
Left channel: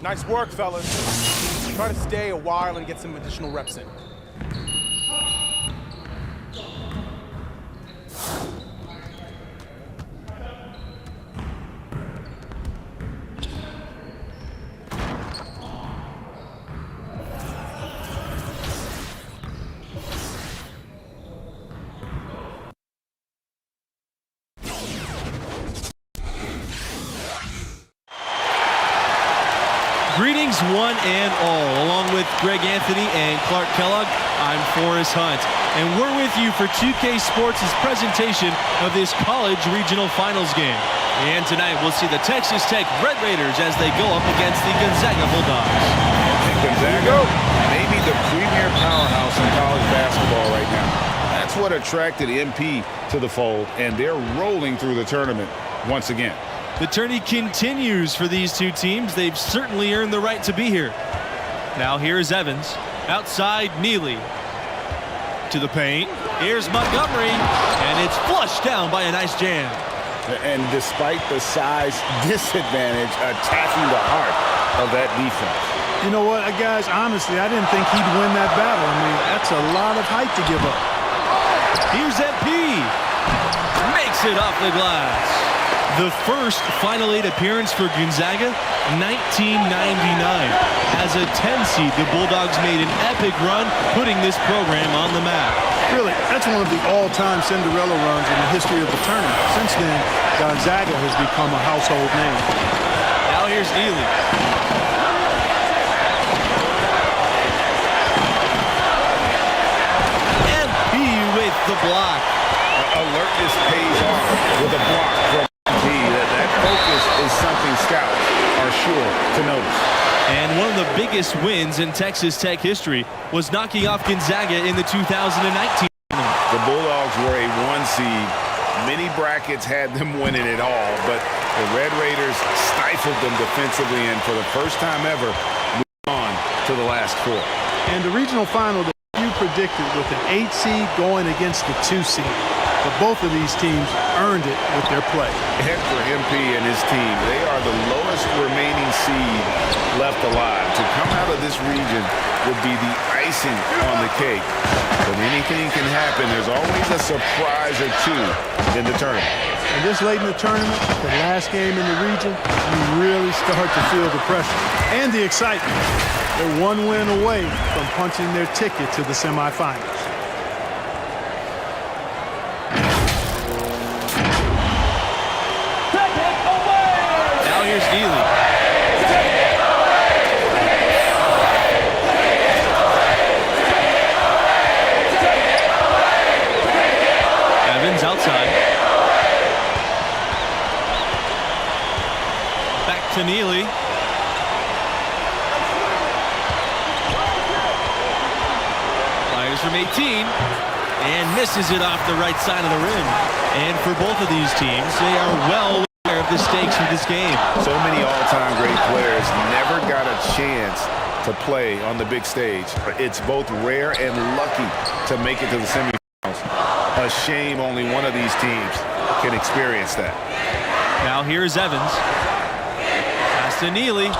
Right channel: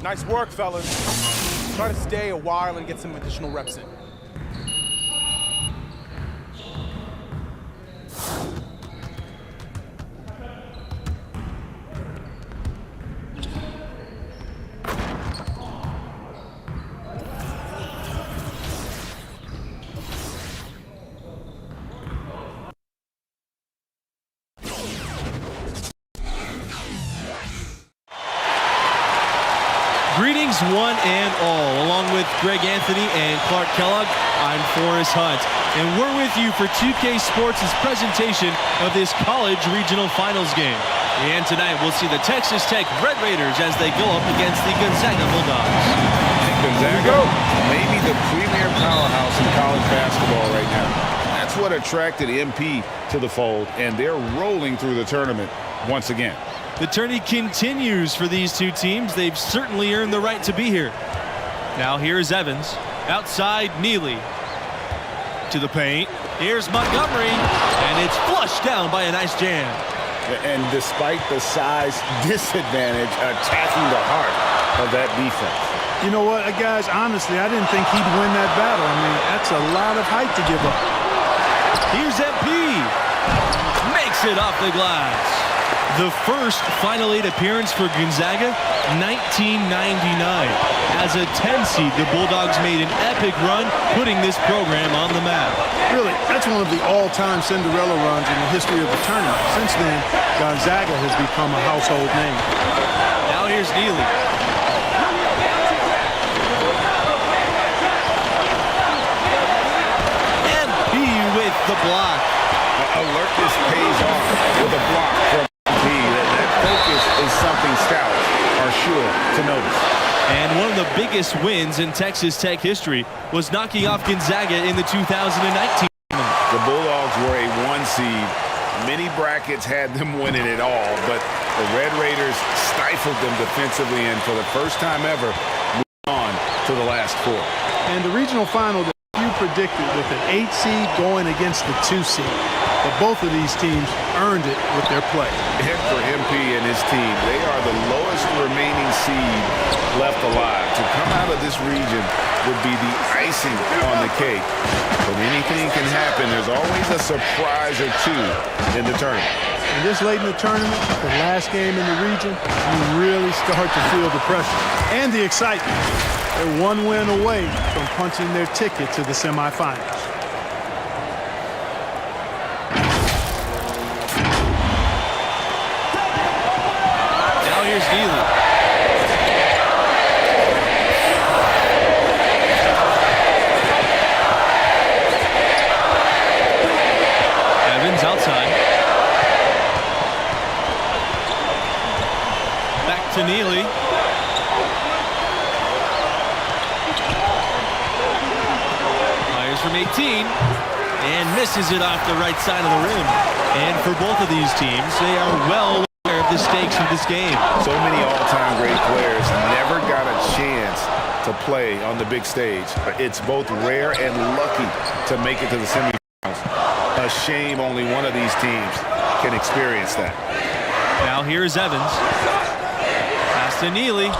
Nice work, fellas. Try to stay a while and get some additional reps in. Greetings one and all. Along with Greg Anthony and Clark Kellogg, I'm Forrest Hunt. And we're with you for 2K Sports' presentation of this college regional finals game. And tonight we'll see the Texas Tech Red Raiders as they go up against the Gonzaga Bulldogs. Gonzaga, maybe the premier powerhouse in college basketball right now. That's what attracted MP to the fold, and they're rolling through the tournament once again. The tourney continues for these two teams. They've certainly earned the right to be here. Now here's Evans. Outside, Neely. To the paint. Here's Montgomery. And it's flushed down by a nice jam. And despite the size disadvantage, attacking the heart of that defense. You know what, guys, honestly, I didn't think he'd win that battle. I mean, that's a lot of height to give up. Here's MP. Makes it off the glass. The first Final Eight appearance for Gonzaga, 1999. As a 10 seed, the Bulldogs made an epic run, putting this program on the map. Really, that's one of the all-time Cinderella runs in the history of the tournament. Since then, Gonzaga has become a household name. Now here's Neely. MP with the block. Alertness pays off with a block from MP. That focus is something scouts are sure to notice. And one of the biggest wins in Texas Tech history was knocking off Gonzaga in the 2019 tournament. The Bulldogs were a 1 seed. Many brackets had them winning it all, but the Red Raiders stifled them defensively and for the first time ever moved on to the last 4. And the regional final that you predicted with an 8 seed going against the 2 seed. But both of these teams earned it with their play. And for MP and his team, they are the lowest remaining seed left alive. To come out of this region would be the icing on the cake. But anything can happen. There's always a surprise or two in the tournament. And this late in the tournament, the last game in the region, you really start to feel the pressure and the excitement. They're one win away from punching their ticket to the semifinals. Now here's Neely. Evans outside. Back to Neely. Fires from 18 and misses it off the right side of the rim. And for both of these teams, they are well of the stakes of this game. So many all-time great players never got a chance to play on the big stage. It's both rare and lucky to make it to the semifinals. A shame only one of these teams can experience that. Now here's Evans. Pass to Neely.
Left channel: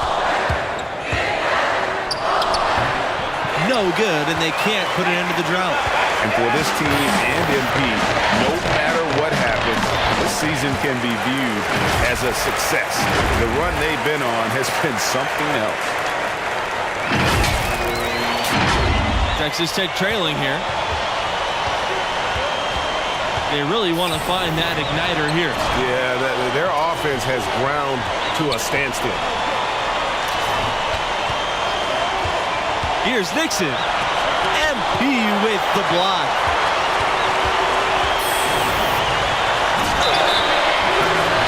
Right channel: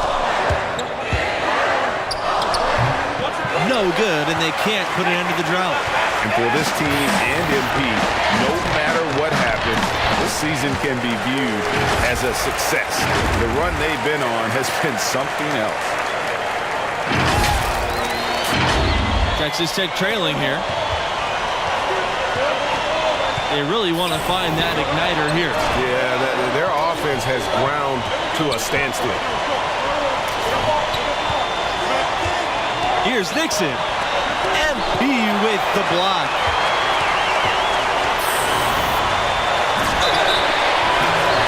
No good, and they can't put an end to the drought. And for this team and MP, no matter what happens, this season can be viewed as a success. The run they've been on has been something else. Texas Tech trailing here. They really want to find that igniter here. Yeah, their offense has ground to a standstill. Here's Nixon. MP with the block.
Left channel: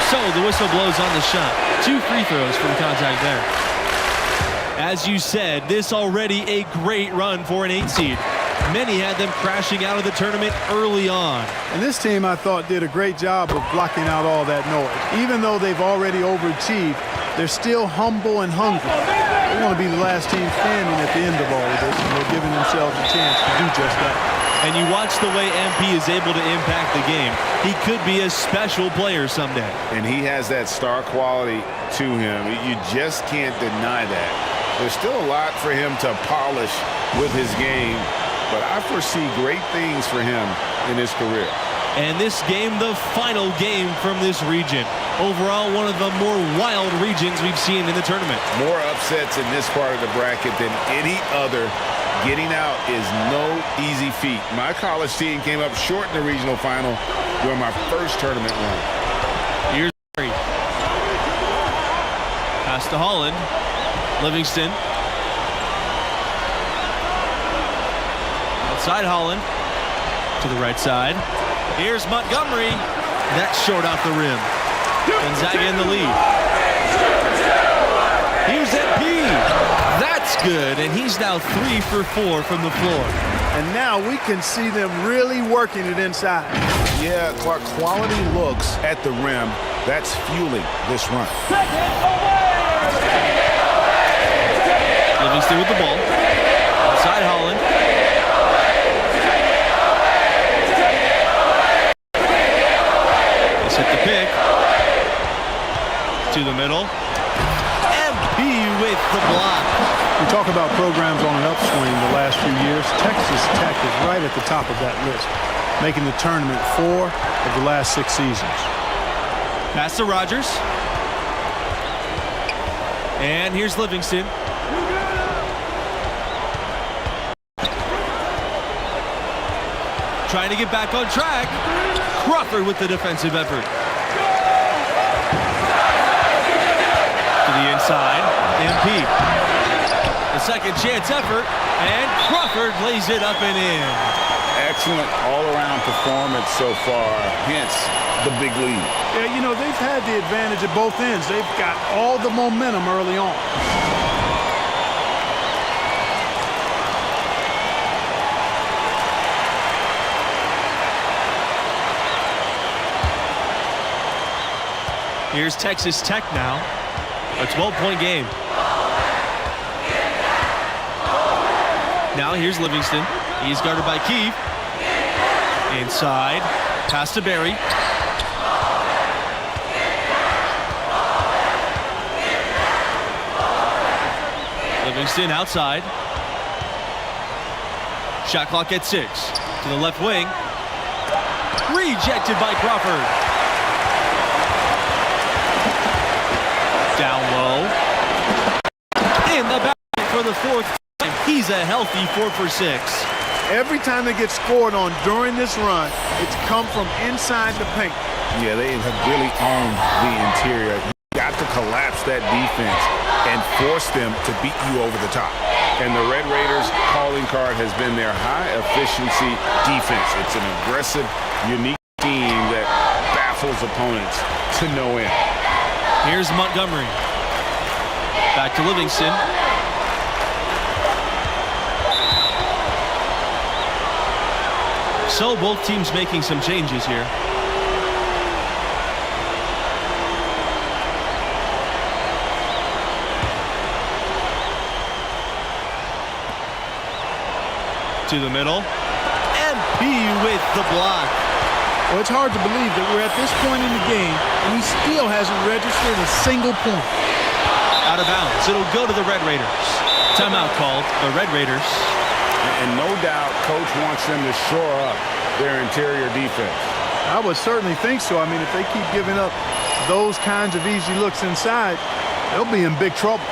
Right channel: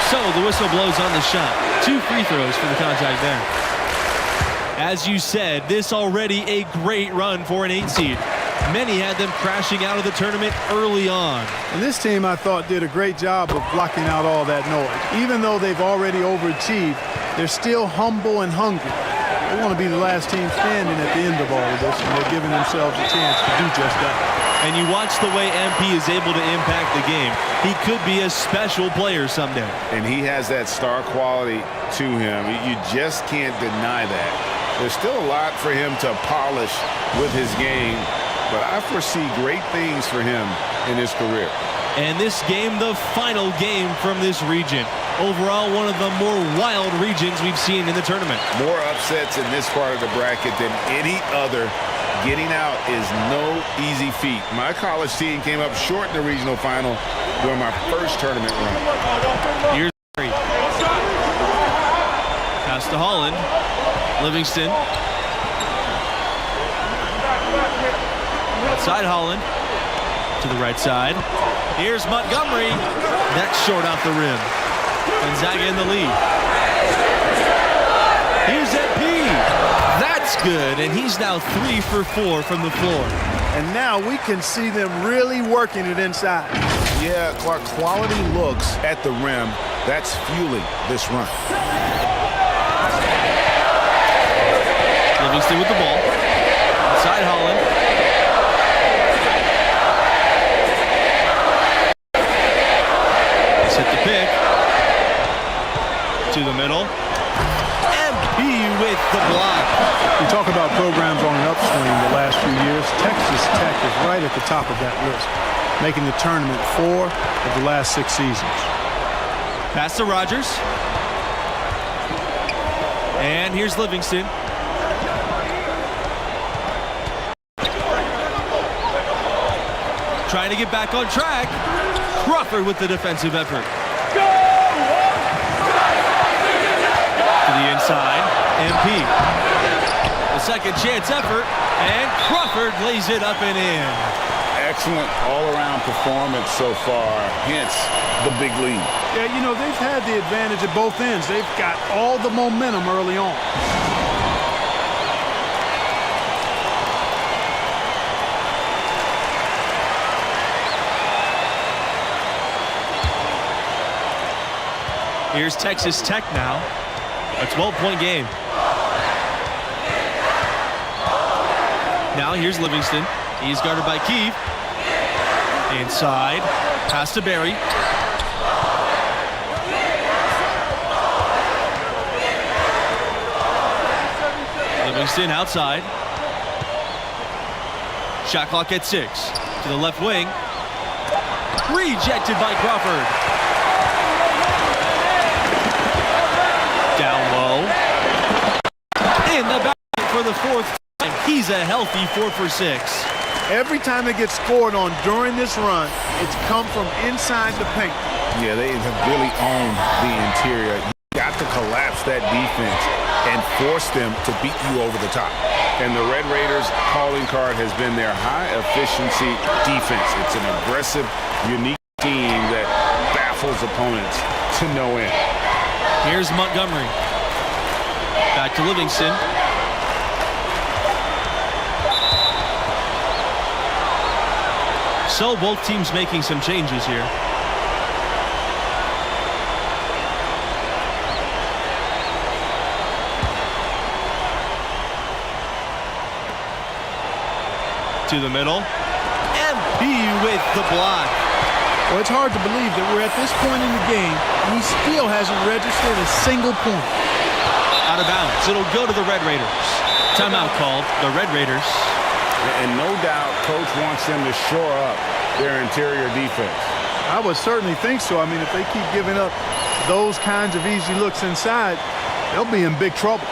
So the whistle blows on the shot. 2 free throws for the contact there. As you said, this already a great run for an 8 seed. Many had them crashing out of the tournament early on. And this team, I thought, did a great job of blocking out all that noise. Even though they've already overachieved, they're still humble and hungry. They want to be the last team standing at the end of all of this, and they're giving themselves a chance to do just that. And you watch the way MP is able to impact the game. He could be a special player someday. And he has that star quality to him. You just can't deny that. There's still a lot for him to polish with his game, but I foresee great things for him in his career. And this game, the final game from this region. Overall, one of the more wild regions we've seen in the tournament. More upsets in this part of the bracket than any other. Getting out is no easy feat. My college team came up short in the regional final during my first tournament run. Here's Barry. Pass to Holland. Livingston. Outside Holland. To the right side. Here's Montgomery. That's short off the rim. Gonzaga in the lead. Here's MP. That's good, and he's now 3 for 4 from the floor. And now we can see them really working it inside. Yeah, Clark, quality looks at the rim. That's fueling this run. Livingston with the ball. Outside Holland. He's hit the pick. To the middle. MP with the block. We talk about programs on an upswing the last few years. Texas Tech is right at the top of that list, making the tournament 4 of the last 6 seasons. Pass to Rogers. And here's Livingston. Trying to get back on track. Crawford with the defensive effort. To the inside, MP. The second chance effort, and Crawford lays it up and in. Excellent all-around performance so far, hence the big lead. Yeah, you know, they've had the advantage at both ends. They've got all the momentum early on. Here's Texas Tech now. A 12-point game. Now here's Livingston. He's guarded by Keefe. Inside. Pass to Barry. Livingston outside. Shot clock at 6. To the left wing. Rejected by Crawford. Down low. In the basket for the 4th time. He's a healthy 4 for 6. Every time they get scored on during this run, it's come from inside the paint. Yeah, they have really owned the interior. You got to collapse that defense and force them to beat you over the top. And the Red Raiders' calling card has been their high-efficiency defense. It's an aggressive, unique team that baffles opponents to no end. Here's Montgomery. Back to Livingston. So both teams making some changes here. To the middle. MP with the block. Well, it's hard to believe that we're at this point in the game and he still hasn't registered a single point. Out of bounds. It'll go to the Red Raiders. Timeout called. The Red Raiders. And no doubt Coach wants them to shore up their interior defense. I would certainly think so. I mean, if they keep giving up those kinds of easy looks inside, they'll be in big trouble.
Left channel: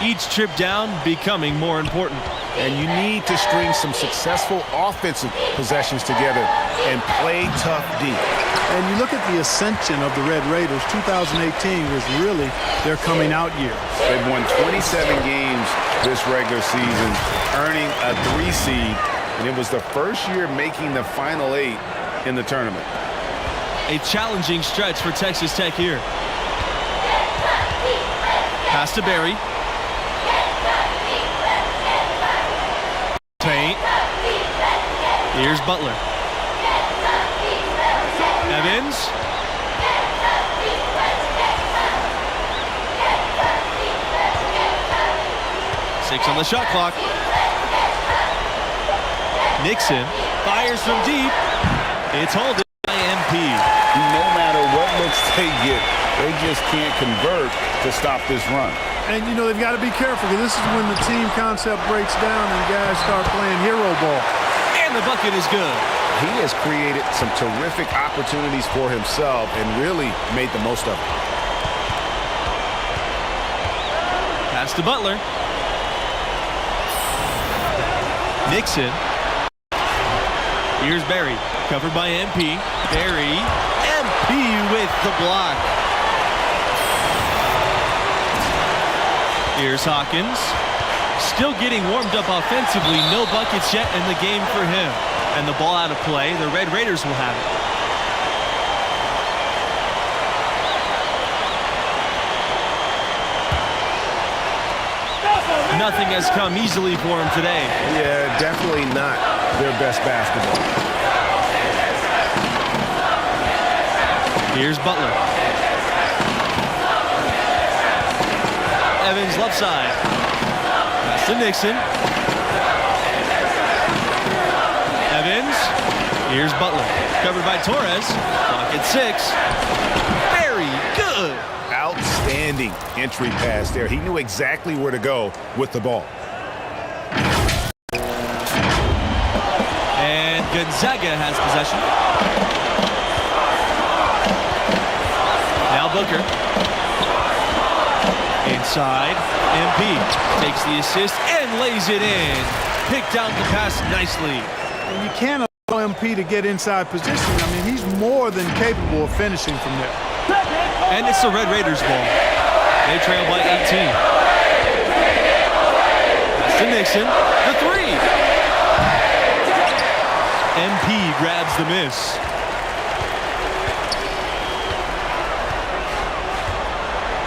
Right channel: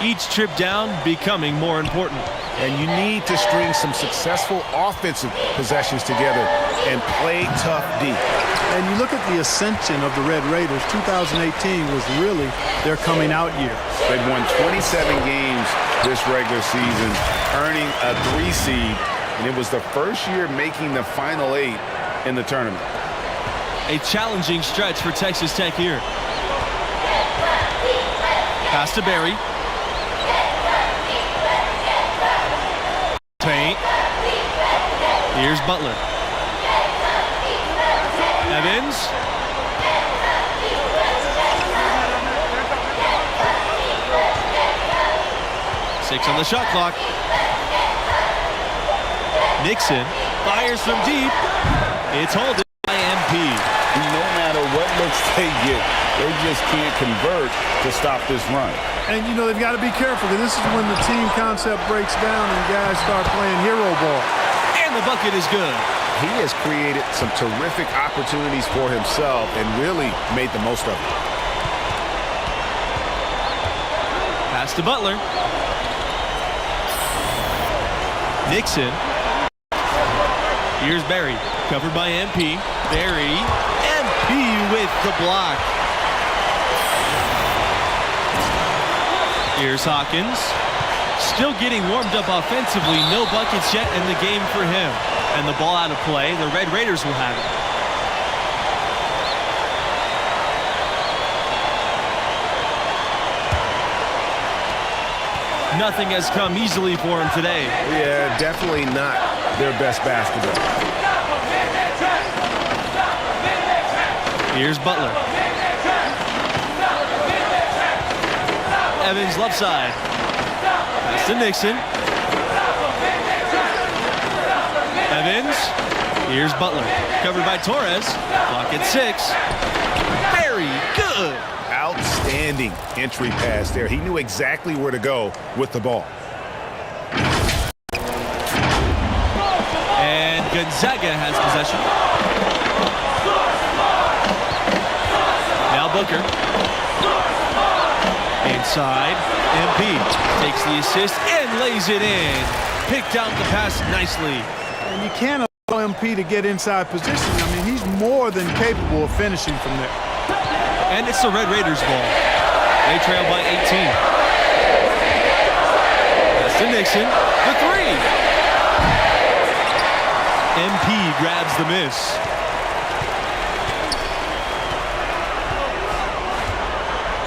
Each trip down becoming more important. And you need to string some successful offensive possessions together and play tough D. And you look at the ascension of the Red Raiders, 2018 was really their coming out year. They've won 27 games this regular season, earning a 3 seed, and it was the first year making the Final 8 in the tournament. A challenging stretch for Texas Tech here. Pass to Barry. Paint. Here's Butler. Evans. Six on the shot clock. Nixon fires from deep. It's holding by MP. No matter what looks they get, they just can't convert to stop this run. And, you know, they've got to be careful because this is when the team concept breaks down and guys start playing hero ball. And the bucket is good. He has created some terrific opportunities for himself and really made the most of it. Pass to Butler. Nixon. Here's Barry. Covered by MP. Barry. MP with the block. Here's Hawkins. Still getting warmed up offensively. No buckets yet in the game for him. And the ball out of play. The Red Raiders will have it. Nothing has come easily for him today. Yeah, definitely not their best basketball. Here's Butler. Evans left side. Pass to Nixon. Evans. Here's Butler. Covered by Torres. Clock at 6. Very good. Outstanding entry pass there. He knew exactly where to go with the ball. And Gonzaga has possession. Now Booker. Inside. MP takes the assist and lays it in. Picked out the pass nicely. And you can't allow MP to get inside position. I mean, he's more than capable of finishing from there. And it's the Red Raiders ball. They trail by 18. That's to Nixon. The 3. MP grabs the miss.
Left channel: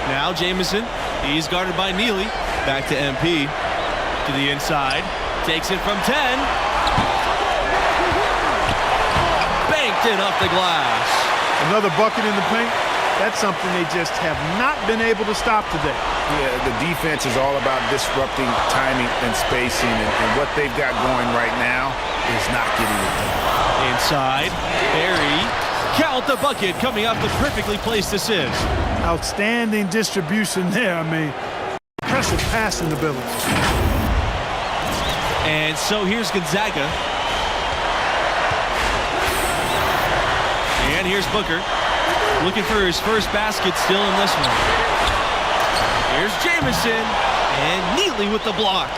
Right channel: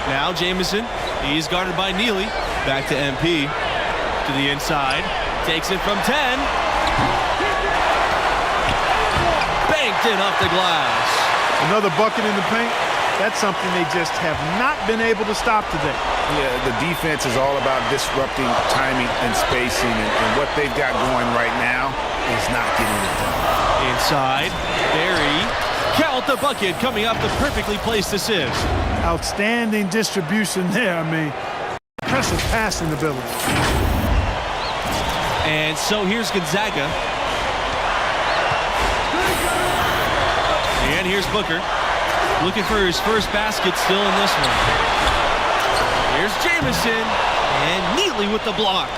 Now Jamison. He's guarded by Neely. Back to MP. To the inside. Takes it from 10. Banked in off the glass. Another bucket in the paint. That's something they just have not been able to stop today. Yeah, the defense is all about disrupting timing and spacing, and what they've got going right now is not getting it done. Inside, Barry. Count the bucket coming off the perfectly placed assist. Outstanding distribution there. I mean, impressive passing ability. And so here's Gonzaga. And here's Booker. Looking for his first basket still in this one. Here's Jamison. And Neely with the block.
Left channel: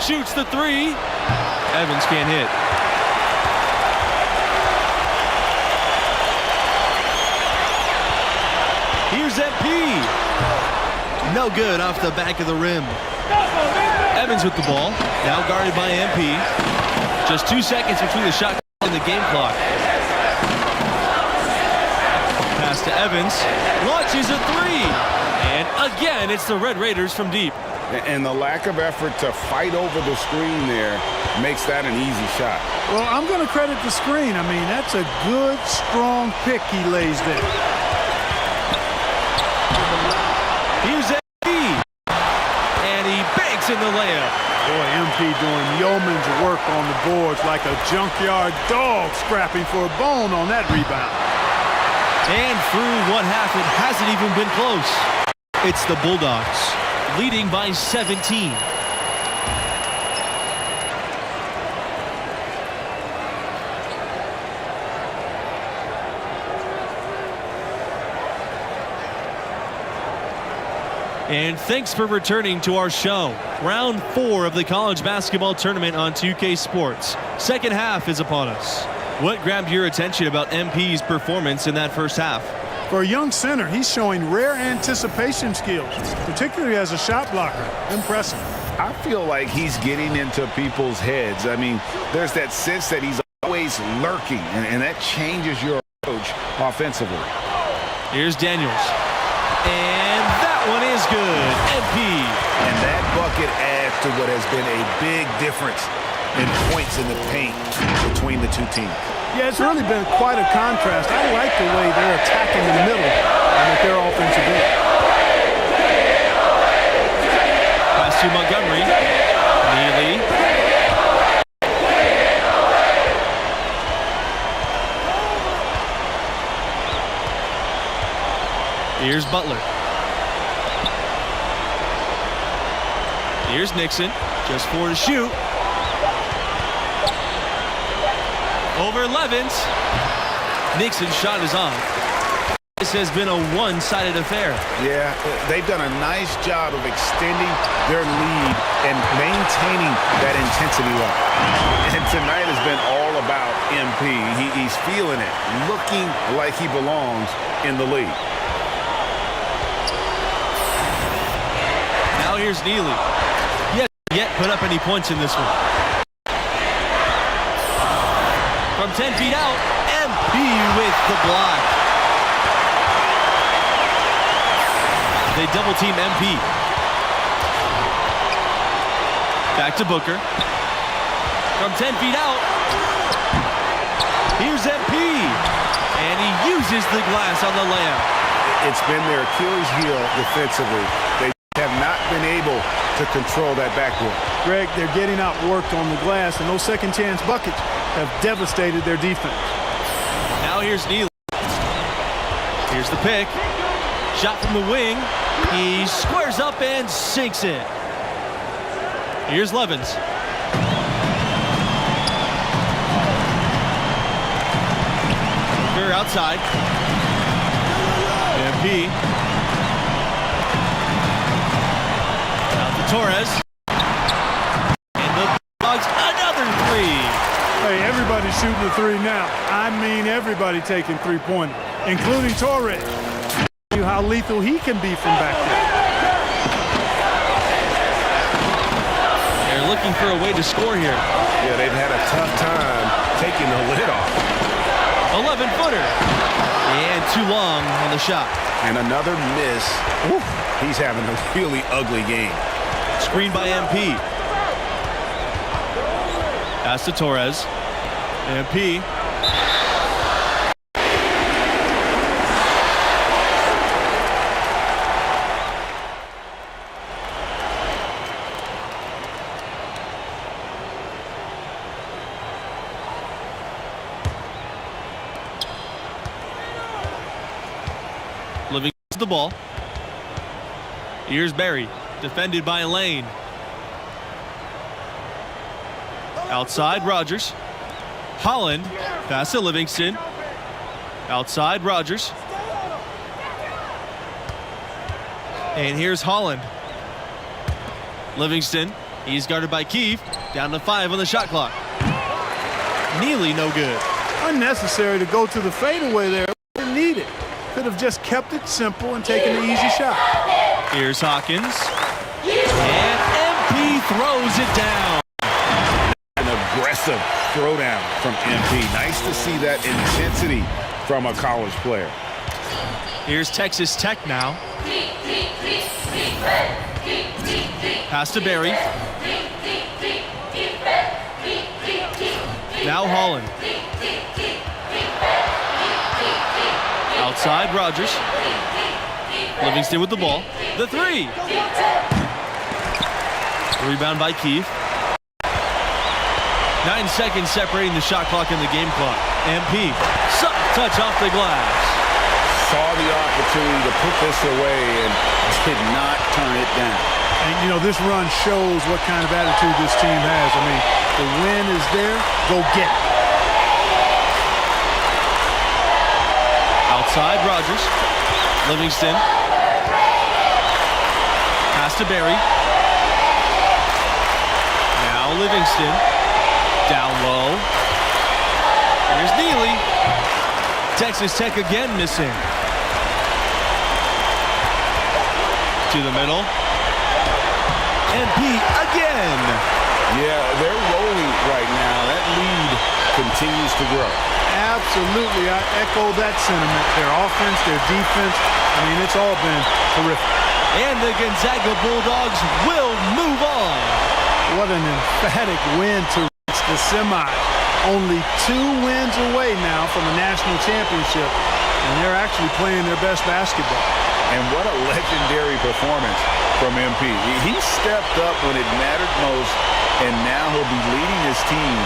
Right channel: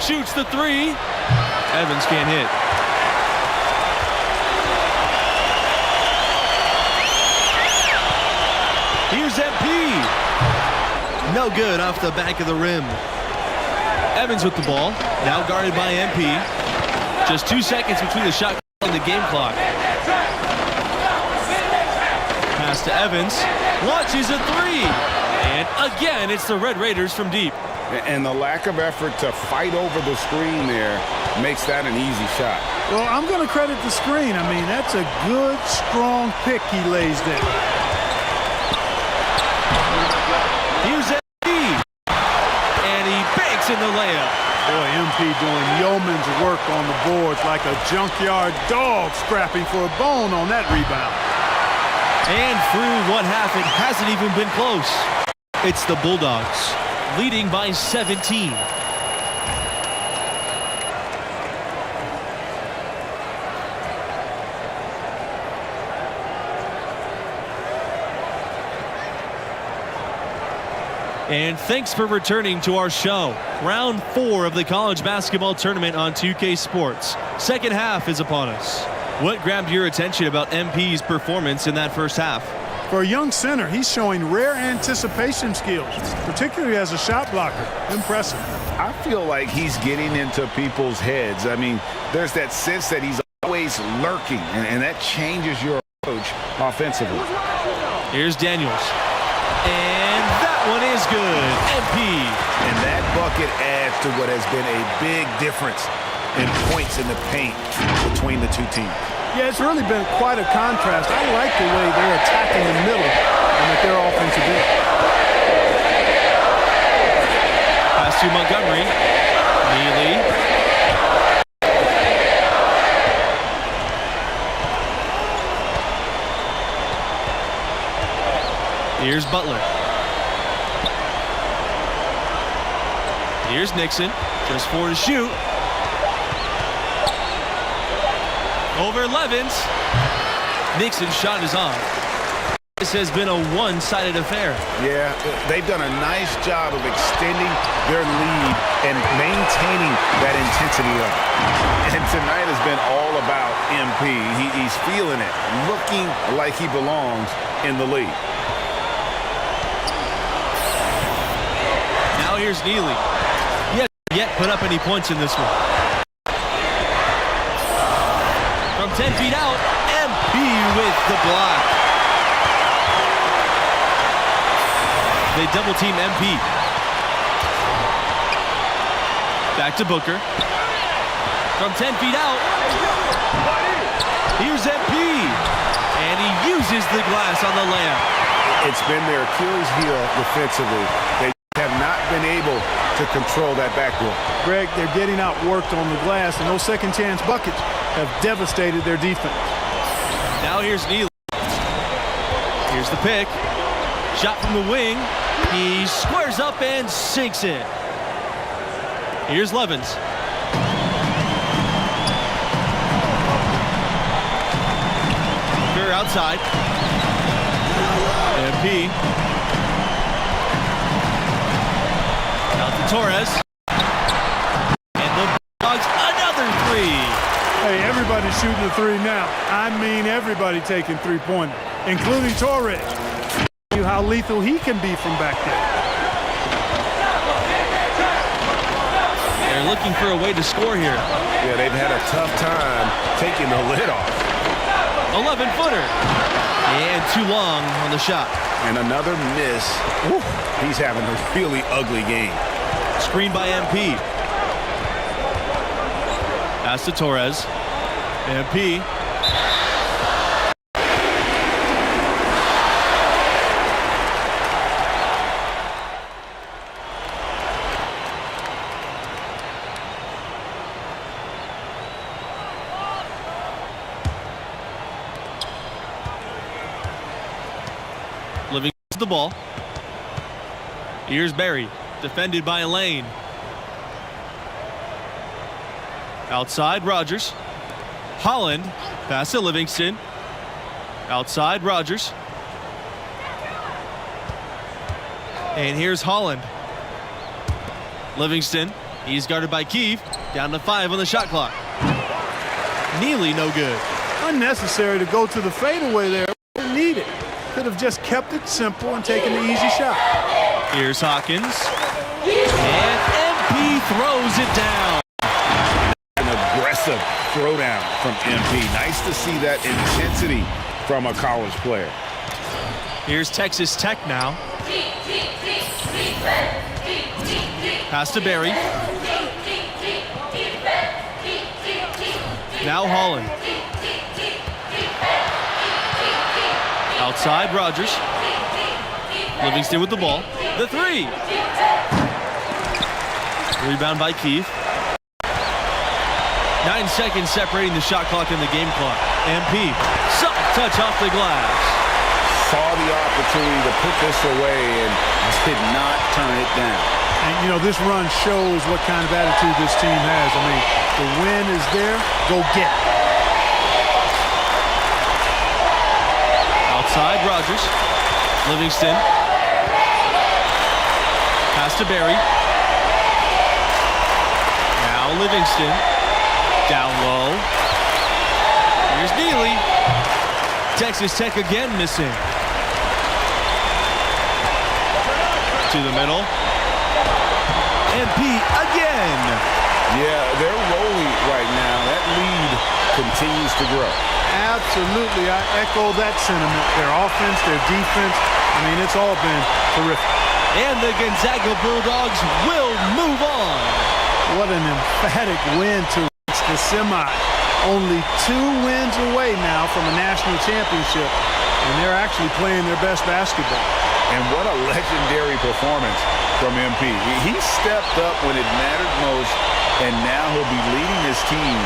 Shoots the 3. Evans can't hit. Here's MP. No good off the back of the rim. Evans with the ball. Now guarded by MP. Just 2 seconds between the shot clock and the game clock. Pass to Evans. Launches a three. And again, it's the Red Raiders from deep. And the lack of effort to fight over the screen there makes that an easy shot. Well, I'm going to credit the screen. I mean, that's a good, strong pick he lays there. Here's MP. And he banks in the layup. Boy, MP doing yeoman's work on the boards like a junkyard dog scrapping for a bone on that rebound. And through one half, it hasn't even been close. It's the Bulldogs, leading by 17. And thanks for returning to our show. Round 4 of the college basketball tournament on 2K Sports. Second half is upon us. What grabbed your attention about MP's performance in that first half? For a young center, he's showing rare anticipation skills, particularly as a shot blocker. Impressive. I feel like he's getting into people's heads. I mean, there's that sense that he's always lurking, and that changes your approach offensively. Here's Daniels. And that one is good. MP. And that bucket adds to what has been a big difference in points in the paint between the two teams. Yeah, it's really been quite a contrast. I like the way they're attacking the middle and at their offensive end. Pass to Montgomery. Neely. Here's Butler. Here's Nixon. Just 4 to shoot. Over Levens. Nixon's shot is off. This has been a one-sided affair. Yeah, they've done a nice job of extending their lead and maintaining that intensity level. And tonight has been all about MP. He's feeling it, looking like he belongs in the league. Now here's Neely. He hasn't yet put up any points in this one. From 10 feet out, MP with the block. They double team MP. Back to Booker. From 10 feet out, here's MP. And he uses the glass on the layup. It's been their Achilles heel defensively. They have not been able to control that backboard. Greg, they're getting outworked on the glass, and those second chance buckets have devastated their defense. Now here's Neely. Here's the pick. Shot from the wing. He squares up and sinks it. Here's Levens. Booker outside. MP. Out to Torres. And the Bulldogs another three. Hey, everybody's shooting the three now. I mean everybody taking three-pointers, including Torres. You how lethal he can be from back there. They're looking for a way to score here. Yeah, they've had a tough time taking the lid off. 11-footer. And too long on the shot. And another miss. Woo. He's having a really ugly game. Screen by MP. Pass to Torres. MP. Living the ball. Here's Barry, defended by Lane. Outside, Rogers. Holland, pass to Livingston. Outside, Rogers. And here's Holland. Livingston, he's guarded by Keefe. Down to 5 on the shot clock. Neely, no good. Unnecessary to go to the fadeaway there. Didn't need it. Could have just kept it simple and taken the easy shot. Here's Hawkins. And MP throws it down. An aggressive Impressive throwdown from MP. Nice to see that intensity from a college player. Here's Texas Tech now. Pass to Barry. Now Holland. Outside Rogers. Livingston with the ball. The three. Rebound by Keith. 9 seconds separating the shot clock and the game clock. MP. Soft touch off the glass. Saw the opportunity to put this away and did not turn it down. And, you know, this run shows what kind of attitude this team has. I mean, the win is there. Go get it. Outside Rogers. Livingston. Pass to Barry. Now Livingston. Down low. Here's Neely. Texas Tech again missing. To the middle. MP again. Yeah, they're rolling right now. That lead continues to grow. Absolutely. I echo that sentiment. Their offense, their defense. I mean, it's all been terrific. And the Gonzaga Bulldogs will move on. What an emphatic win to reach the semis. Only 2 wins away now from a national championship, and they're actually playing their best basketball. And what a legendary performance from MP. He stepped up when it mattered most, and now he'll be leading his team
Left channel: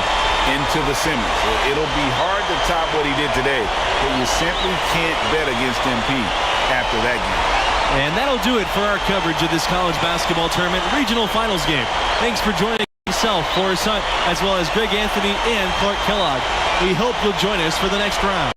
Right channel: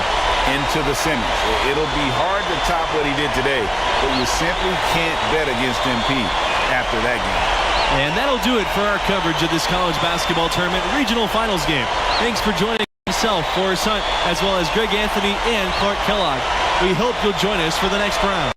into the semis. It'll be hard to top what he did today, but you simply can't bet against MP after that game. And that'll do it for our coverage of this college basketball tournament regional finals game. Thanks for joining myself, Forrest Hunt, as well as Greg Anthony and Clark Kellogg. We hope you'll join us for the next round.